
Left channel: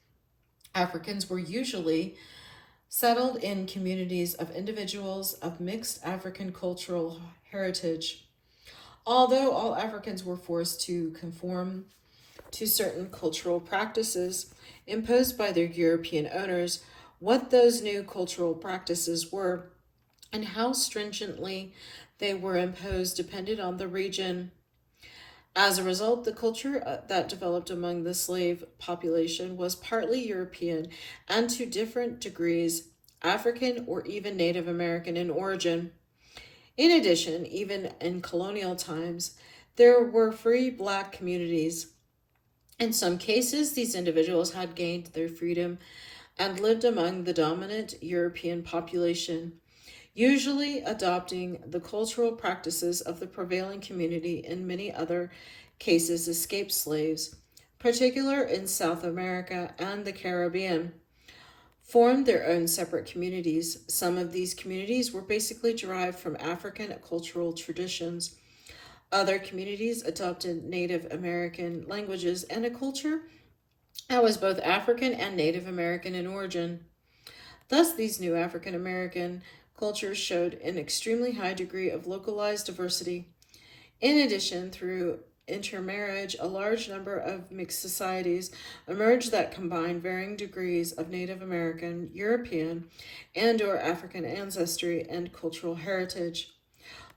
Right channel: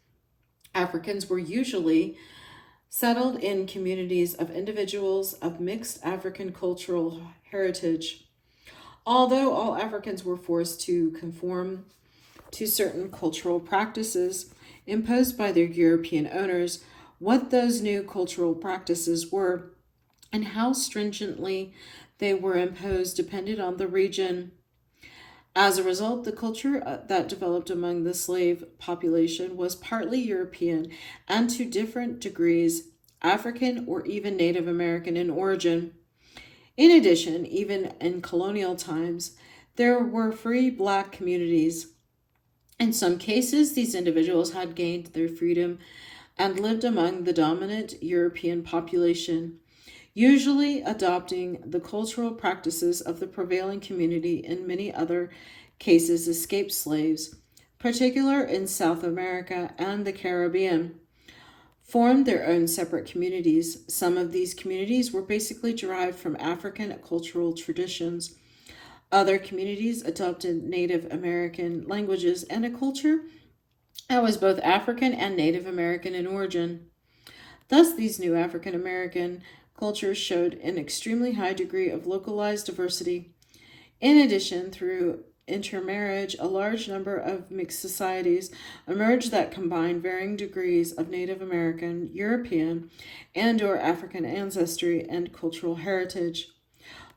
Africans were usually settled in communities of individuals of mixed African cultural heritage. Although all Africans were forced to conform to certain cultural practices imposed by their European owners, what those new cultural practices were and how stringently they were imposed depended on the region. As a result, the culture that developed among the slave population was partly European and to different degrees African or even Native American in origin. In addition, even in colonial times, there were free black communities. In some cases, these individuals had gained their freedom and lived among the dominant European population, usually adopting the cultural practices of the prevailing community. In many other cases, escaped slaves, particularly in South America and the Caribbean, formed their own separate communities. Some of these communities were basically derived from African cultural traditions. Other communities adopted Native American languages and a culture that was both African and Native American in origin. Thus, these new African American cultures showed an extremely high degree of localized diversity. In addition, through intermarriage, a large number of mixed societies emerged that combined varying degrees of Native American, European, and or African ancestry and cultural heritage.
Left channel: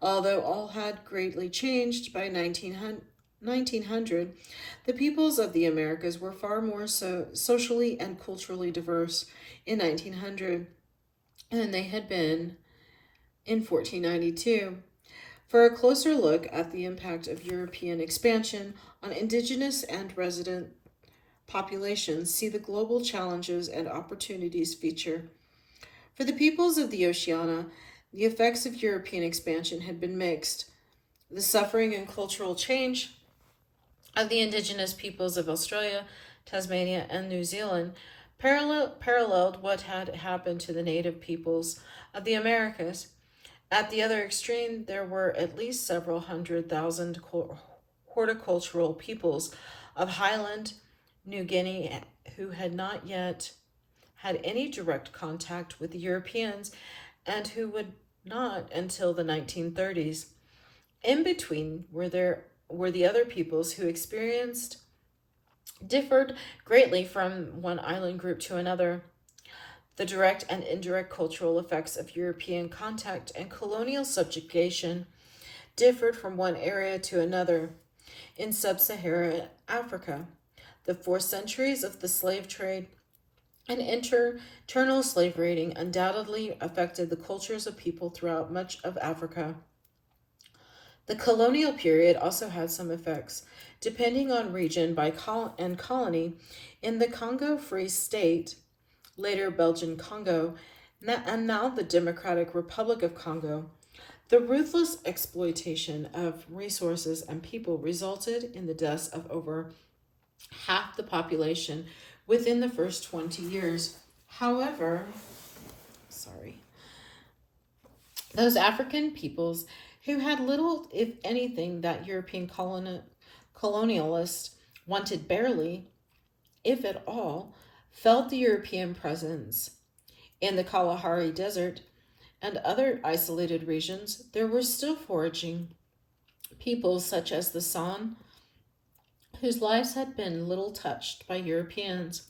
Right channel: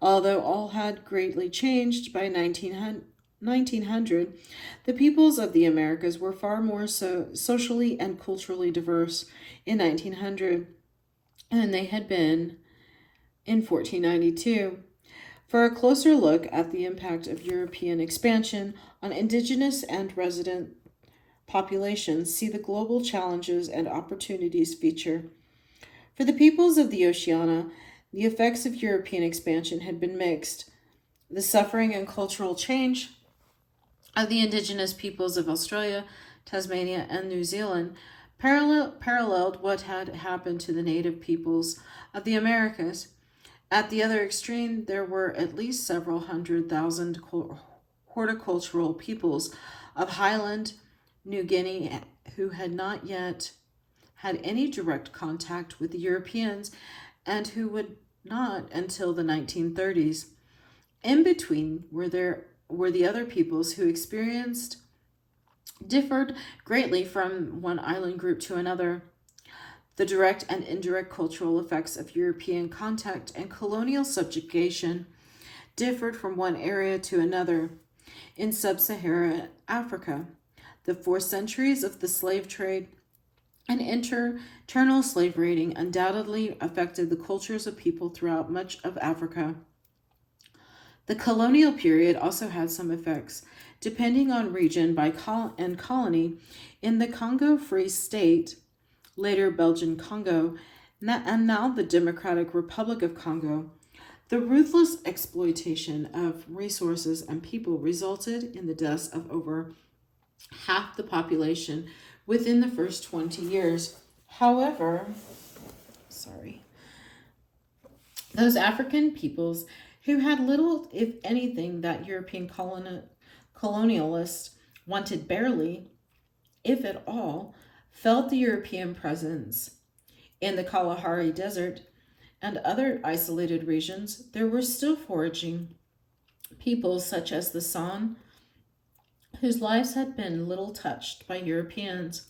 Although all had greatly changed by 1900, the peoples of the Americas were far more socially and culturally diverse in 1900 than they had been in 1492. For a closer look at the impact of European expansion on indigenous and resident populations, see the Global Challenges and Opportunities feature. For the peoples of the Oceania, the effects of European expansion had been mixed. The suffering and cultural change of the indigenous peoples of Australia, Tasmania, and New Zealand paralleled what had happened to the native peoples of the Americas. At the other extreme, there were at least several 100,000 horticultural peoples of Highland New Guinea who had not yet had any direct contact with the Europeans and who would not until the 1930s. In between were there were the other peoples who differed greatly from one island group to another. The direct and indirect cultural effects of European contact and colonial subjugation differed from one area to another. In sub-Saharan Africa, the 4 centuries of the slave trade and internal slave raiding undoubtedly affected the cultures of people throughout much of Africa. The colonial period also had some effects, depending on region and colony. In the Congo Free State, later Belgian Congo, and now the Democratic Republic of Congo, the ruthless exploitation of resources and people resulted in the deaths of over half the population within the first 20 years. However, those African peoples who had little, if anything, that European colonialists wanted barely, if at all, felt the European presence. In the Kalahari Desert and other isolated regions, there were still foraging peoples such as the San, whose lives had been little touched by Europeans.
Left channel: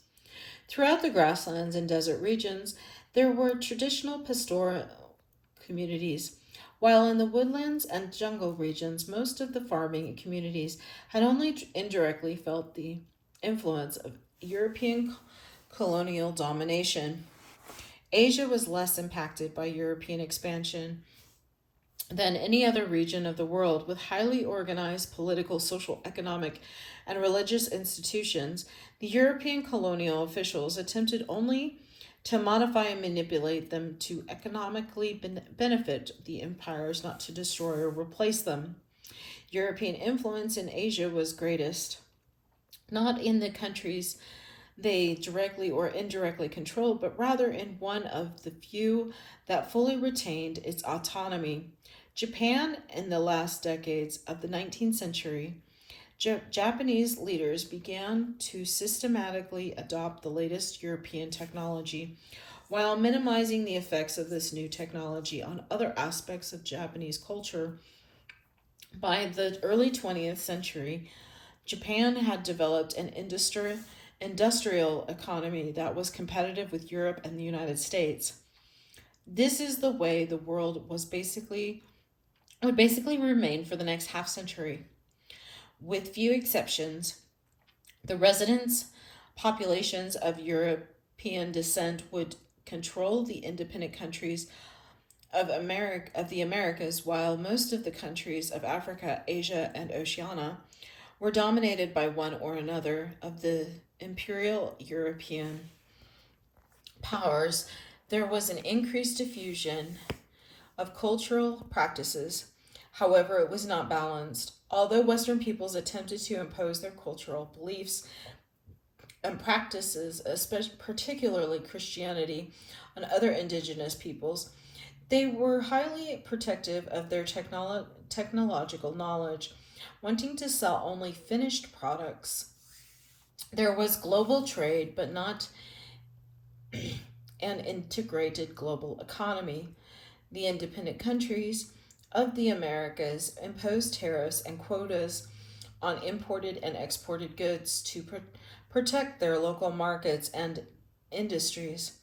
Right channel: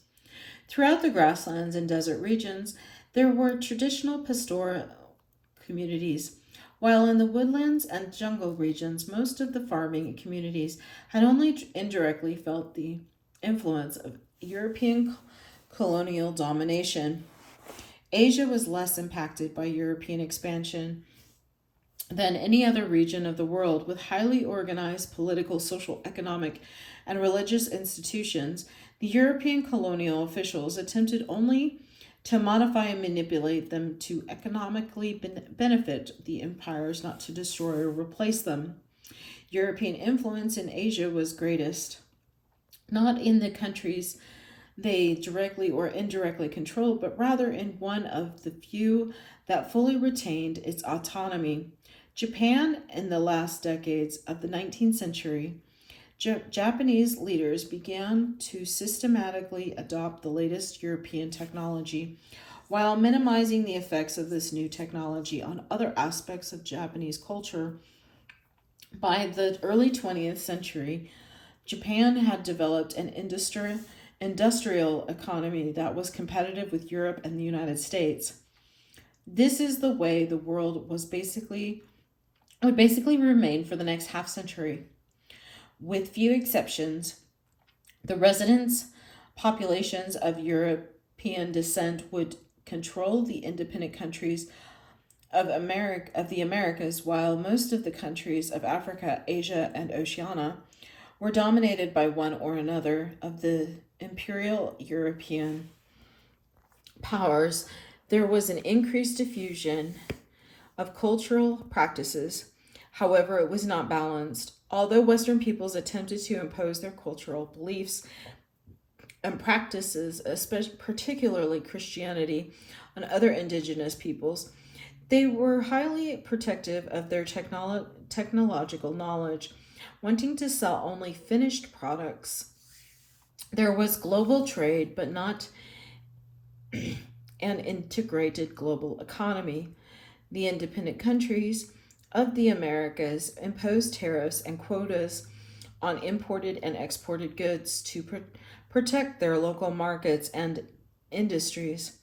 Throughout the grasslands and desert regions, there were traditional pastoral communities, while in the woodlands and jungle regions, most of the farming communities had only indirectly felt the influence of European colonial domination. Asia was less impacted by European expansion than any other region of the world, with highly organized political, social, economic, and religious institutions. The European colonial officials attempted only to modify and manipulate them to economically benefit the empires, not to destroy or replace them. European influence in Asia was greatest, not in the countries they directly or indirectly controlled, but rather in one of the few that fully retained its autonomy. Japan, in the last decades of the 19th century, Japanese leaders began to systematically adopt the latest European technology while minimizing the effects of this new technology on other aspects of Japanese culture. By the early 20th century, Japan had developed an industrial economy that was competitive with Europe and the United States. This is the way the world would basically remain for the next half century. With few exceptions, the residents' populations of European descent would control the independent countries of the Americas, while most of the countries of Africa, Asia, and Oceania were dominated by one or another of the imperial European powers. There was an increased diffusion of cultural practices. However, it was not balanced. Although Western peoples attempted to impose their cultural beliefs and practices, especially particularly Christianity, on other indigenous peoples, they were highly protective of their technological knowledge, wanting to sell only finished products. There was global trade, but not an integrated global economy. The independent countries of the Americas imposed tariffs and quotas on imported and exported goods to protect their local markets and industries.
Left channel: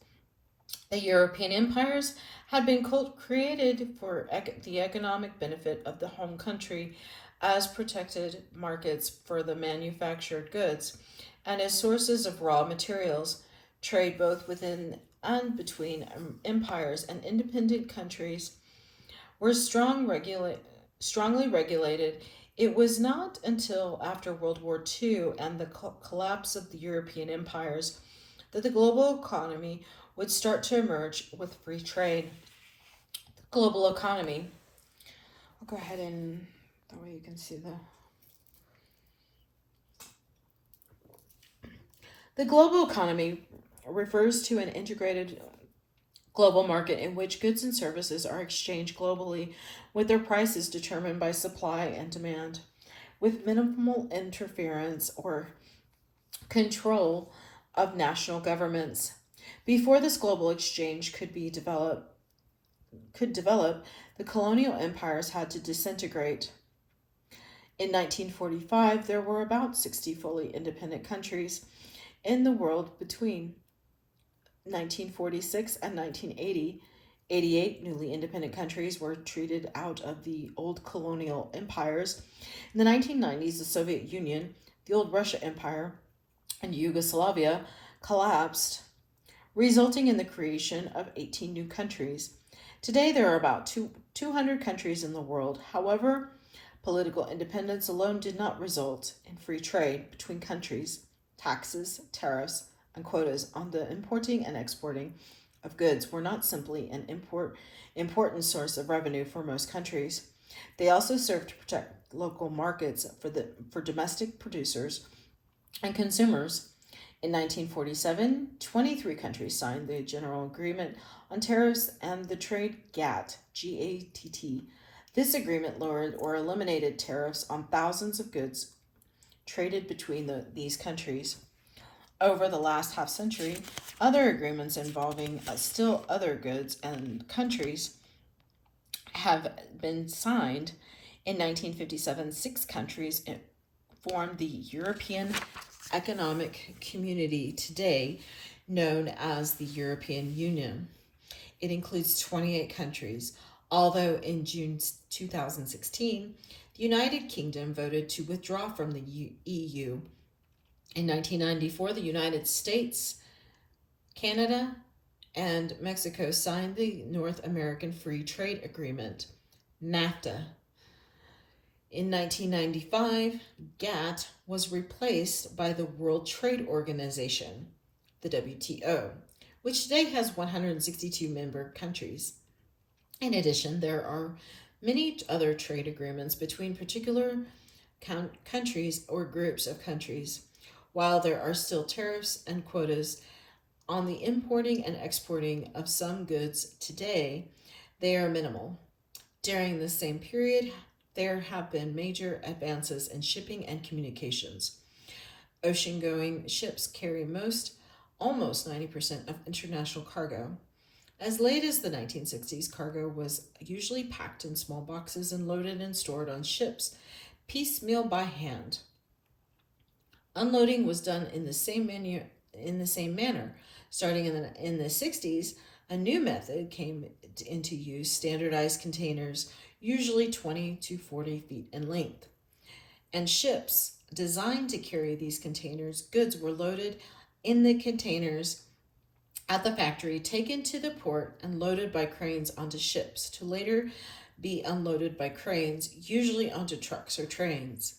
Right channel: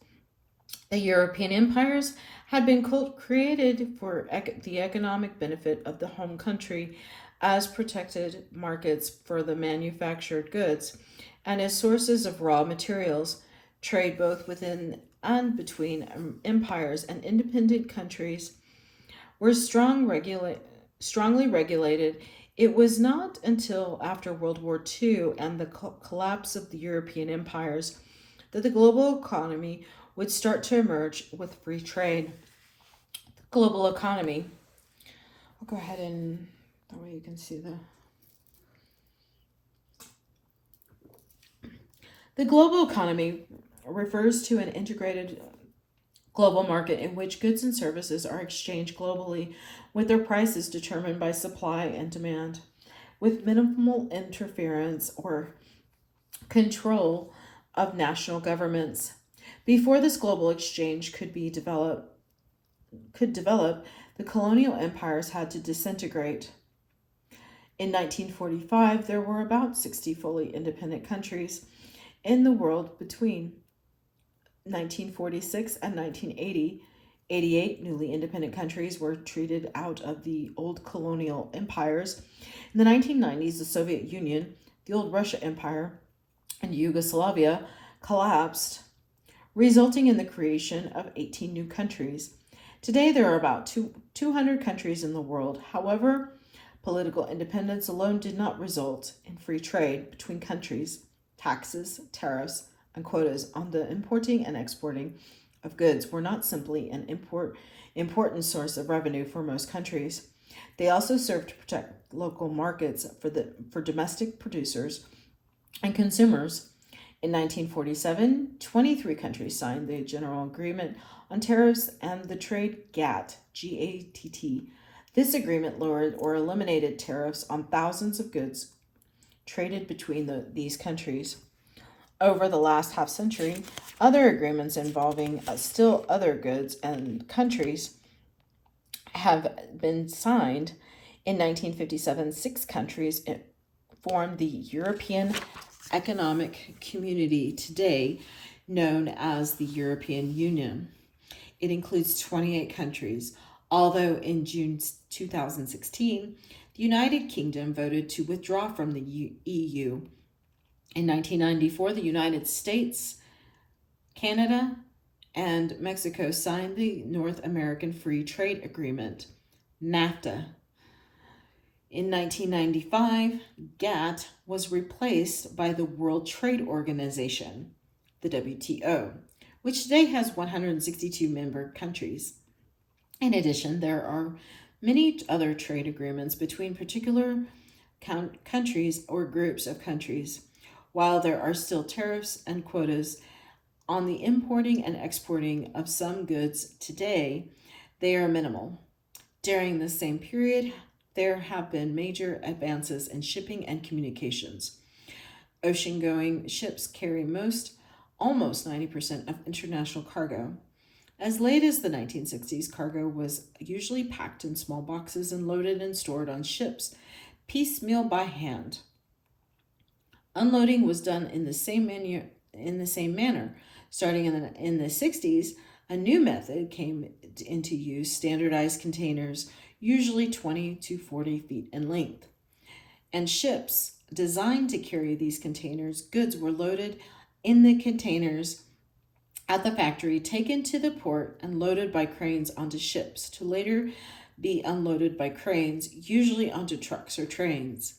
The European empires had been created for the economic benefit of the home country as protected markets for the manufactured goods and as sources of raw materials. Trade both within and between empires and independent countries were strongly regulated. It was not until after World War II and the collapse of the European empires that the global economy would start to emerge with free trade. The global economy. I'll go ahead and that way you can see the global economy refers to an integrated global market in which goods and services are exchanged globally, with their prices determined by supply and demand, with minimal interference or control of national governments. Before this global exchange could develop, the colonial empires had to disintegrate. In 1945, there were about 60 fully independent countries in the world. Between 1946 and 1980, 88 newly independent countries were treated out of the old colonial empires. In the 1990s, the Soviet Union, the old Russia Empire, and Yugoslavia collapsed, resulting in the creation of 18 new countries. Today, there are about 200 countries in the world. However, political independence alone did not result in free trade between countries. Taxes, tariffs, and quotas on the importing and exporting of goods were not simply an important source of revenue for most countries. They also served to protect local markets for domestic producers and consumers. In 1947, 23 countries signed the General Agreement on Tariffs and the Trade GATT. This agreement lowered or eliminated tariffs on thousands of goods traded between these countries. Over the last half century, other agreements involving still other goods and countries have been signed. In 1957, 6 countries formed the European Economic Community, today known as the European Union. It includes 28 countries, although in June 2016, the United Kingdom voted to withdraw from the EU. In 1994, the United States, Canada, and Mexico signed the North American Free Trade Agreement, NAFTA. In 1995, GATT was replaced by the World Trade Organization, the WTO, which today has 162 member countries. In addition, there are many other trade agreements between particular countries or groups of countries. While there are still tariffs and quotas on the importing and exporting of some goods today, they are minimal. During the same period, there have been major advances in shipping and communications. Ocean-going ships carry almost 90% of international cargo. As late as the 1960s, cargo was usually packed in small boxes and loaded and stored on ships, piecemeal by hand. Unloading was done in the same manner. Starting in the 60s, a new method came into use: standardized containers, usually 20 to 40 feet in length. And ships designed to carry these containers. Goods were loaded in the containers at the factory, taken to the port, and loaded by cranes onto ships, to later be unloaded by cranes, usually onto trucks or trains.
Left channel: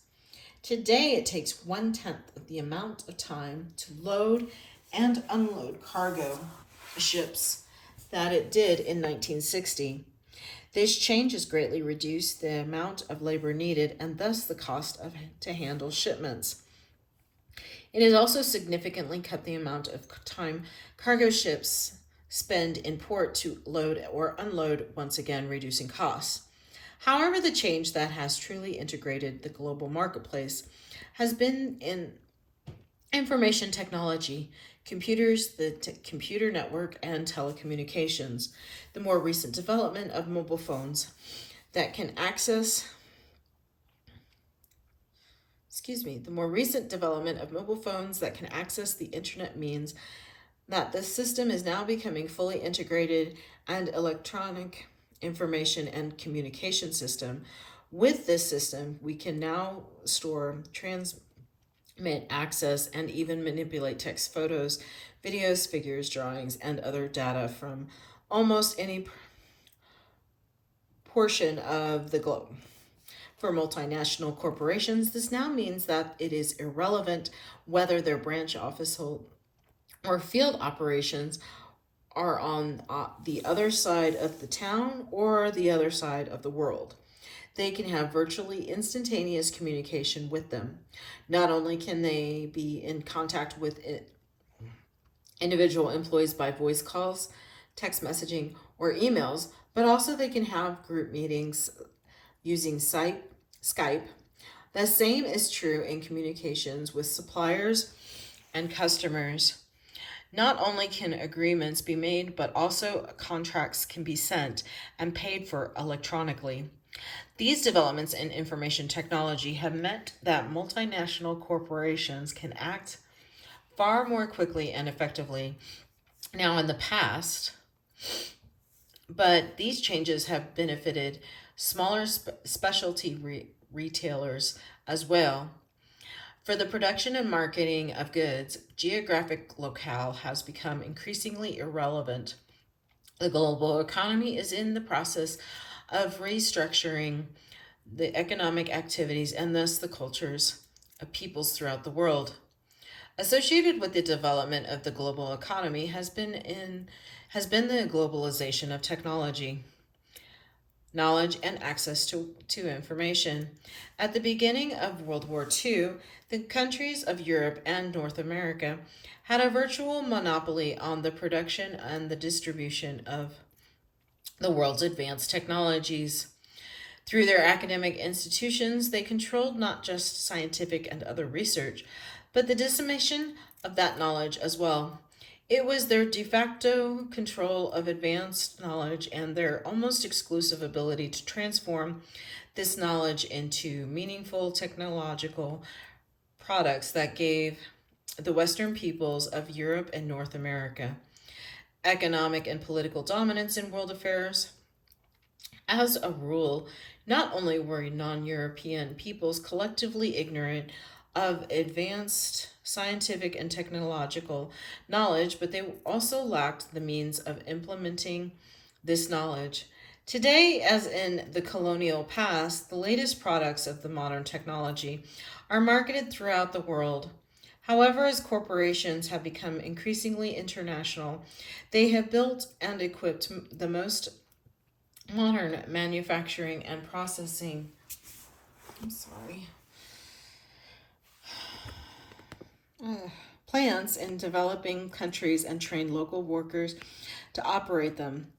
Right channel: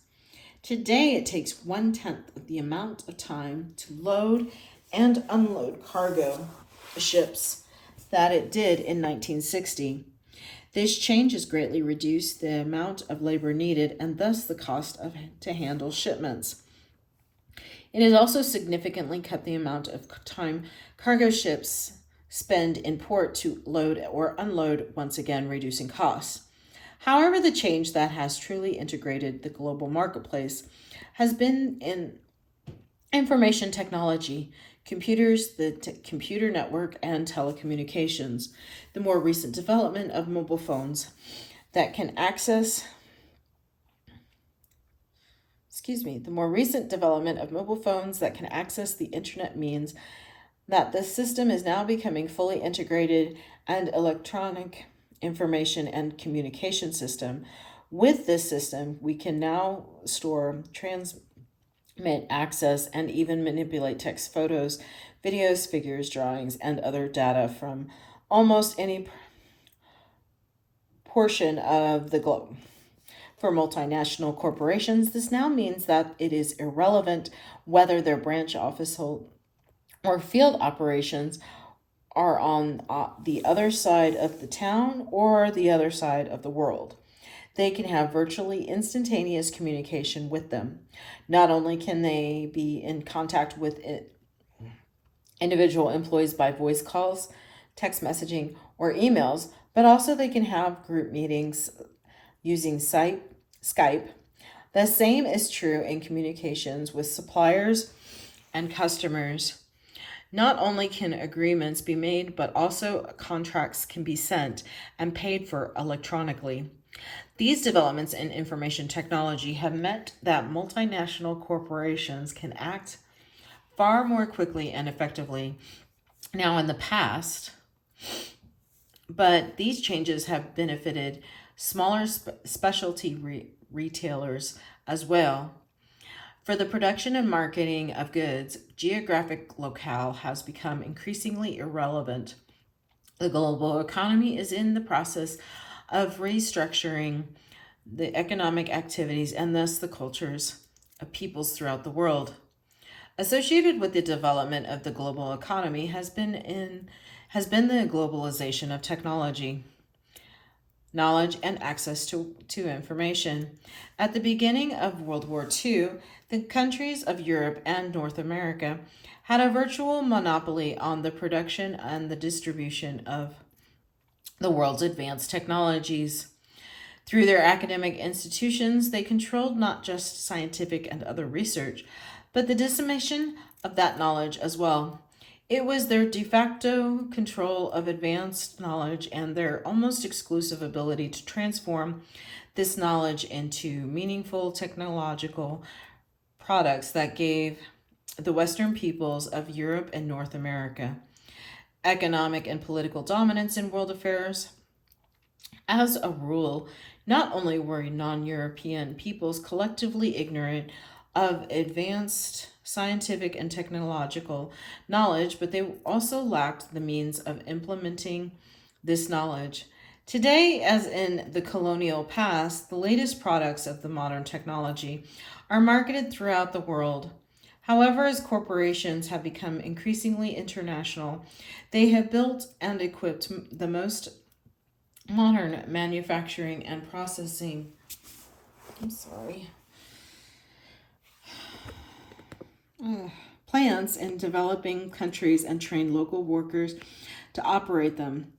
Today, it takes 1/10 of the amount of time to load and unload cargo ships that it did in 1960. This change has greatly reduced the amount of labor needed and thus the cost to handle shipments. It has also significantly cut the amount of time cargo ships spend in port to load or unload, once again reducing costs. However, the change that has truly integrated the global marketplace has been in information technology, computers, the computer network, and telecommunications. The more recent development of mobile phones that can access the internet means that the system is now becoming fully integrated and electronic information and communication system. With this system, we can now store, transmit, access, and even manipulate text, photos, videos, figures, drawings, and other data from almost any portion of the globe. For multinational corporations, this now means that it is irrelevant whether their branch office or field operations are on the other side of the town or the other side of the world. They can have virtually instantaneous communication with them. Not only can they be in contact with individual employees by voice calls, text messaging, or emails, but also they can have group meetings using Skype. The same is true in communications with suppliers and customers. Not only can agreements be made, but also contracts can be sent and paid for electronically. These developments in information technology have meant that multinational corporations can act far more quickly and effectively now in the past, but these changes have benefited smaller specialty retailers as well. For the production and marketing of goods, geographic locale has become increasingly irrelevant. The global economy is in the process of restructuring the economic activities and thus the cultures of peoples throughout the world. Associated with the development of the global economy has been the globalization of technology, knowledge, and access to information. At the beginning of World War II, the countries of Europe and North America had a virtual monopoly on the production and the distribution of the world's advanced technologies. Through their academic institutions, they controlled not just scientific and other research, but the dissemination of that knowledge as well. It was their de facto control of advanced knowledge and their almost exclusive ability to transform this knowledge into meaningful technological products that gave the Western peoples of Europe and North America economic and political dominance in world affairs. As a rule, not only were non European peoples collectively ignorant of advanced scientific and technological knowledge, but they also lacked the means of implementing this knowledge. Today, as in the colonial past, the latest products of the modern technology are marketed throughout the world. However, as corporations have become increasingly international, they have built and equipped the most modern manufacturing and processing. I'm sorry. Plants in developing countries and train local workers to operate them.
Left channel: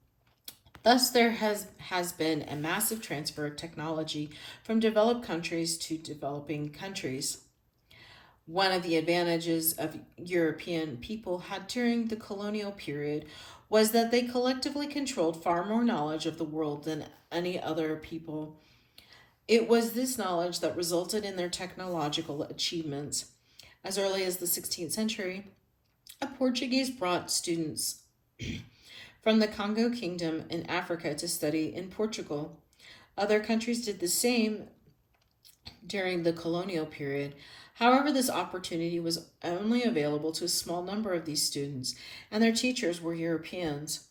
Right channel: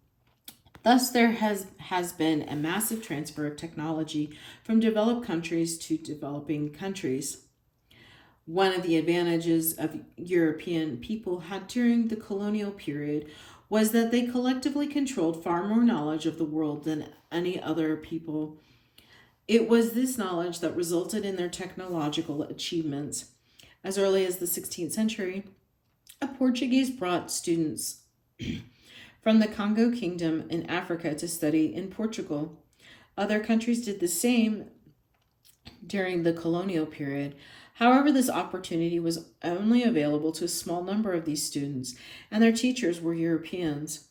Thus, there has been a massive transfer of technology from developed countries to developing countries. One of the advantages of European people had during the colonial period was that they collectively controlled far more knowledge of the world than any other people. It was this knowledge that resulted in their technological achievements. As early as the 16th century, a Portuguese brought students from the Congo Kingdom in Africa to study in Portugal. Other countries did the same during the colonial period. However, this opportunity was only available to a small number of these students, and their teachers were Europeans.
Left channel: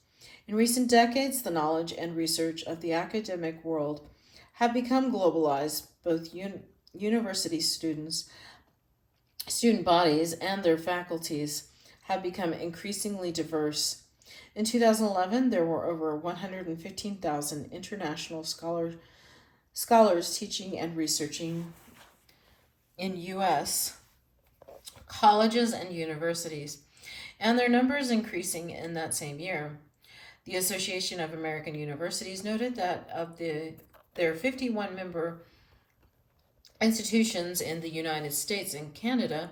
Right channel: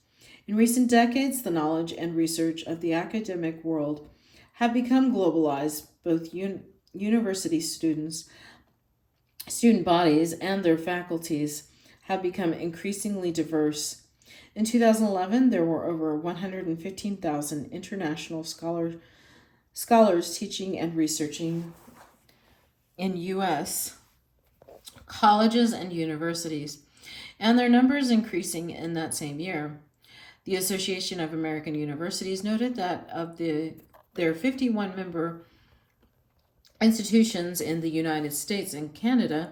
In recent decades, the knowledge and research of the academic world have become globalized. Both university student bodies, and their faculties have become increasingly diverse. In 2011, there were over 115,000 international scholars teaching and researching in U.S. colleges and universities, and their numbers increasing in that same year. The Association of American Universities noted that of their 51 member institutions in the United States and Canada,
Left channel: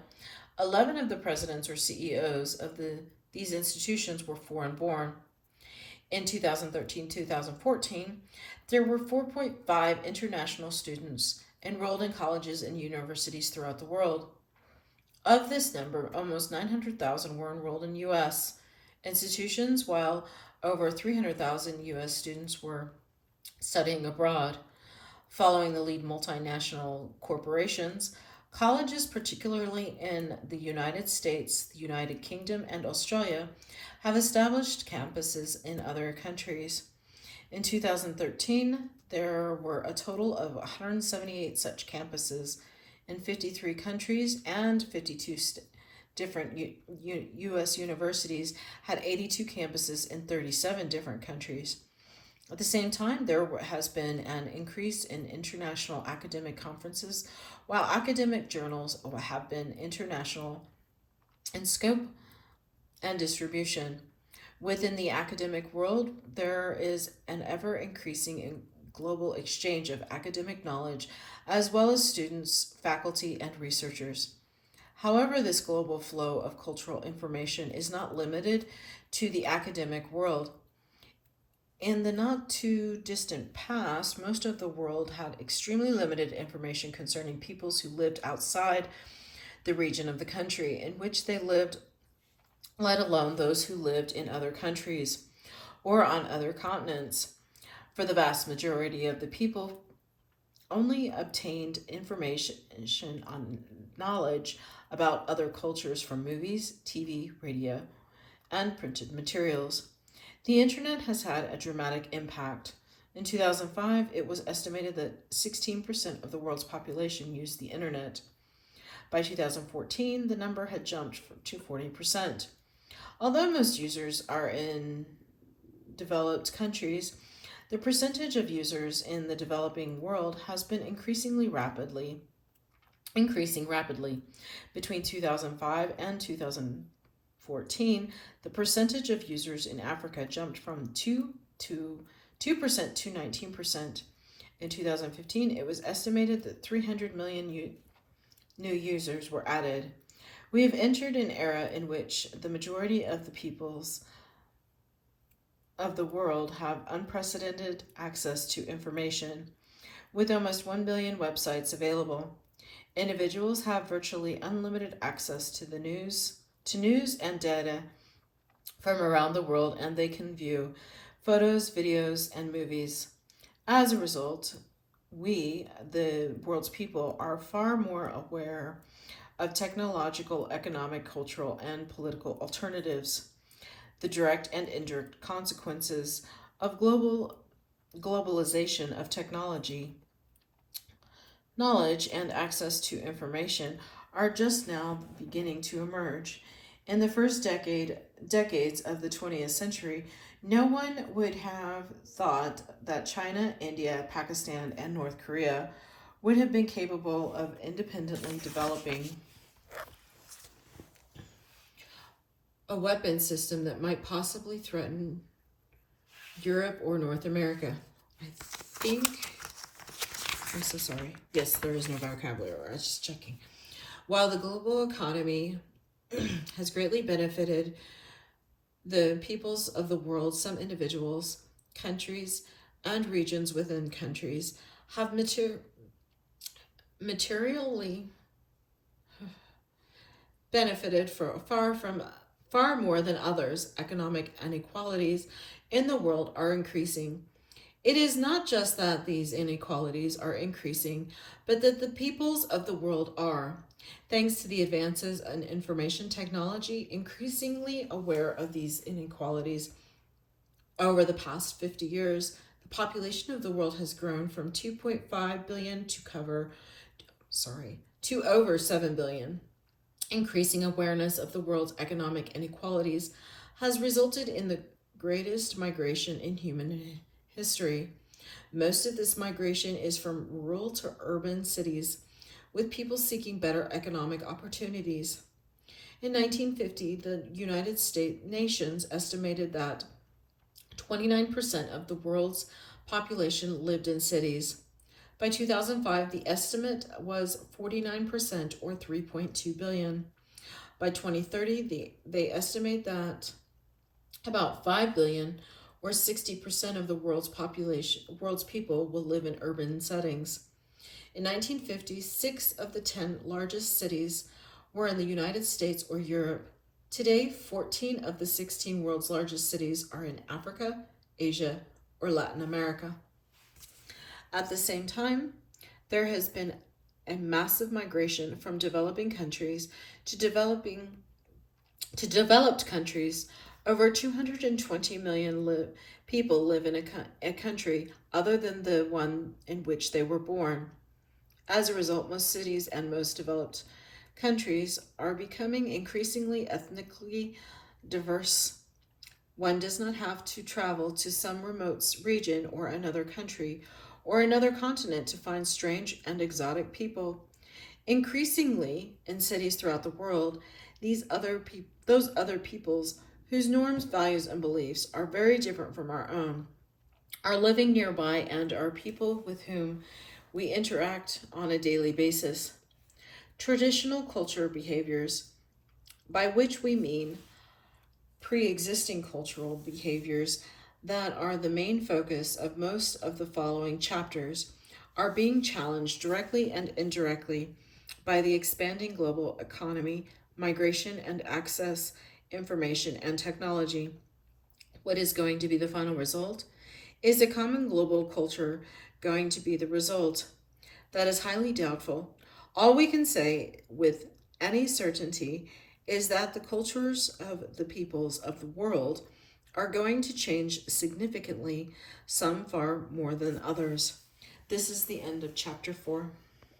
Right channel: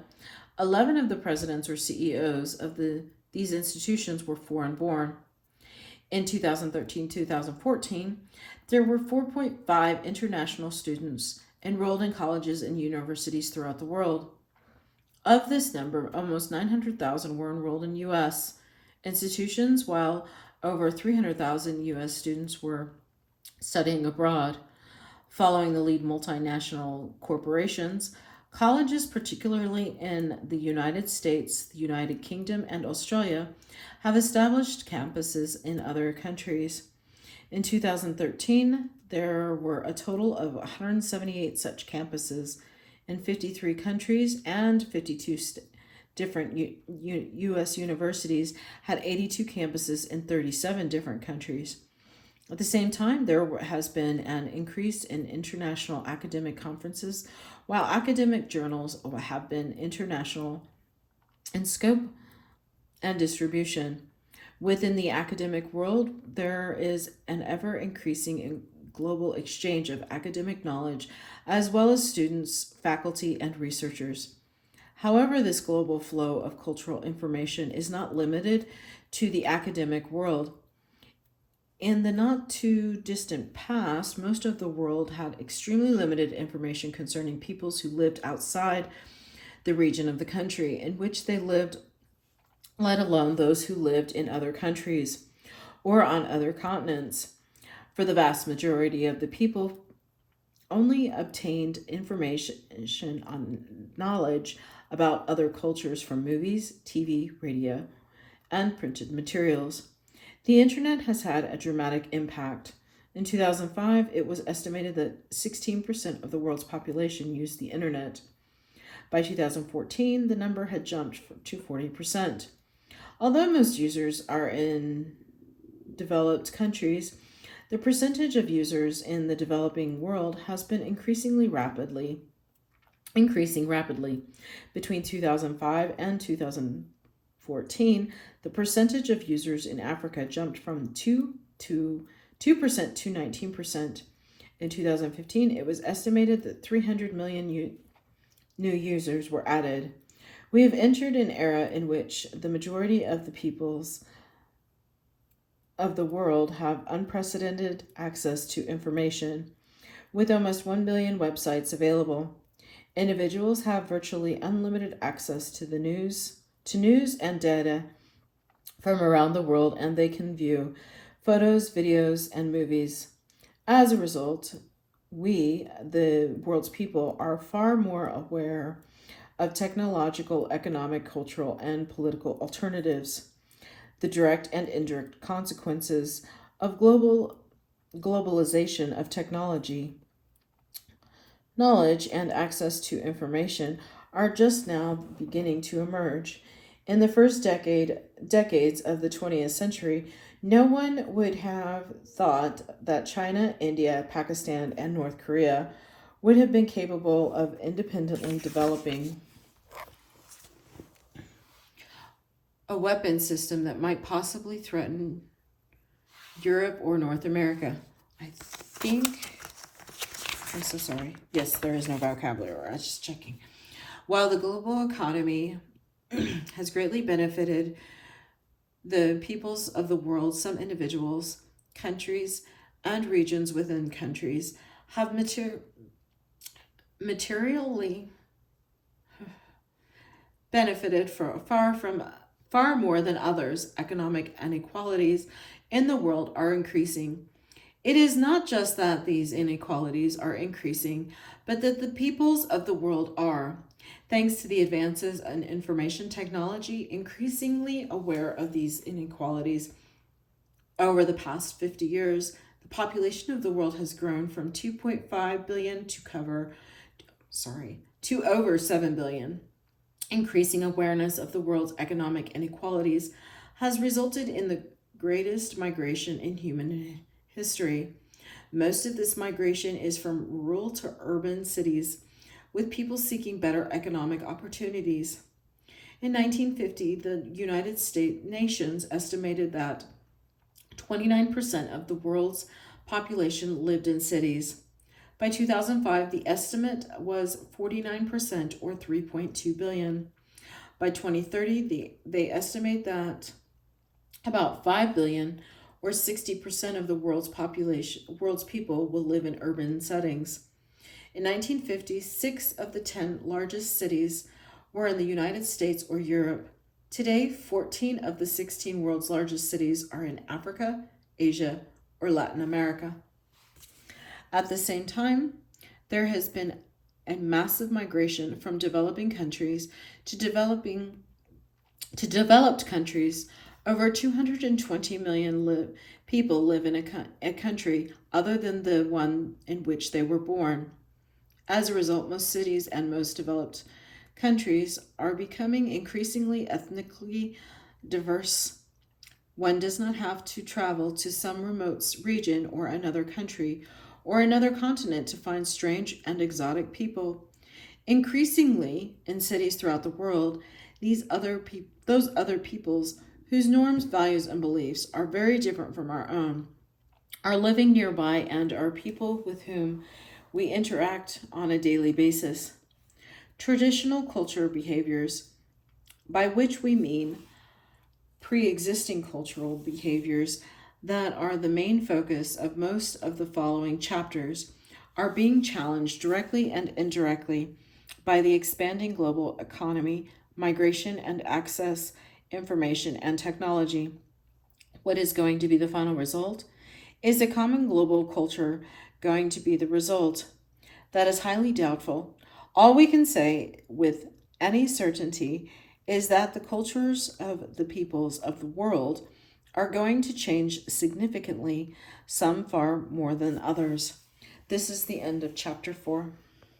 11 of the presidents or CEOs of these institutions were foreign born. In 2013-2014, there were 4.5 international students enrolled in colleges and universities throughout the world. Of this number, almost 900,000 were enrolled in U.S. institutions, while over 300,000 U.S. students were studying abroad. Following the lead multinational corporations, colleges, particularly in the United States, the United Kingdom, and Australia, have established campuses in other countries. In 2013, there were a total of 178 such campuses in 53 countries, and 52 different U.S. universities had 82 campuses in 37 different countries. At the same time, there has been an increase in international academic conferences, while academic journals have been international in scope and distribution. Within the academic world, there is an ever-increasing global exchange of academic knowledge, as well as students, faculty, and researchers. However, this global flow of cultural information is not limited to the academic world. In the not too distant past, most of the world had extremely limited information concerning peoples who lived outside the region of the country in which they lived, let alone those who lived in other countries or on other continents. For the vast majority of the people, only obtained information on knowledge about other cultures from movies, TV, radio, and printed materials. The internet has had a dramatic impact. In 2005, it was estimated that 16% of the world's population used the internet. By 2014, the number had jumped to 40%. Although most users are in developed countries, the percentage of users in the developing world has been increasing rapidly. Between 2005 and 2014, the percentage of users in Africa jumped from 2% to 19%. In 2015, it was estimated that 300 million new users were added. We have entered an era in which the majority of the peoples of the world have unprecedented access to information. With almost 1 billion websites available, individuals have virtually unlimited access to news and data from around the world, and they can view photos, videos, and movies. As a result, we, the world's people, are far more aware of technological, economic, cultural, and political alternatives, the direct and indirect consequences of globalization of technology. Knowledge and access to information are just now beginning to emerge. In the first decades of the 20th century, no one would have thought that China, India, Pakistan, and North Korea would have been capable of independently developing a weapon system that might possibly threaten Europe or North America. I'm so sorry. Yes, there is no vocabulary. I was just checking. While the global economy has greatly benefited the peoples of the world, some individuals, countries, and regions within countries have materially benefited far more than others. Economic inequalities in the world are increasing. It is not just that these inequalities are increasing, but that the peoples of the world are, thanks to the advances in information technology, increasingly aware of these inequalities. Over the past 50 years, the population of the world has grown from 2.5 billion to over 7 billion. Increasing awareness of the world's economic inequalities has resulted in the greatest migration in human history. Most of this migration is from rural to urban cities, with people seeking better economic opportunities. In 1950, the United Nations estimated that 29% of the world's population lived in cities. By 2005, the estimate was 49%, or 3.2 billion. By 2030, they estimate that about 5 billion, or 60% of the world's people will live in urban settings. In 1950, 6 of the 10 largest cities were in the United States or Europe. Today, 14 of the 16 world's largest cities are in Africa, Asia, or Latin America. At the same time, there has been a massive migration from developing countries to developed countries. Over 220 million people live in a country other than the one in which they were born. As a result, most cities and most developed countries are becoming increasingly ethnically diverse. One does not have to travel to some remote region or another country or another continent to find strange and exotic people. Increasingly, in cities throughout the world, those other peoples whose norms, values, and beliefs are very different from our own are living nearby and are people with whom we interact on a daily basis. Traditional culture behaviors, by which we mean pre-existing cultural behaviors that are the main focus of most of the following chapters are being challenged directly and indirectly by the expanding global economy, migration and access, information and technology. What is going to be the final result? Is a common global culture going to be the result? That is highly doubtful. All we can say with any certainty is that the cultures of the peoples of the world are going to change significantly, some far more than others. This is the end of chapter 4.